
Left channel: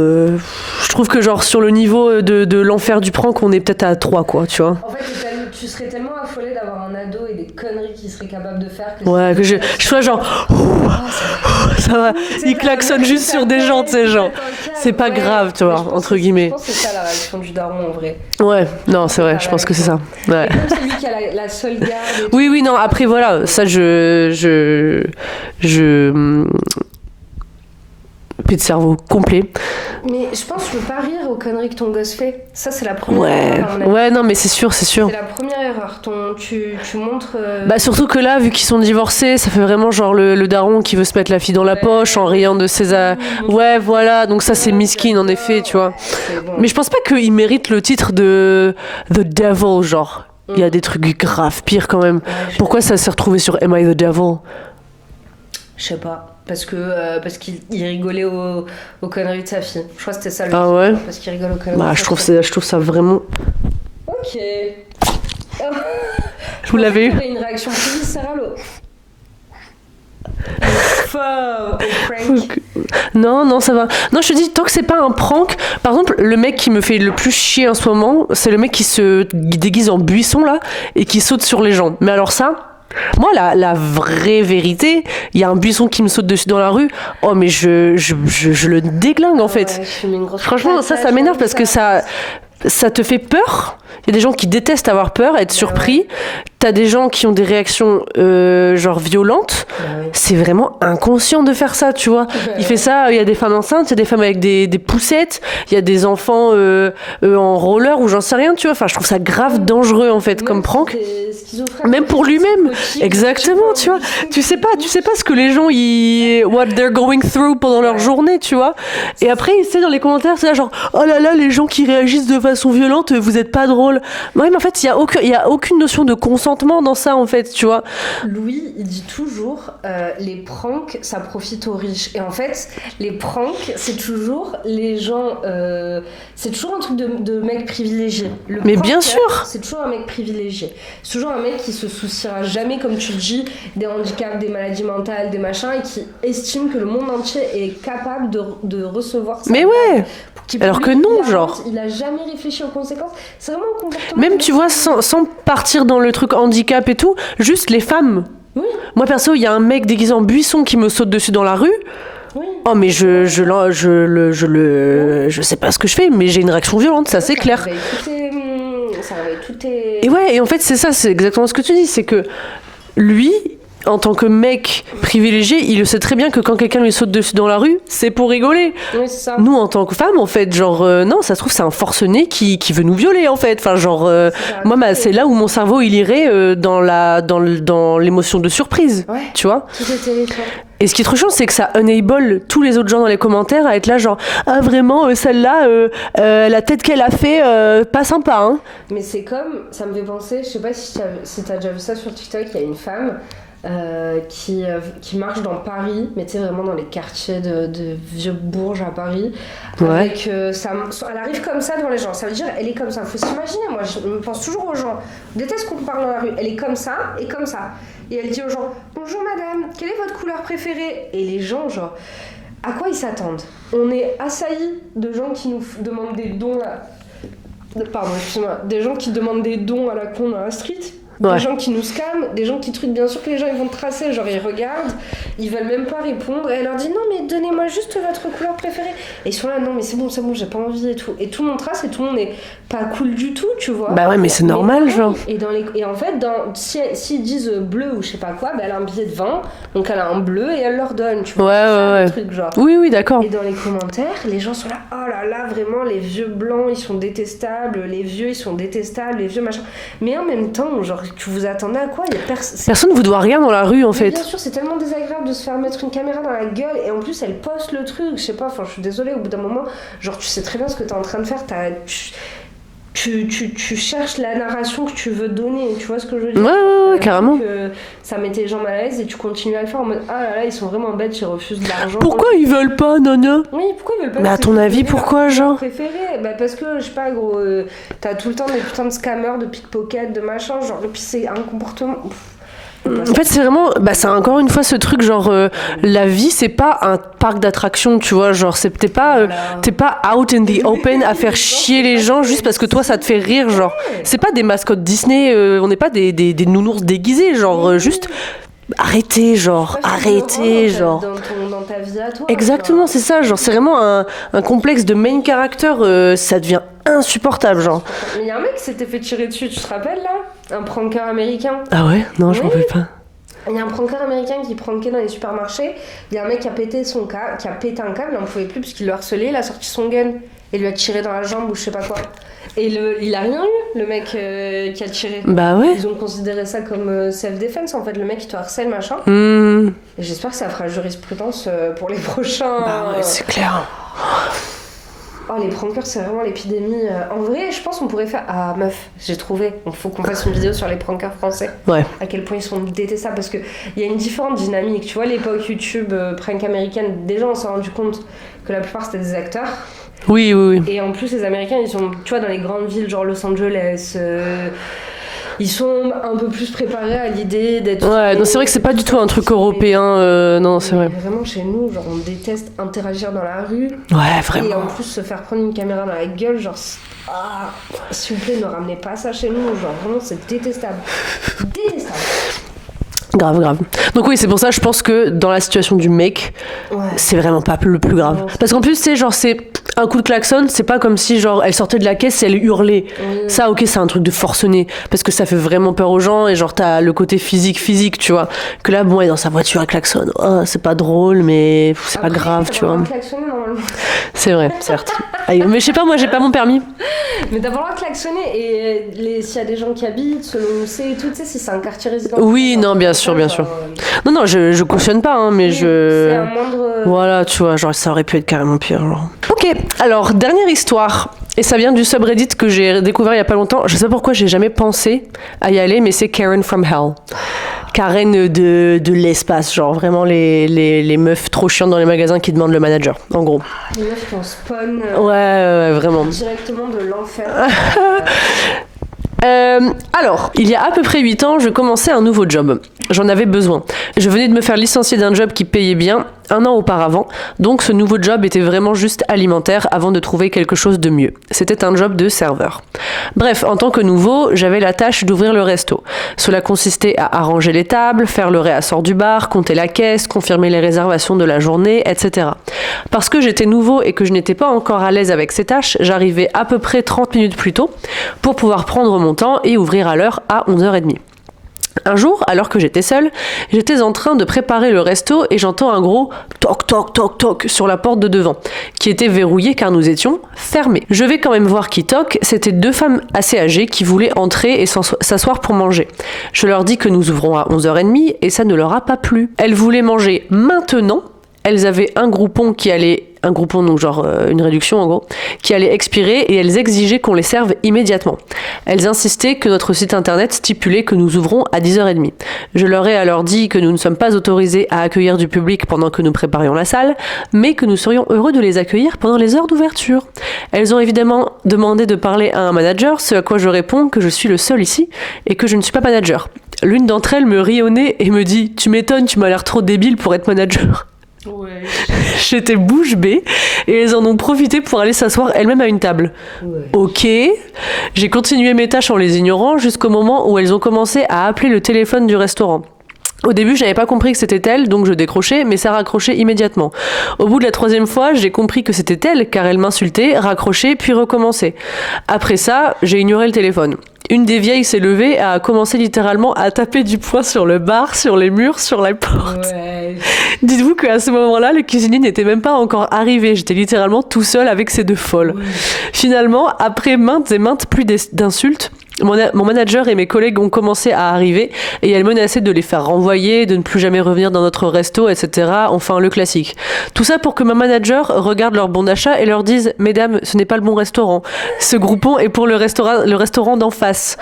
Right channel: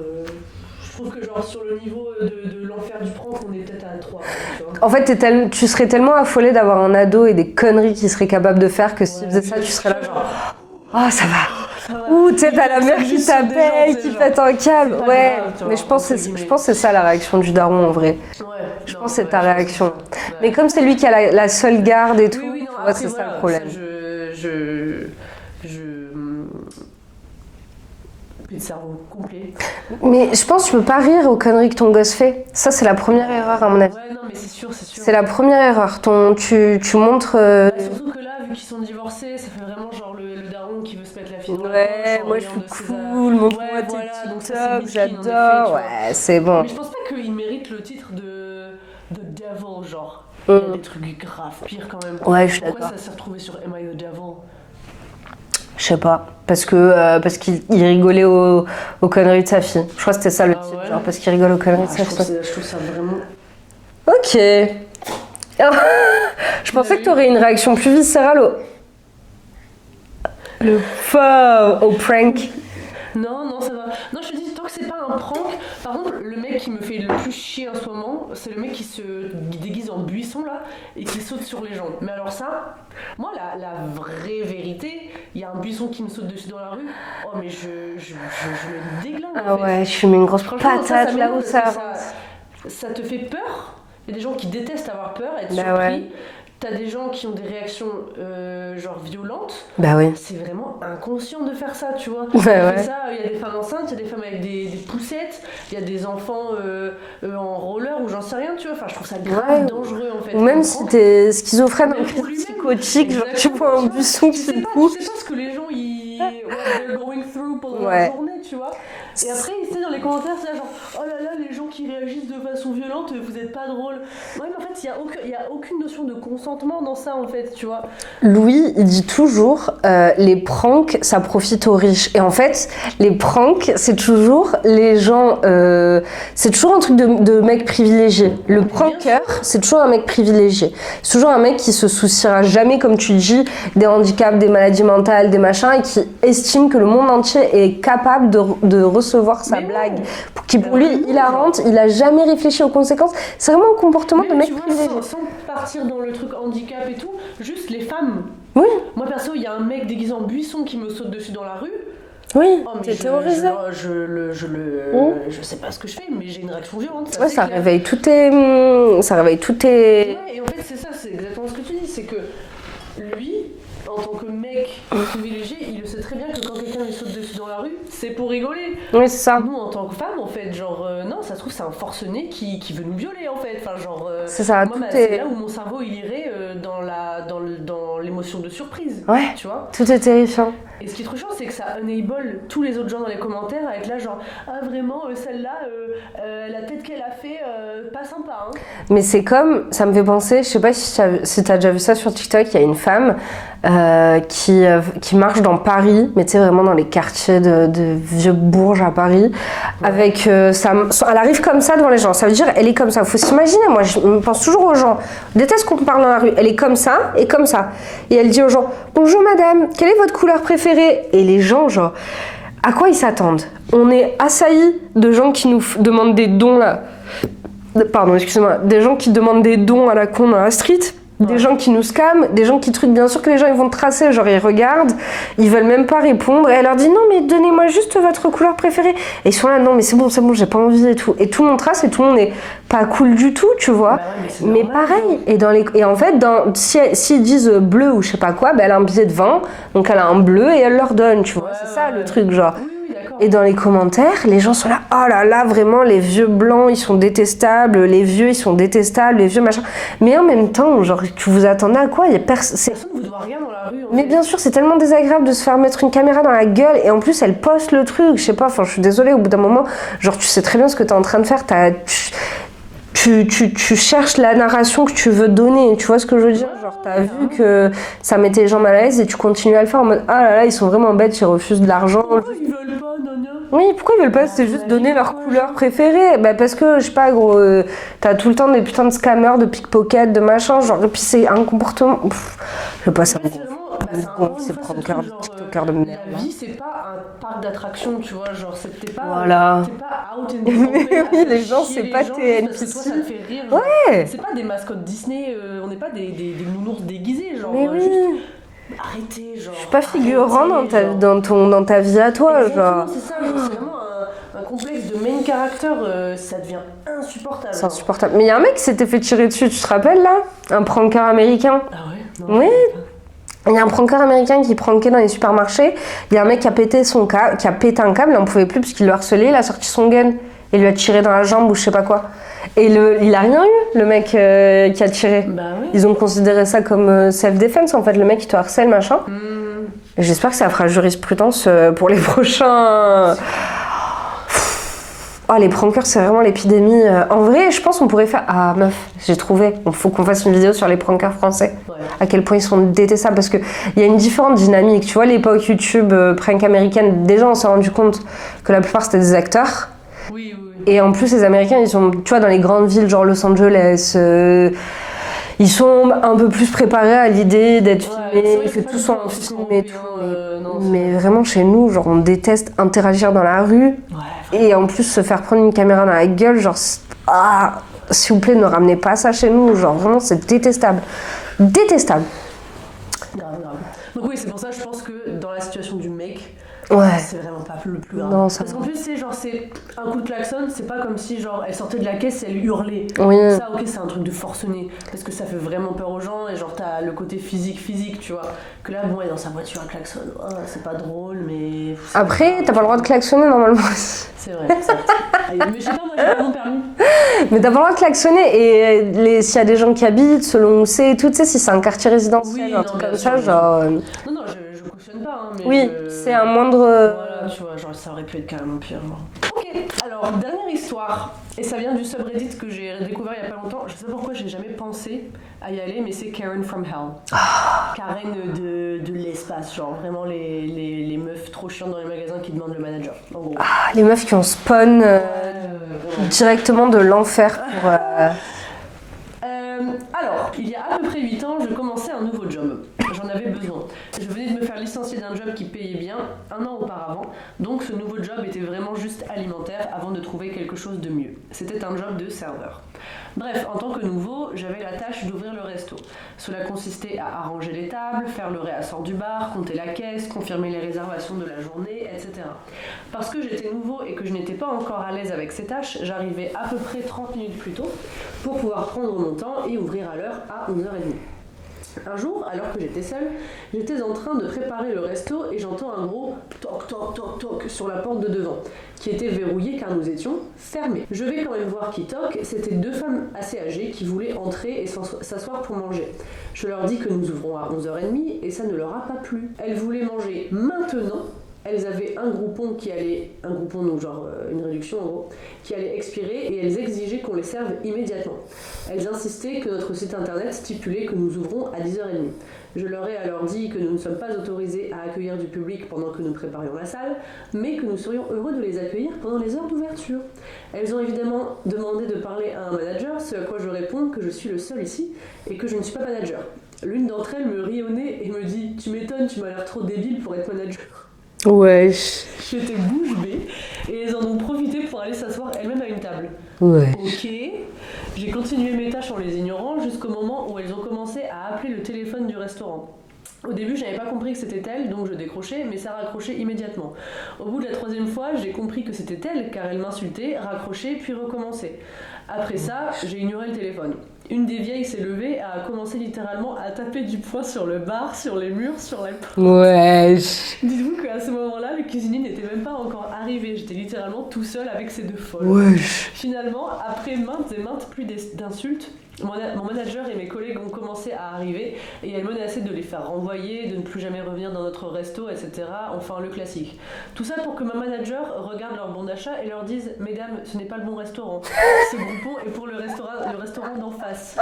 je trouve que genre sur le niveau de l'enfer du prank, on est peut-être à 3, quoi, tu vois. En fait, tu serais tellement affolé d'avoir un ado et des conneries qu'il serait capable de faire que Ouais, si que de je fois, tu sois serais- genre, Oh, ça va. ça va, Ouh, tu sais, il t'as la klaxonne meuf juste qui sur des gens, tu t'appelle, sais, qui genre. pète un câble. C'est pas Ouais. grave, tu Mais vois, je pense entre que guillemets. Je pense que c'est ça la réaction du daron en vrai. Ouais, non, c'est c'est vrai, ta je pense que c'est ça. réaction. Ouais. Mais comme c'est lui qui a la seule garde et tout. Oui, oui, non, ouais, après c'est voilà, le ça, problème. Plus de cerveau complet. Mais je pense que tu peux pas rire aux conneries que ton gosse fait. Ça, c'est la première erreur, à mon avis. Ouais, non, mais c'est sûr, c'est sûr. C'est la première erreur. Tu montres. Bah surtout que là, vu qu'ils sont divorcés, ça fait vraiment genre le daron qui veut se mettre la fille dans la Ouais, poche en ouais, riant de ses... mon Ouais, voilà, donc ça c'est miskin en j'adore. effet, tu vois. Ouais, c'est bon. Mais je pense pas qu'il mérite le titre de The Devil, genre. Il y a des trucs graves pires quand même. Ouais, je suis Pourquoi d'accord. ça s'est retrouvé sur Am I the Devil? Je sais pas. Parce qu'il rigolait aux conneries de sa fille. Je crois que c'était ça le Ah truc, ouais genre, parce qu'il rigole aux conneries Bah, de je sa fille. trouve ça vraiment... Ok. Je Vous pensais l'avez que eu t'aurais une réaction plus viscérale au prank. Non, ça va. Non, je te dis, tant que c'est pas un prank, par exemple, le mec qui me fait le plus chier en ce moment, c'est le mec qui se déguise en buisson, là, et qui saute sur les gens. Mais alors ça... Moi, la vraie vérité, il y a un buisson qui me saute dessus dans la rue. Oh, mais je le déglingue, en fait. Ouais, je suis mis une grosse Franchement, ça patate, m'énerve là, parce que ça te fait peur. Il y a des gens qui détestent avoir peur, être surpris. ouais. T'as des gens qui ont des réactions genre violentes. Bah oui. C'est vraiment inconscient de faire ça, tu vois. Ouais, Il fait ça, il y a des femmes enceintes, il y a des femmes avec des poussettes, il y a des enfants en roller ou j'en sais rien, tu vois. Enfin, je trouve ça grave Ouais. dangereux en fait Même comme si prank. t'es schizophrène, Même pour lui-même. psychotique, Exactement, tu vois. Tu sais pas ce que les gens what they're going through pendant leur Ouais. journée, tu vois. Et après, tu sais, dans les commentaires, c'est là genre oh là là, les gens qui réagissent de façon violente, vous êtes pas drôle. drôle. Oui, mais en fait, il y a aucune notion de consentement dans ça, en fait, tu vois. Louis, il dit toujours les pranks, ça profite aux riches. Et en fait, les pranks, c'est toujours les gens. C'est toujours un truc de mec privilégié. Le Mais bien pranker, sûr. c'est toujours un mec privilégié. C'est toujours un mec qui se souciera jamais, comme tu dis, des handicaps, des maladies mentales, des machins, et qui estime que le monde entier est capable de recevoir sa Mais blague. ouais. Qui, Alors lui, que non, genre. Il a jamais réfléchi aux conséquences. C'est vraiment un comportement. Même, de tu mec vois, privilégié. sans partir dans le truc handicap et tout, juste les femmes. Oui. Moi, perso, il y a un mec déguisé en buisson qui me saute dessus dans la rue. Oui. Oh, mais C'est je sais pas ce que je fais, mais j'ai une réaction violente, ça c'est clair. Ça réveille tout tes... Et ouais, et en fait, c'est ça, c'est exactement ce que tu dis, c'est que lui, en tant que mec privilégié, il le sait très bien que quand quelqu'un lui saute dessus dans la rue, c'est pour rigoler. Oui, c'est ça. Nous, en tant que femmes, en fait, genre, non, ça se trouve, c'est un forcené qui veut nous violer, en fait. Enfin, genre, C'est ça, moi, tout c'est est- là où mon cerveau, il irait dans l'émotion de surprise. Ouais. Tu vois? Tout est terrifiant. Et ce qui est trop chiant, c'est que ça enable tous les autres gens dans les commentaires à être là, genre, ah, vraiment, celle-là, la tête qu'elle a fait, pas sympa, hein. Mais c'est comme, ça me fait penser, je sais pas si t'as déjà vu ça sur TikTok, il y a une femme qui marche dans Paris, mais tu sais, vraiment dans les quartiers de vieux Bourges à Paris, Ouais. avec elle arrive comme ça devant les gens, ça veut dire elle est comme ça, faut s'imaginer, moi je pense toujours aux gens, je déteste qu'on me parle dans la rue, elle est comme ça, et elle dit aux gens, bonjour madame, quelle est votre couleur préférée? Et les gens, genre, à quoi ils s'attendent? On est assaillis de gens qui nous demandent des dons là. Pardon, excusez-moi. Des gens qui demandent des dons à la con dans la street. Ouais. Des gens qui nous scamment, des gens qui truquent. Bien sûr que les gens ils vont te tracer, genre ils regardent, ils veulent même pas répondre. Et elle leur dit non, mais donnez-moi juste votre couleur préférée. Et ils sont là, non, mais c'est bon, j'ai pas envie et tout. Et tout le monde trace et tout le monde est pas cool du tout, tu vois. Bah ouais, mais c'est normal, pareil, genre. Et en fait, s'ils disent bleu ou je sais pas quoi, bah, elle a un billet de 20, donc elle a un bleu et elle leur donne, tu vois. Ouais, c'est ça ouais. le truc, genre. Oui, oui, d'accord. Et dans les commentaires, les gens sont là, oh là là, vraiment, les vieux blancs, ils sont détestables, les vieux, ils sont détestables, les vieux machin. Mais en même temps, genre, que vous attendez à quoi? Il y a Personne vous doit rien dans la rue, en Mais fait. bien sûr, c'est tellement désagréable de se faire mettre une caméra dans la gueule, et en plus, elle poste le truc, je sais pas, enfin, je suis désolée, au bout d'un moment, genre, tu sais très bien ce que t'es en train de faire, tu cherches la narration que tu veux donner, tu vois ce que je veux dire? Ouais, Genre, t'as vu carrément. que ça mettait les gens mal à l'aise et tu continues à le faire en mode ah là là, ils sont vraiment bêtes, ils refusent de l'argent. Pourquoi ils veulent pas, Nana? Oui, pourquoi ils veulent pas? Mais à c'est ton juste avis, donner pourquoi, leur genre préféré? Bah parce que, je sais pas, gros, t'as tout le temps des putains de scammers, de pickpockets, de machin, genre, et puis c'est un comportement... En fait, c'est vraiment, c'est encore une fois ce truc, genre, la vie, c'est pas un parc d'attractions, tu vois, genre, t'es pas out in the open à faire Les gens, chier c'est les pas gens tes juste parce que toi, ça te fait rire, genre. Ouais. C'est pas des mascottes Disney, on n'est pas des nounours déguisés, genre, Oui. juste arrêtez, genre, Pas figurant arrêtez, genre. dans ta vie à toi. Exactement, genre. c'est ça, genre, c'est vraiment un complexe de main character, ça devient insupportable, C'est genre. insupportable. Mais il y a un mec qui s'était fait tirer dessus, tu te rappelles là? Un pranker américain. Ah ouais? Non, je m'en Oui. rappelle pas. Il y a un pranker américain qui prankait dans les supermarchés. Il y a un mec qui a pété un câble, il en pouvait plus parce qu'il le harcelait, il a sorti son gun et lui a tiré dans la jambe ou je sais pas quoi. Et il a rien eu, le mec qui a tiré. Bah ouais. Ils ont considéré ça comme self-defense en fait, le mec qui te harcèle machin. Et j'espère que ça fera jurisprudence pour les prochains. C'est clair. Oh, les prankers, c'est vraiment l'épidémie. En vrai, je pense qu'on pourrait faire. Ah, meuf, j'ai trouvé. Il faut qu'on fasse une vidéo sur les prankers français. Ouais. À quel point ils sont détestables. Parce qu'il y a une différente dynamique. Tu vois, l'époque YouTube, prank américaine, déjà, on s'est rendu compte que la plupart, c'était des acteurs. Oui, oui, oui. Et en plus, les Américains, ils sont, tu vois, dans les grandes villes, genre Los Angeles. Ils sont un peu plus préparés à l'idée d'être. Ouais, non, c'est vrai que c'est pas du tout un truc européen, non, c'est Mais vrai. vraiment, chez nous, genre, on déteste interagir dans la rue. Ouais, vraiment. Et en plus, se faire prendre une caméra dans la gueule, genre, s'il vous plaît, ne ramenez pas ça chez nous. Genre, vraiment, c'est détestable. Détestable. Grave, grave. Donc oui, c'est pour ça, je pense que dans la situation du mec, Ouais. c'est vraiment pas le plus grave. Non, c'est- Parce qu'en plus, c'est genre, c'est un coup de klaxon, c'est pas comme si genre elle sortait de la caisse et elle hurlait. Oui. Ça, ok, c'est un truc de forcené. Parce que ça fait vraiment peur aux gens et genre t'as le côté physique, tu vois. Que là, bon, elle est dans sa voiture, elle klaxonne. Oh, c'est pas drôle, mais c'est pas Après, grave. t'as tu pas le droit vois. de klaxonner normalement. C'est vrai, certes. Aïe, mais je sais pas, moi j'ai pas mon permis. Mais t'as pas le droit de klaxonner. Et s'il y a des gens qui habitent, selon où c'est et tout, tu sais, si c'est un quartier résidentiel. Oui, un non, truc bien comme sûr, ça, bien genre, sûr. Non, non, je cautionne pas, hein, mais oui, je. c'est un moindre. Voilà, tu vois, genre ça aurait pu être carrément pire, genre. Ok, Ok, alors dernière histoire. Et ça vient du subreddit que j'ai découvert il y a pas longtemps. Je sais pas pourquoi j'ai jamais pensé à y aller, mais c'est Karen from Hell. Karen de l'espace, genre vraiment les meufs trop chiantes dans les magasins qui demandent le manager, en gros. Les meufs qui ont spawn Ouais, vraiment. directement de l'enfer. Alors, il y a à peu près 8 ans, je commençais un nouveau job. J'en avais besoin. Je venais de me faire licencier d'un job qui payait bien 1 an auparavant, donc ce nouveau job était vraiment juste alimentaire avant de trouver quelque chose de mieux. C'était un job de serveur. Bref, en tant que nouveau, j'avais la tâche d'ouvrir le resto. Cela consistait à arranger les tables, faire le réassort du bar, compter la caisse, confirmer les réservations de la journée, etc. Parce que j'étais nouveau et que je n'étais pas encore à l'aise avec ces tâches, j'arrivais à peu près 30 minutes plus tôt pour pouvoir prendre mon temps et ouvrir à l'heure à 11h30. Un jour, alors que j'étais seule, j'étais en train de préparer le resto et j'entends un gros toc toc toc toc sur la porte de devant, qui était verrouillée car nous étions fermés. Je vais quand même voir qui toque, c'était 2 femmes assez âgées qui voulaient entrer et s'asseoir pour manger. Je leur dis que nous ouvrons à 11h30 et ça ne leur a pas plu. Elles voulaient manger maintenant. Elles avaient un groupon, donc genre une réduction en gros, qui allait expirer et elles exigeaient qu'on les serve immédiatement. Elles insistaient que notre site internet stipulait que nous ouvrons à 10h30. Je leur ai alors dit que nous ne sommes pas autorisés à accueillir du public pendant que nous préparions la salle, mais que nous serions heureux de les accueillir pendant les heures d'ouverture. Elles ont évidemment demandé de parler à un manager, ce à quoi je réponds que je suis le seul ici et que je ne suis pas manager. L'une d'entre elles me rit au nez et me dit « Tu m'étonnes, tu m'as l'air trop débile pour être manager ». Ouais. J'étais bouche bée et elles en ont profité pour aller s'asseoir elles-mêmes à une table. Ouais. Ok. J'ai continué mes tâches en les ignorant jusqu'au moment où elles ont commencé à appeler le téléphone du restaurant. Au début, je n'avais pas compris que c'était elle, donc je décrochais, mais ça raccrochait immédiatement. Au bout de la 3e fois, j'ai compris que c'était elle, car elle m'insultait, raccrochait, puis recommençait. Après ça, j'ai ignoré le téléphone. Une des vieilles s'est levée et a commencé littéralement à taper du poing sur le bar, sur les murs, sur la porte. Ouais. Dites-vous qu'à ce moment-là, le cuisinier n'était même pas encore arrivé. J'étais littéralement tout seul avec ces 2 folles. Ouais. Finalement, après maintes et maintes pluies d'insultes, mon manager et mes collègues ont commencé à arriver et elles menaçaient de les faire renvoyer, de ne plus jamais revenir dans notre resto, etc. Enfin, le classique. Tout ça pour que ma manager regarde leur bon d'achat et leur dise « Mesdames, ce n'est pas le bon restaurant. Ce groupon est pour le restaurant d'en face. »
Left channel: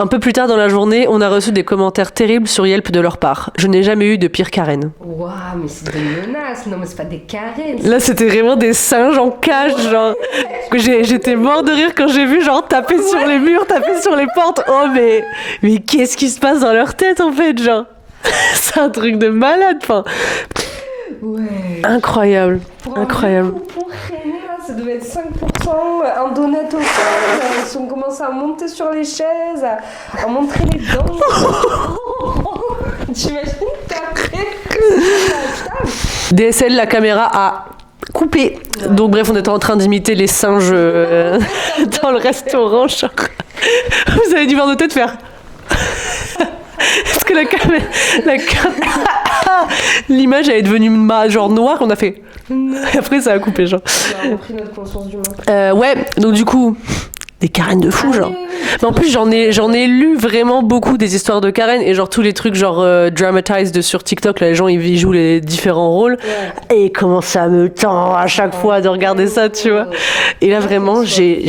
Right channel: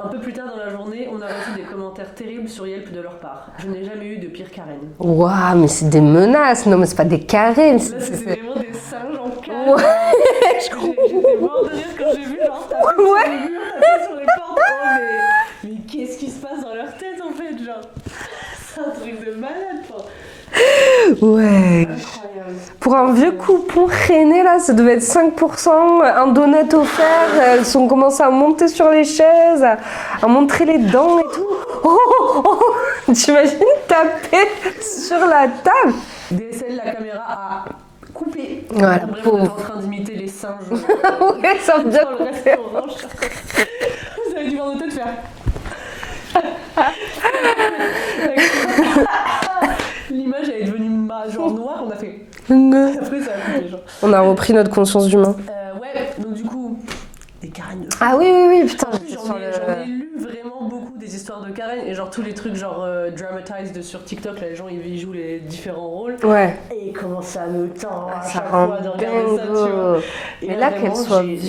Un peu plus tard dans la journée, on a reçu des commentaires terribles sur Yelp de leur part. Je n'ai jamais eu de pire Karen. Waouh, mais c'est des menaces. Non, mais c'est pas des carrés. Là, c'était vraiment des singes en cage, genre. J'étais mort de rire quand j'ai vu, genre, taper sur les murs, taper sur les portes. Oh, mais qu'est-ce qui se passe dans leur tête, en fait, genre. C'est un truc de malade, enfin. Ouais. Incroyable. Pour un Incroyable. vieux coupon traîné, là, ça devait être 5%, un donut offert. Elles ont commencé à monter sur les chaises, à montrer les dents. T'imagines taper sur la table? DSL, la caméra a coupé. Ouais. Donc bref, on était en train d'imiter les singes dans le restaurant. Genre. Vous avez dû voir nos têtes faire. Parce que l'image elle est devenue genre noire, on a fait. Et après ça a coupé genre. On a repris notre conscience d'humain. Ouais, donc du coup. Des Karen de fou, Ah genre. oui. En plus, j'en ai lu vraiment beaucoup des histoires de Karen et genre tous les trucs genre dramatized sur TikTok, là, les gens ils jouent les différents rôles. Ouais. Et comment ça me tend à chaque fois de regarder ça, tu vois. Et là vraiment, j'ai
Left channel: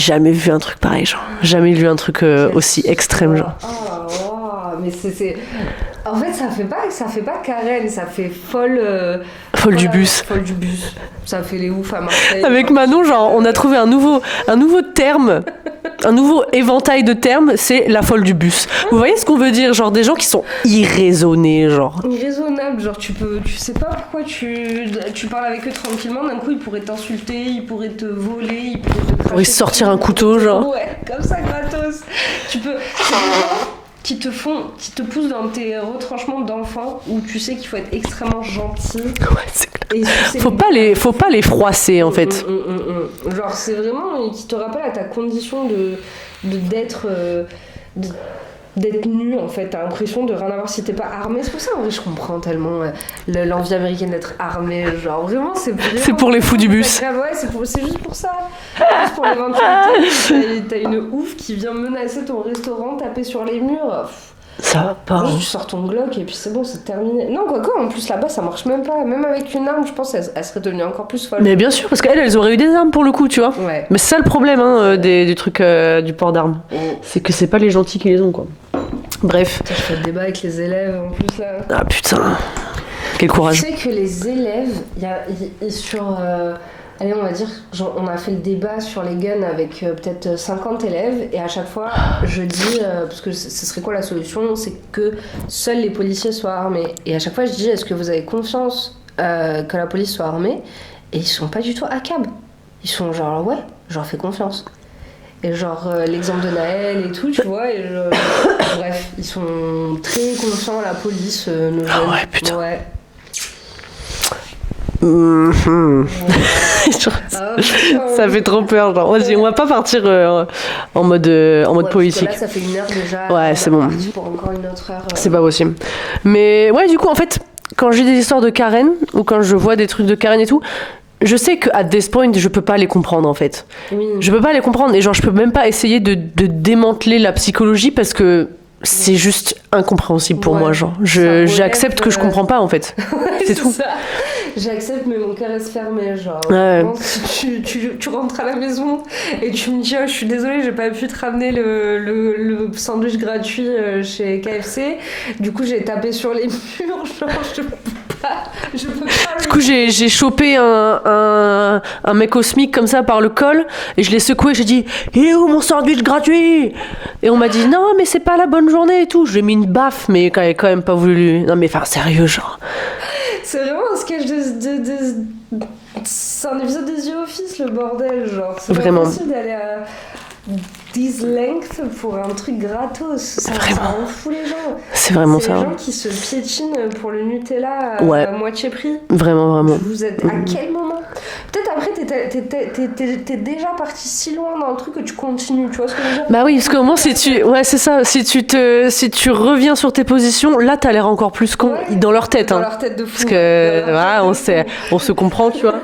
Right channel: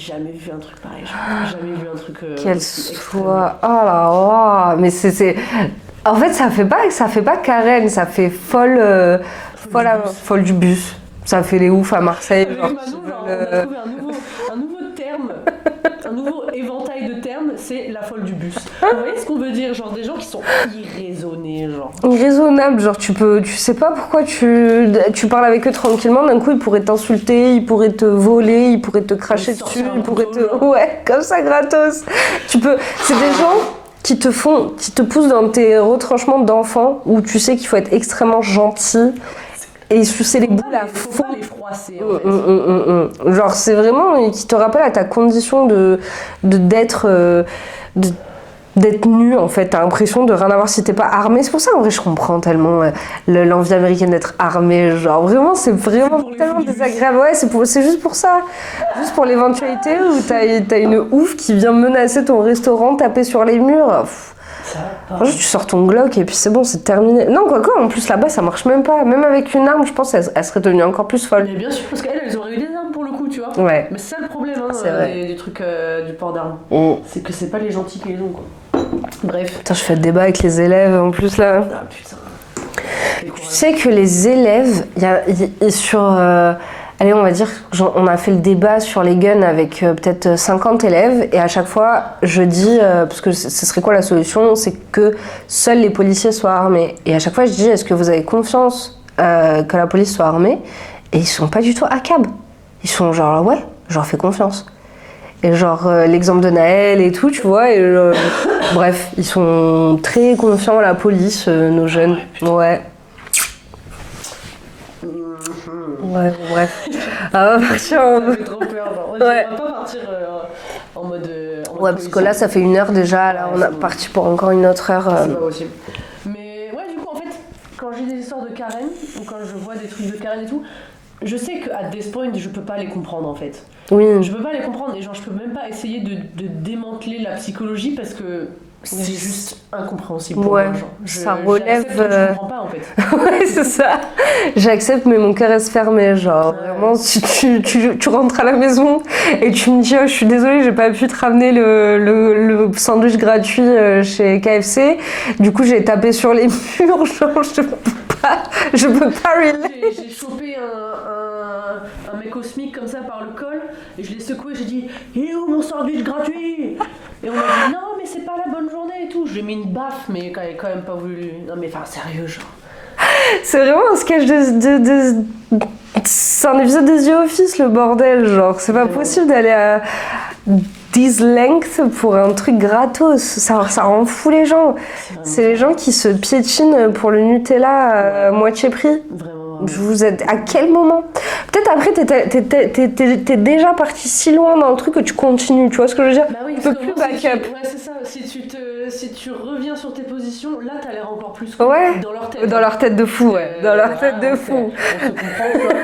jamais vu un truc pareil, genre. Jamais lu un truc aussi extrême. Genre. Oh là là, mais c'est... En fait, ça fait pas Karen, ça fait folle... Folle du bus. Folle du bus. Ça fait les oufs à Marseille. Avec Manon, genre, on a trouvé un nouveau terme, un nouveau éventail de termes, c'est la folle du bus. Vous voyez ce qu'on veut dire? Genre, des gens qui sont irraisonnés, genre. Irraisonnable, genre, tu sais pas pourquoi tu parles avec eux tranquillement, d'un coup, ils pourraient t'insulter, ils pourraient te voler, ils pourraient te cracher dessus. Sortir un couteau, genre. Ouais, comme ça, gratos. C'est des gens qui te poussent dans tes retranchements d'enfants où tu sais qu'il faut être extrêmement gentil. Ouais, c'est clair. Et sucer faut pas les froisser en fait. Genre c'est vraiment qui te rappelle à ta condition d'être nu en fait. T'as l'impression de rien avoir si t'es pas armé. C'est pour ça en vrai je comprends tellement l'envie américaine d'être armé. Genre vraiment c'est pour les fous du bus. Ouais, c'est juste pour ça. Juste pour l'éventualité où t'as une ouf qui vient menacer ton restaurant, taper sur les murs. Ça va pas. Juste, tu sors ton Glock et puis c'est bon, c'est terminé. Non, quoique, en plus là-bas, ça marche même pas. Même avec une arme, je pense qu'elle serait devenue encore plus folle. Mais bien sûr, parce qu'elles auraient eu des armes pour le coup, tu vois. Ouais. Mais c'est ça le problème du truc du port d'armes. Mm. C'est que c'est pas les gentils qui les ont, quoi. Bref. Putain, je fais le débat avec les élèves en plus là. Ah putain. Quel courage. Tu sais que les élèves, sur. Allez, on va dire, on a fait le débat sur les guns avec peut-être 50 élèves, et à chaque fois, je dis, parce que ce serait quoi la solution, c'est que seuls les policiers soient armés. Et à chaque fois, je dis, est-ce que vous avez confiance que la police soit armée? Et ils sont pas du tout à cab. Ils sont genre, ouais, je leur fais confiance. Et genre, l'exemple de Naël et tout, tu vois, et bref, ils sont très confiants, la police, nos jeunes. Ouais, putain. Ouais. Ça fait trop peur, genre. Vas-y, on va pas partir en mode politique. Parce que là, ça fait 1 heure déjà. Ouais, c'est bon. Parti pour encore une autre heure. C'est pas possible. Mais ouais, du coup, en fait, quand j'ai des histoires de Karen, ou quand je vois des trucs de Karen et tout, je sais qu'à this point, je peux pas les comprendre, en fait. Oui. Je peux pas les comprendre, et genre, je peux même pas essayer de démanteler la psychologie parce que c'est juste incompréhensible pour moi, genre. J'accepte que je comprends pas, en fait. C'est tout ça. J'accepte, mais mon cœur reste fermé, genre. Ouais. Bon, si tu rentres à la maison et tu me dis, oh, je suis désolée, j'ai pas pu te ramener le sandwich gratuit chez KFC. Du coup, j'ai tapé sur les murs, genre, je peux pas. Du coup, j'ai chopé un mec au SMIC comme ça par le col et je l'ai secoué. J'ai dit, il est où mon sandwich gratuit? Et on m'a dit, non, mais c'est pas la bonne journée et tout. Je lui ai mis une baffe, mais quand même pas voulu. Non, mais enfin, sérieux, genre. C'est vraiment un sketch c'est un épisode de The Office, le bordel, genre. C'est pas possible d'aller à this length pour un truc gratos. Ça rend fou les gens. C'est vraiment ça. C'est les gens qui se piétinent pour le Nutella à moitié prix. Vraiment. Vous êtes à quel moment? Peut-être après, t'es déjà parti si loin dans le truc que tu continues, tu vois ce que je veux dire? Bah oui, parce qu'au moins, c'est ça. Si tu reviens sur tes positions, là, t'as l'air encore plus con dans leur tête. Dans leur tête de fou. Parce que, on se comprend, tu vois.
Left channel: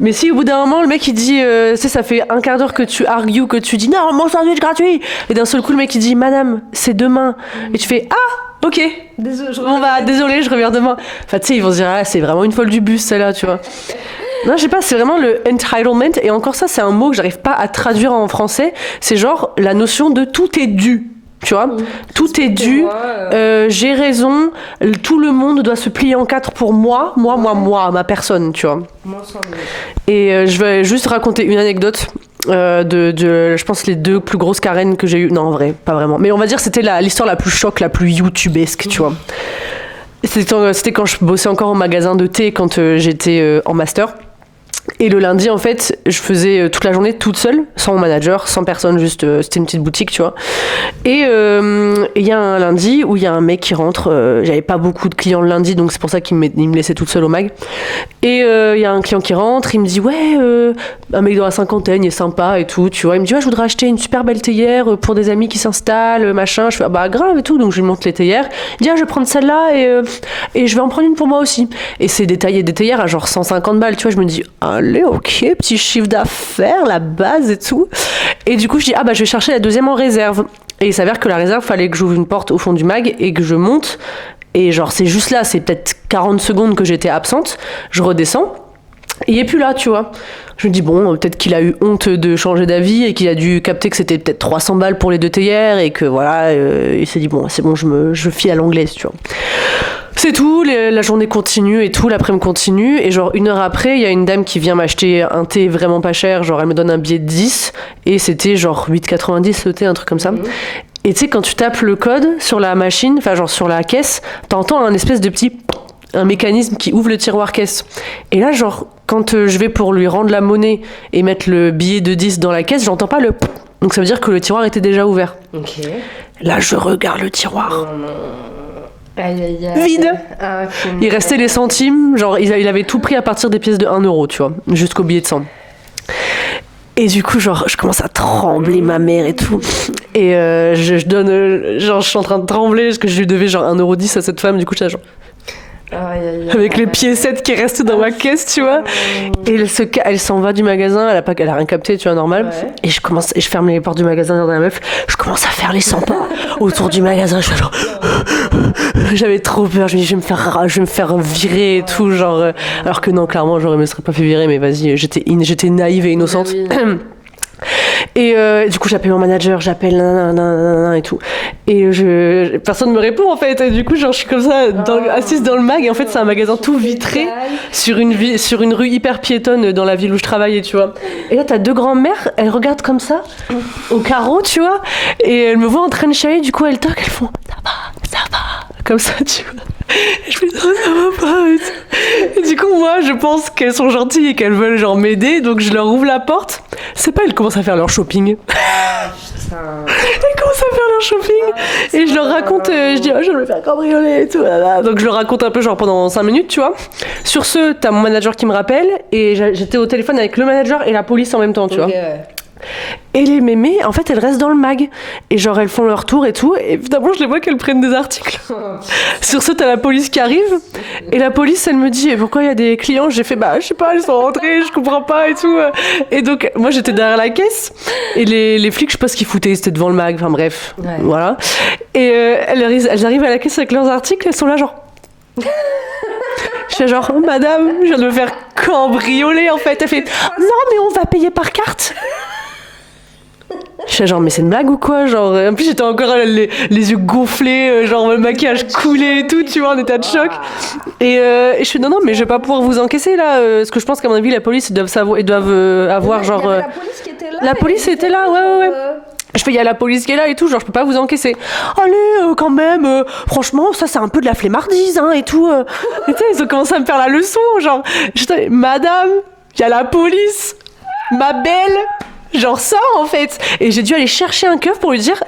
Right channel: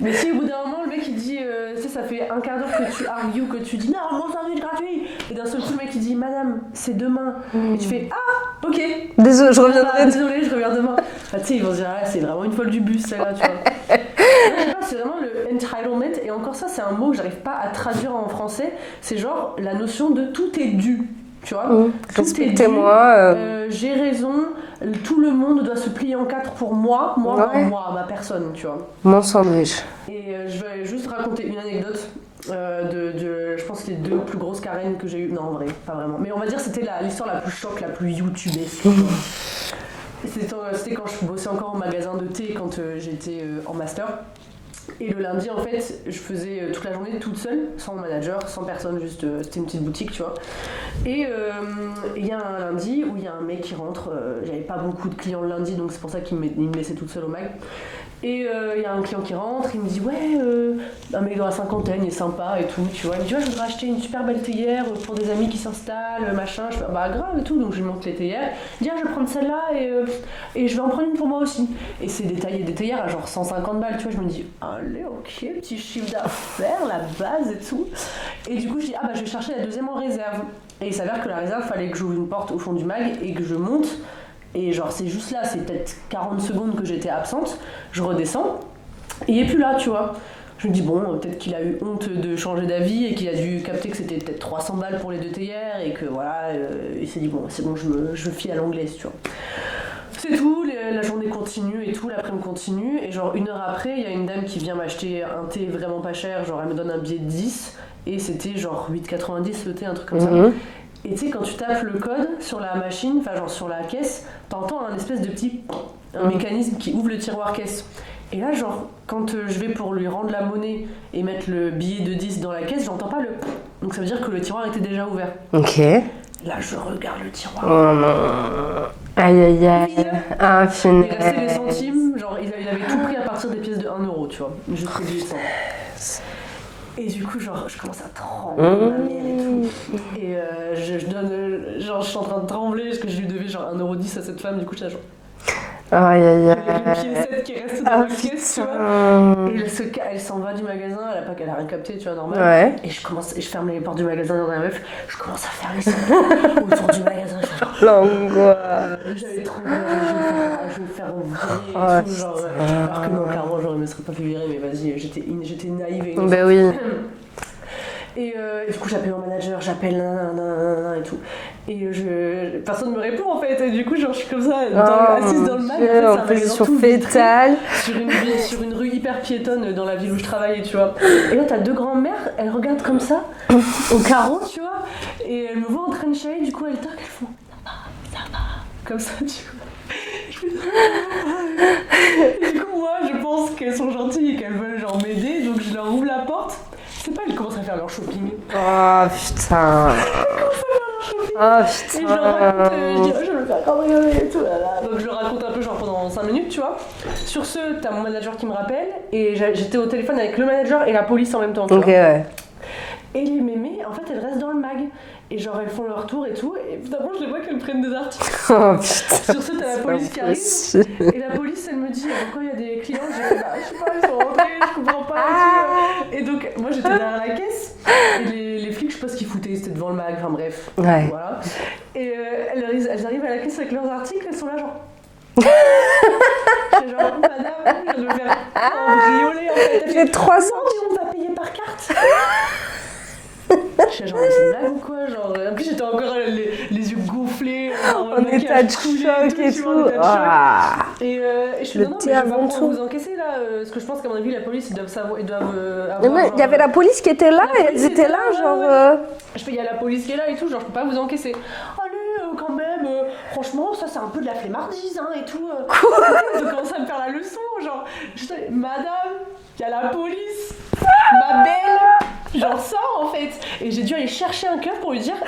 Mais si au bout d'un moment, le mec il dit, ça fait un quart d'heure que tu argues, que tu dis non, mon sandwich gratuit, et d'un seul coup le mec il dit madame, c'est demain, et tu fais ah, ok, désolé, je reviens demain. Enfin tu sais, ils vont se dire c'est vraiment une folle du bus celle-là, tu vois. Non, je sais pas, c'est vraiment le entitlement, et encore ça, c'est un mot que j'arrive pas à traduire en français. C'est genre la notion de tout est dû. Tu vois, tout est dû, j'ai raison, tout le monde doit se plier en 4 pour moi, ma personne, tu vois. Mon sandwich. Et je vais juste raconter une anecdote de je pense, les 2 plus grosses Karen que j'ai eues. Non, en vrai, pas vraiment. Mais on va dire que c'était l'histoire la plus choc, la plus youtubesque, tu vois. C'était quand je bossais encore au magasin de thé, quand j'étais en master. Et le lundi, en fait, je faisais toute la journée toute seule, sans mon manager, sans personne, juste c'était une petite boutique, tu vois. Et il y a un lundi où il y a un mec qui rentre, j'avais pas beaucoup de clients le lundi, donc c'est pour ça qu'il me laissait toute seule au mag. Et il y a un client qui rentre, il me dit ouais, un mec dans la cinquantaine, il est sympa et tout, tu vois. Il me dit ouais, je voudrais acheter une super belle théière pour des amis qui s'installent, machin. Je fais bah grave et tout, donc je lui montre les théières. Il dit ah, je vais prendre celle-là et je vais en prendre une pour moi aussi. Et c'est des théières à genre 150 balles, tu vois. Je me dis allez, ok, petit chiffre d'affaires, la base et tout. Et du coup, je dis, je vais chercher la deuxième en réserve. Et il s'avère que la réserve, fallait que j'ouvre une porte au fond du mag et que je monte. Et genre, c'est juste là, c'est peut-être 40 secondes que j'étais absente. Je redescends. Et il est plus là, tu vois. Je me dis, bon, peut-être qu'il a eu honte de changer d'avis et qu'il a dû capter que c'était peut-être 300 balles pour les 2 théières et que voilà, il s'est dit, bon, c'est bon, je fie à l'anglaise, tu vois. C'est tout, la journée continue et tout, l'après-midi continue. Et genre 1 heure après, il y a une dame qui vient m'acheter un thé vraiment pas cher. Genre elle me donne un billet de 10 et c'était genre 8,90 le thé, un truc comme ça. Et tu sais, quand tu tapes le code sur la machine, enfin genre sur la caisse, t'entends un espèce de petit... un mécanisme qui ouvre le tiroir caisse. Et là, genre, quand je vais pour lui rendre la monnaie et mettre le billet de 10 dans la caisse, j'entends pas le... Donc ça veut dire que le tiroir était déjà ouvert. Ok. Là, je regarde le tiroir. Oh non. Aïe, aïe, aïe. Vide. Il restait les centimes, genre il avait tout pris à partir des pièces de 1 euro, tu vois, jusqu'au billet de 100. Et du coup, genre, je commence à trembler, ma mère et tout. Et je donne, genre, je suis en train de trembler parce que je lui devais genre 1,10 € à cette femme, du coup, j'étais genre... Avec les piécettes qui restent dans ma caisse, tu vois. Et elle s'en va du magasin, elle a rien capté, tu vois, normal. Ouais. Et je ferme les portes du magasin dans la meuf. Je commence à faire les 100 pas autour du magasin. Je suis genre... J'avais trop peur. Je me dis, je vais me faire virer et tout, genre. Alors que non, clairement, je me serais pas fait virer, mais vas-y, j'étais naïve et innocente. Oui. Et du coup j'appelle mon manager, j'appelle nanana et tout, et personne me répond en fait, et du coup genre je suis comme ça assise dans le mag, et en fait c'est un magasin tout vitré sur une rue hyper piétonne dans la ville où je travaillais, tu vois. Et là t'as deux grands-mères, elles regardent comme ça au carreau, tu vois, et elles me voient en train de chialer, du coup elles toquent, elles font ça va comme ça, tu vois. Je fais non, ça va pas. Et du coup, moi, je pense qu'elles sont gentilles et qu'elles veulent genre m'aider, donc je leur ouvre la porte. C'est pas, elles commencent à faire leur shopping. Ah putain. Elles commencent à faire leur shopping. Et je leur raconte, je dis, je vais me faire cambrioler et tout. Donc je leur raconte un peu, genre pendant 5 minutes, tu vois. Sur ce, t'as mon manager qui me rappelle, et j'étais au téléphone avec le manager et la police en même temps, tu vois. Ouais. Et les mémés, en fait, elles restent dans le mag. Et genre, elles font leur tour et tout. Et évidemment, je les vois qu'elles prennent des articles. Sur ce, t'as la police qui arrive. Et la police, elle me dit, pourquoi il y a des clients? J'ai fait, je sais pas, elles sont rentrées, je comprends pas et tout. Et donc, moi, j'étais derrière la caisse. Et les flics, je sais pas ce qu'ils foutaient, c'était devant le mag. Enfin, bref. Ouais. Voilà. Et elles arrivent à la caisse avec leurs articles. Elles sont là, genre... Je suis genre, madame, je viens de me faire cambrioler en fait. Elle fait, non mais on va payer par carte. Je suis genre, mais c'est une blague ou quoi, genre. En plus j'étais encore les yeux gonflés, genre le maquillage coulé et tout, tu vois, en état de choc. Et je suis non mais je vais pas pouvoir vous encaisser là, parce que je pense qu'à mon avis la police ils doivent avoir genre. Il y avait la police qui était là. La police était là, ouais. Je fais, il y a la police qui est là et tout, genre je peux pas vous encaisser. Allez, quand même, franchement, ça c'est un peu de la flemmardise, hein, et tout. Et ils ont commencé à me faire la leçon, genre. J'étais, madame, il y a la police, ma belle. Genre sors en fait. Et j'ai dû aller chercher un keuf pour lui dire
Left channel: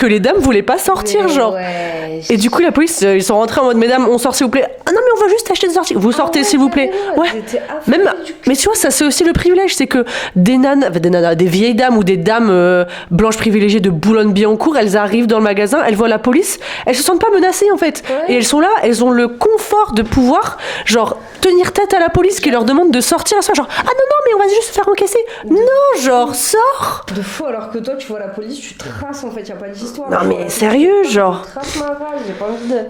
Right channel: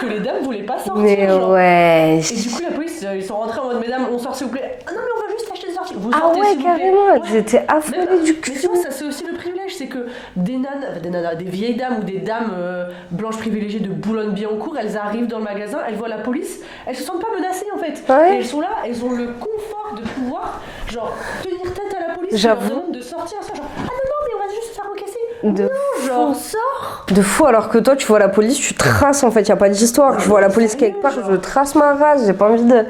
que les dames voulaient pas sortir, mais genre. Ouais. Et du coup la police, ils sont rentrés en mode mesdames, on sort s'il vous plaît. Ah non mais on va juste acheter des articles. Vous sortez s'il vous plaît. Ouais. J'étais affolée du cul. Mais tu vois ça c'est aussi le privilège, c'est que des vieilles dames ou des dames blanches privilégiées de Boulogne-Billancourt, elles arrivent dans le magasin, elles voient la police, elles se sentent pas menacées en fait. Ouais. Et elles sont là, elles ont le confort de pouvoir genre tenir tête à la police qui leur demande de sortir à soi, genre ah non mais on va juste se faire encaisser. Non genre sors de fou, alors que toi tu vois la police, tu traces en fait, y a pas d'histoire. Non, je vois la police sérieux, genre je trace ma rage, j'ai pas envie de...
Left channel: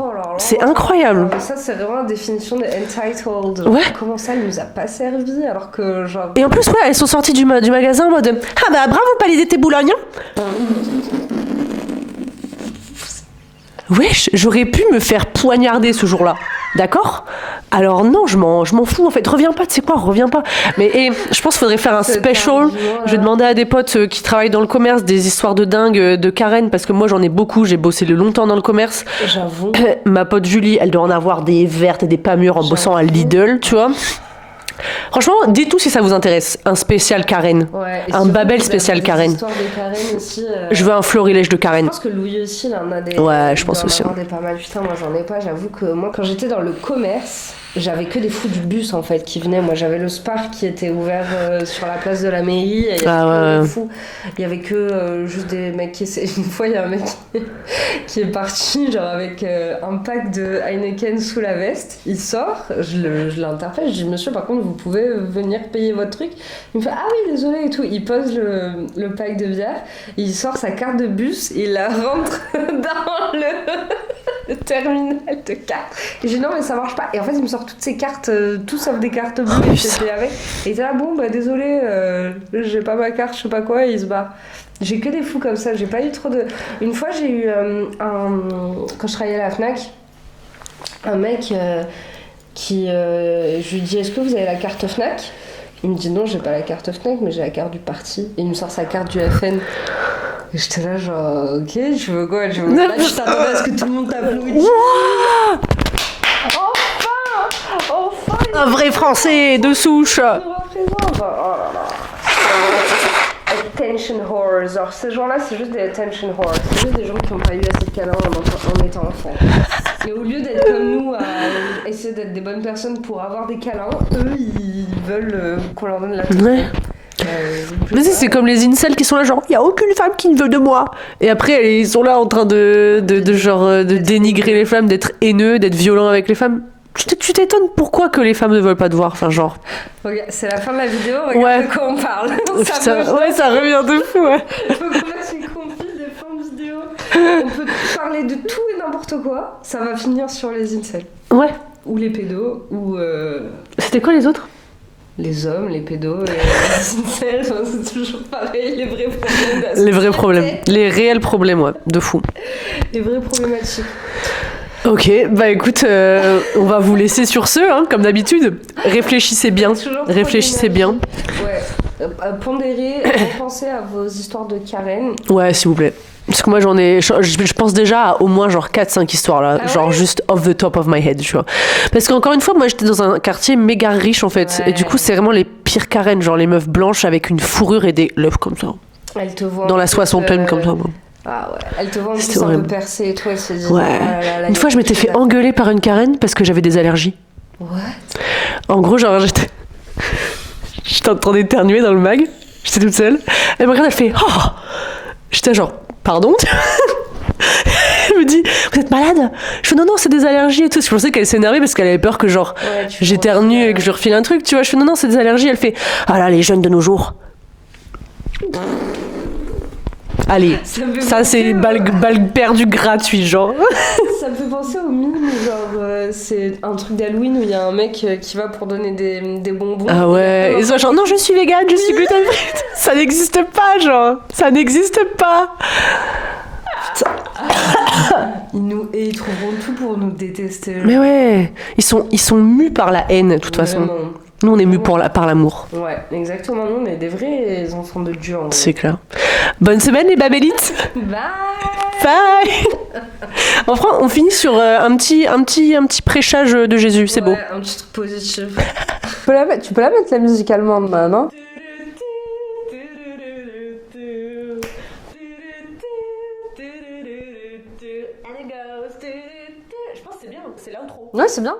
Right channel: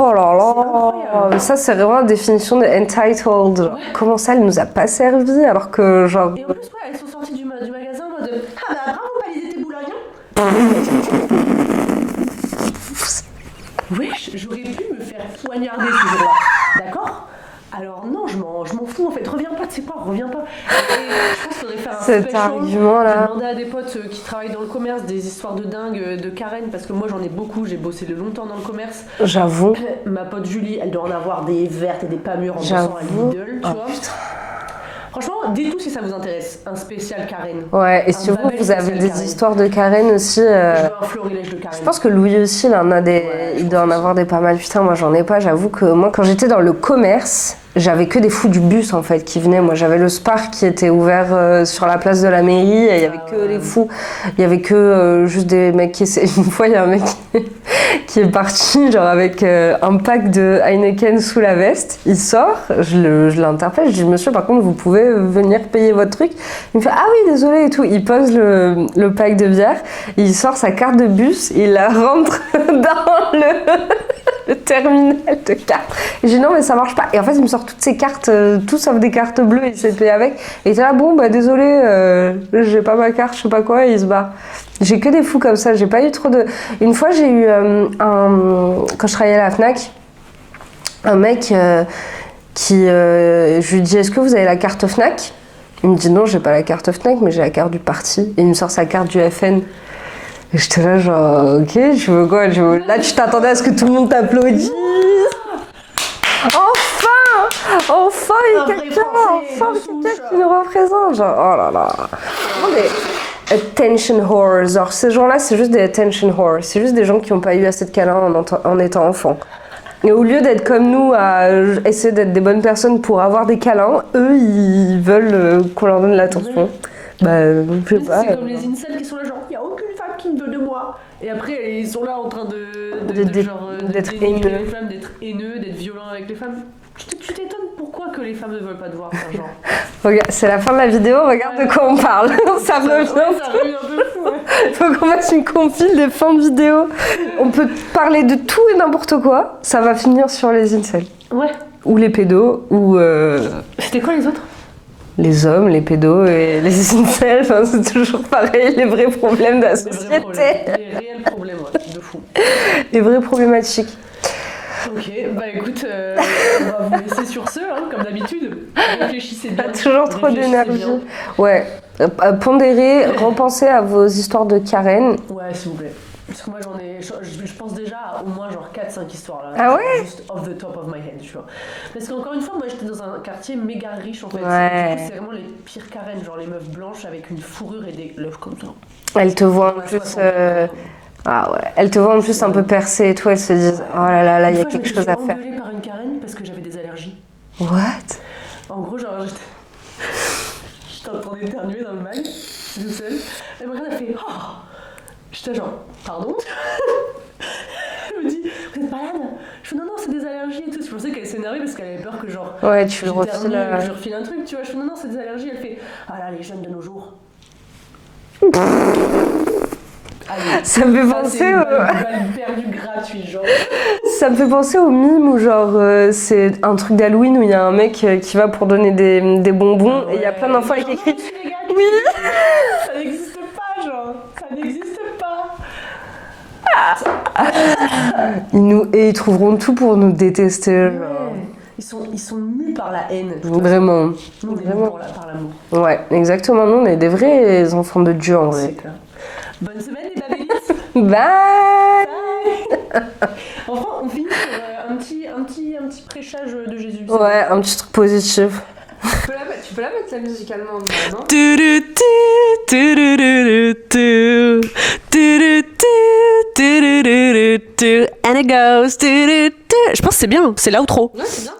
Oh là là, c'est incroyable. Ça c'est vraiment la définition de entitled. Ouais. Comment ça elle nous a pas servi alors que genre... Et en plus elles sont sorties du magasin en mode ah bah bravo Palais Boulogne. Wesh, j'aurais pu me faire poignarder ce jour-là, d'accord? Alors non, je m'en fous en fait. Reviens pas, tu sais quoi, reviens pas. Mais je pense qu'il faudrait faire un special. Je vais demander à des potes qui travaillent dans le commerce des histoires de dingue de Karen, parce que moi j'en ai beaucoup, j'ai bossé longtemps dans le commerce. J'avoue. Ma pote Julie, elle doit en avoir des vertes et des pas mûres en bossant à Lidl, tu vois. Franchement, dites-tout si ça vous intéresse. Un spécial Karen. Ouais, et un Babel spécial Karen. Des histoires de Karen aussi. Je veux un florilège de Karen. Je pense que Louis aussi, il en a des. Ouais, je pense aussi. Il doit en avoir des pas mal. Putain, moi j'en ai pas. J'avoue que moi, quand j'étais dans le commerce, j'avais que des fous du bus en fait qui venaient. Moi j'avais le Spar qui était ouvert sur la place de la mairie. Et il y avait que des fous. Il y avait que juste des mecs qui essayaient. Une fois, il y a un mec qui est parti genre avec un pack de Heineken sous la veste. Il sort, je l'interpelle, je dis monsieur par contre vous pouvez venir payer votre truc. Il me fait ah oui désolé et tout. Il pose le pack de bière, il sort sa carte de bus, il la rentre dans le terminal de carte. Et je dis non mais ça marche pas. Et en fait il me sort toutes ces cartes, tout sauf des cartes bleues et je payé avec. Et il était là bon bah désolé, j'ai pas ma carte, je sais pas quoi, et il se barre. J'ai que des fous comme ça, j'ai pas eu trop de... Une fois j'ai eu quand je travaillais à la Fnac, un mec je lui dis est-ce que vous avez la carte Fnac? Il me dit non j'ai pas la carte Fnac mais j'ai la carte du parti. Et il me sort sa carte du FN. Et j'étais là genre ok je veux quoi, là tu t'attendais à ce que tout le monde t'applaudisse. Enfin un vrai français de souche. Il me représente genre oh là là. Attention whores, genre ces gens-là c'est juste des attention whores, c'est juste des gens qui n'ont pas eu assez de câlins en étant enfant. Et au lieu d'être comme nous à essayer d'être des bonnes personnes pour avoir des câlins, eux ils veulent qu'on leur donne l'attention. Ouais. Mais c'est comme les incels qui sont là genre, il y a aucune femme qui ne veut de moi. Et après, ils sont là en train de dénigrer les femmes, d'être haineux, d'être violents avec les femmes. Tu t'étonnes pourquoi que les femmes ne veulent pas te voir, enfin genre. Regarde, c'est la fin de la vidéo, regarde de quoi on parle. ça revient de fou. Ouais. Faut qu'on fasse une compile des fins de vidéo. On peut parler de tout et n'importe quoi. Ça va finir sur les incels. Ouais. Ou les pédos, ou... C'était quoi les autres? Les hommes, les pédos, les incels, enfin, c'est toujours pareil, les vrais problèmes de la société. Les vrais problèmes, les réels problèmes, ouais, de fou. Les vraies problématiques. Ok, bah écoute, on va vous laisser sur ce, hein, comme d'habitude. Réfléchissez bien, réfléchissez bien. Ouais, pondérez, repensez à vos histoires de Karen. Ouais, s'il vous plaît. Parce que moi je pense déjà à au moins genre 4-5 histoires là, genre juste off the top of my head, tu vois. Parce qu'encore une fois, moi j'étais dans un quartier méga riche en fait, et du coup c'est vraiment les pires Karen, genre les meufs blanches avec une fourrure et des lèvres comme ça. Elles te voient dans la soixantaine comme ça. Ah ouais, elle te voit en plus un peu percée et toi, elle se dit ouais. Oh là là, une fois je m'étais fait engueuler par une Karen parce que j'avais des allergies. What? En gros genre j'étais en train d'éternuer dans le mag, j'étais toute seule, elle me regarde, elle fait oh, j'étais genre pardon. Elle me dit vous êtes malade? Je fais non c'est des allergies et tout. Je pensais qu'elle s'énervait parce qu'elle avait peur que genre j'éternue et que je refile un truc, tu vois. Je fais non c'est des allergies. Elle fait ah là les jeunes de nos jours. Allez, ça c'est balle perdue gratuite, genre. Ça me fait penser au mime où genre c'est un truc d'Halloween où il y a un mec qui va pour donner des bonbons. Ah ouais. Et ça genre non je suis végane, je suis gluten. Ça n'existe pas, genre. Ça n'existe pas. Ils trouveront tout pour nous détester. Mais ouais, ils sont mus par la haine, de toute façon. Vraiment. Nous, on est mus par l'amour. Ouais, exactement. Nous, on est des vrais enfants de Dieu, en vrai. C'est clair. Bonne semaine, les babélites. Bye. Bye. Enfin, on finit sur un petit prêchage de Jésus, c'est beau. Ouais, un petit truc positif. Tu peux la mettre, la musique allemande, non? And it goes. Je pense que c'est bien, c'est l'outro. Ouais, c'est bien.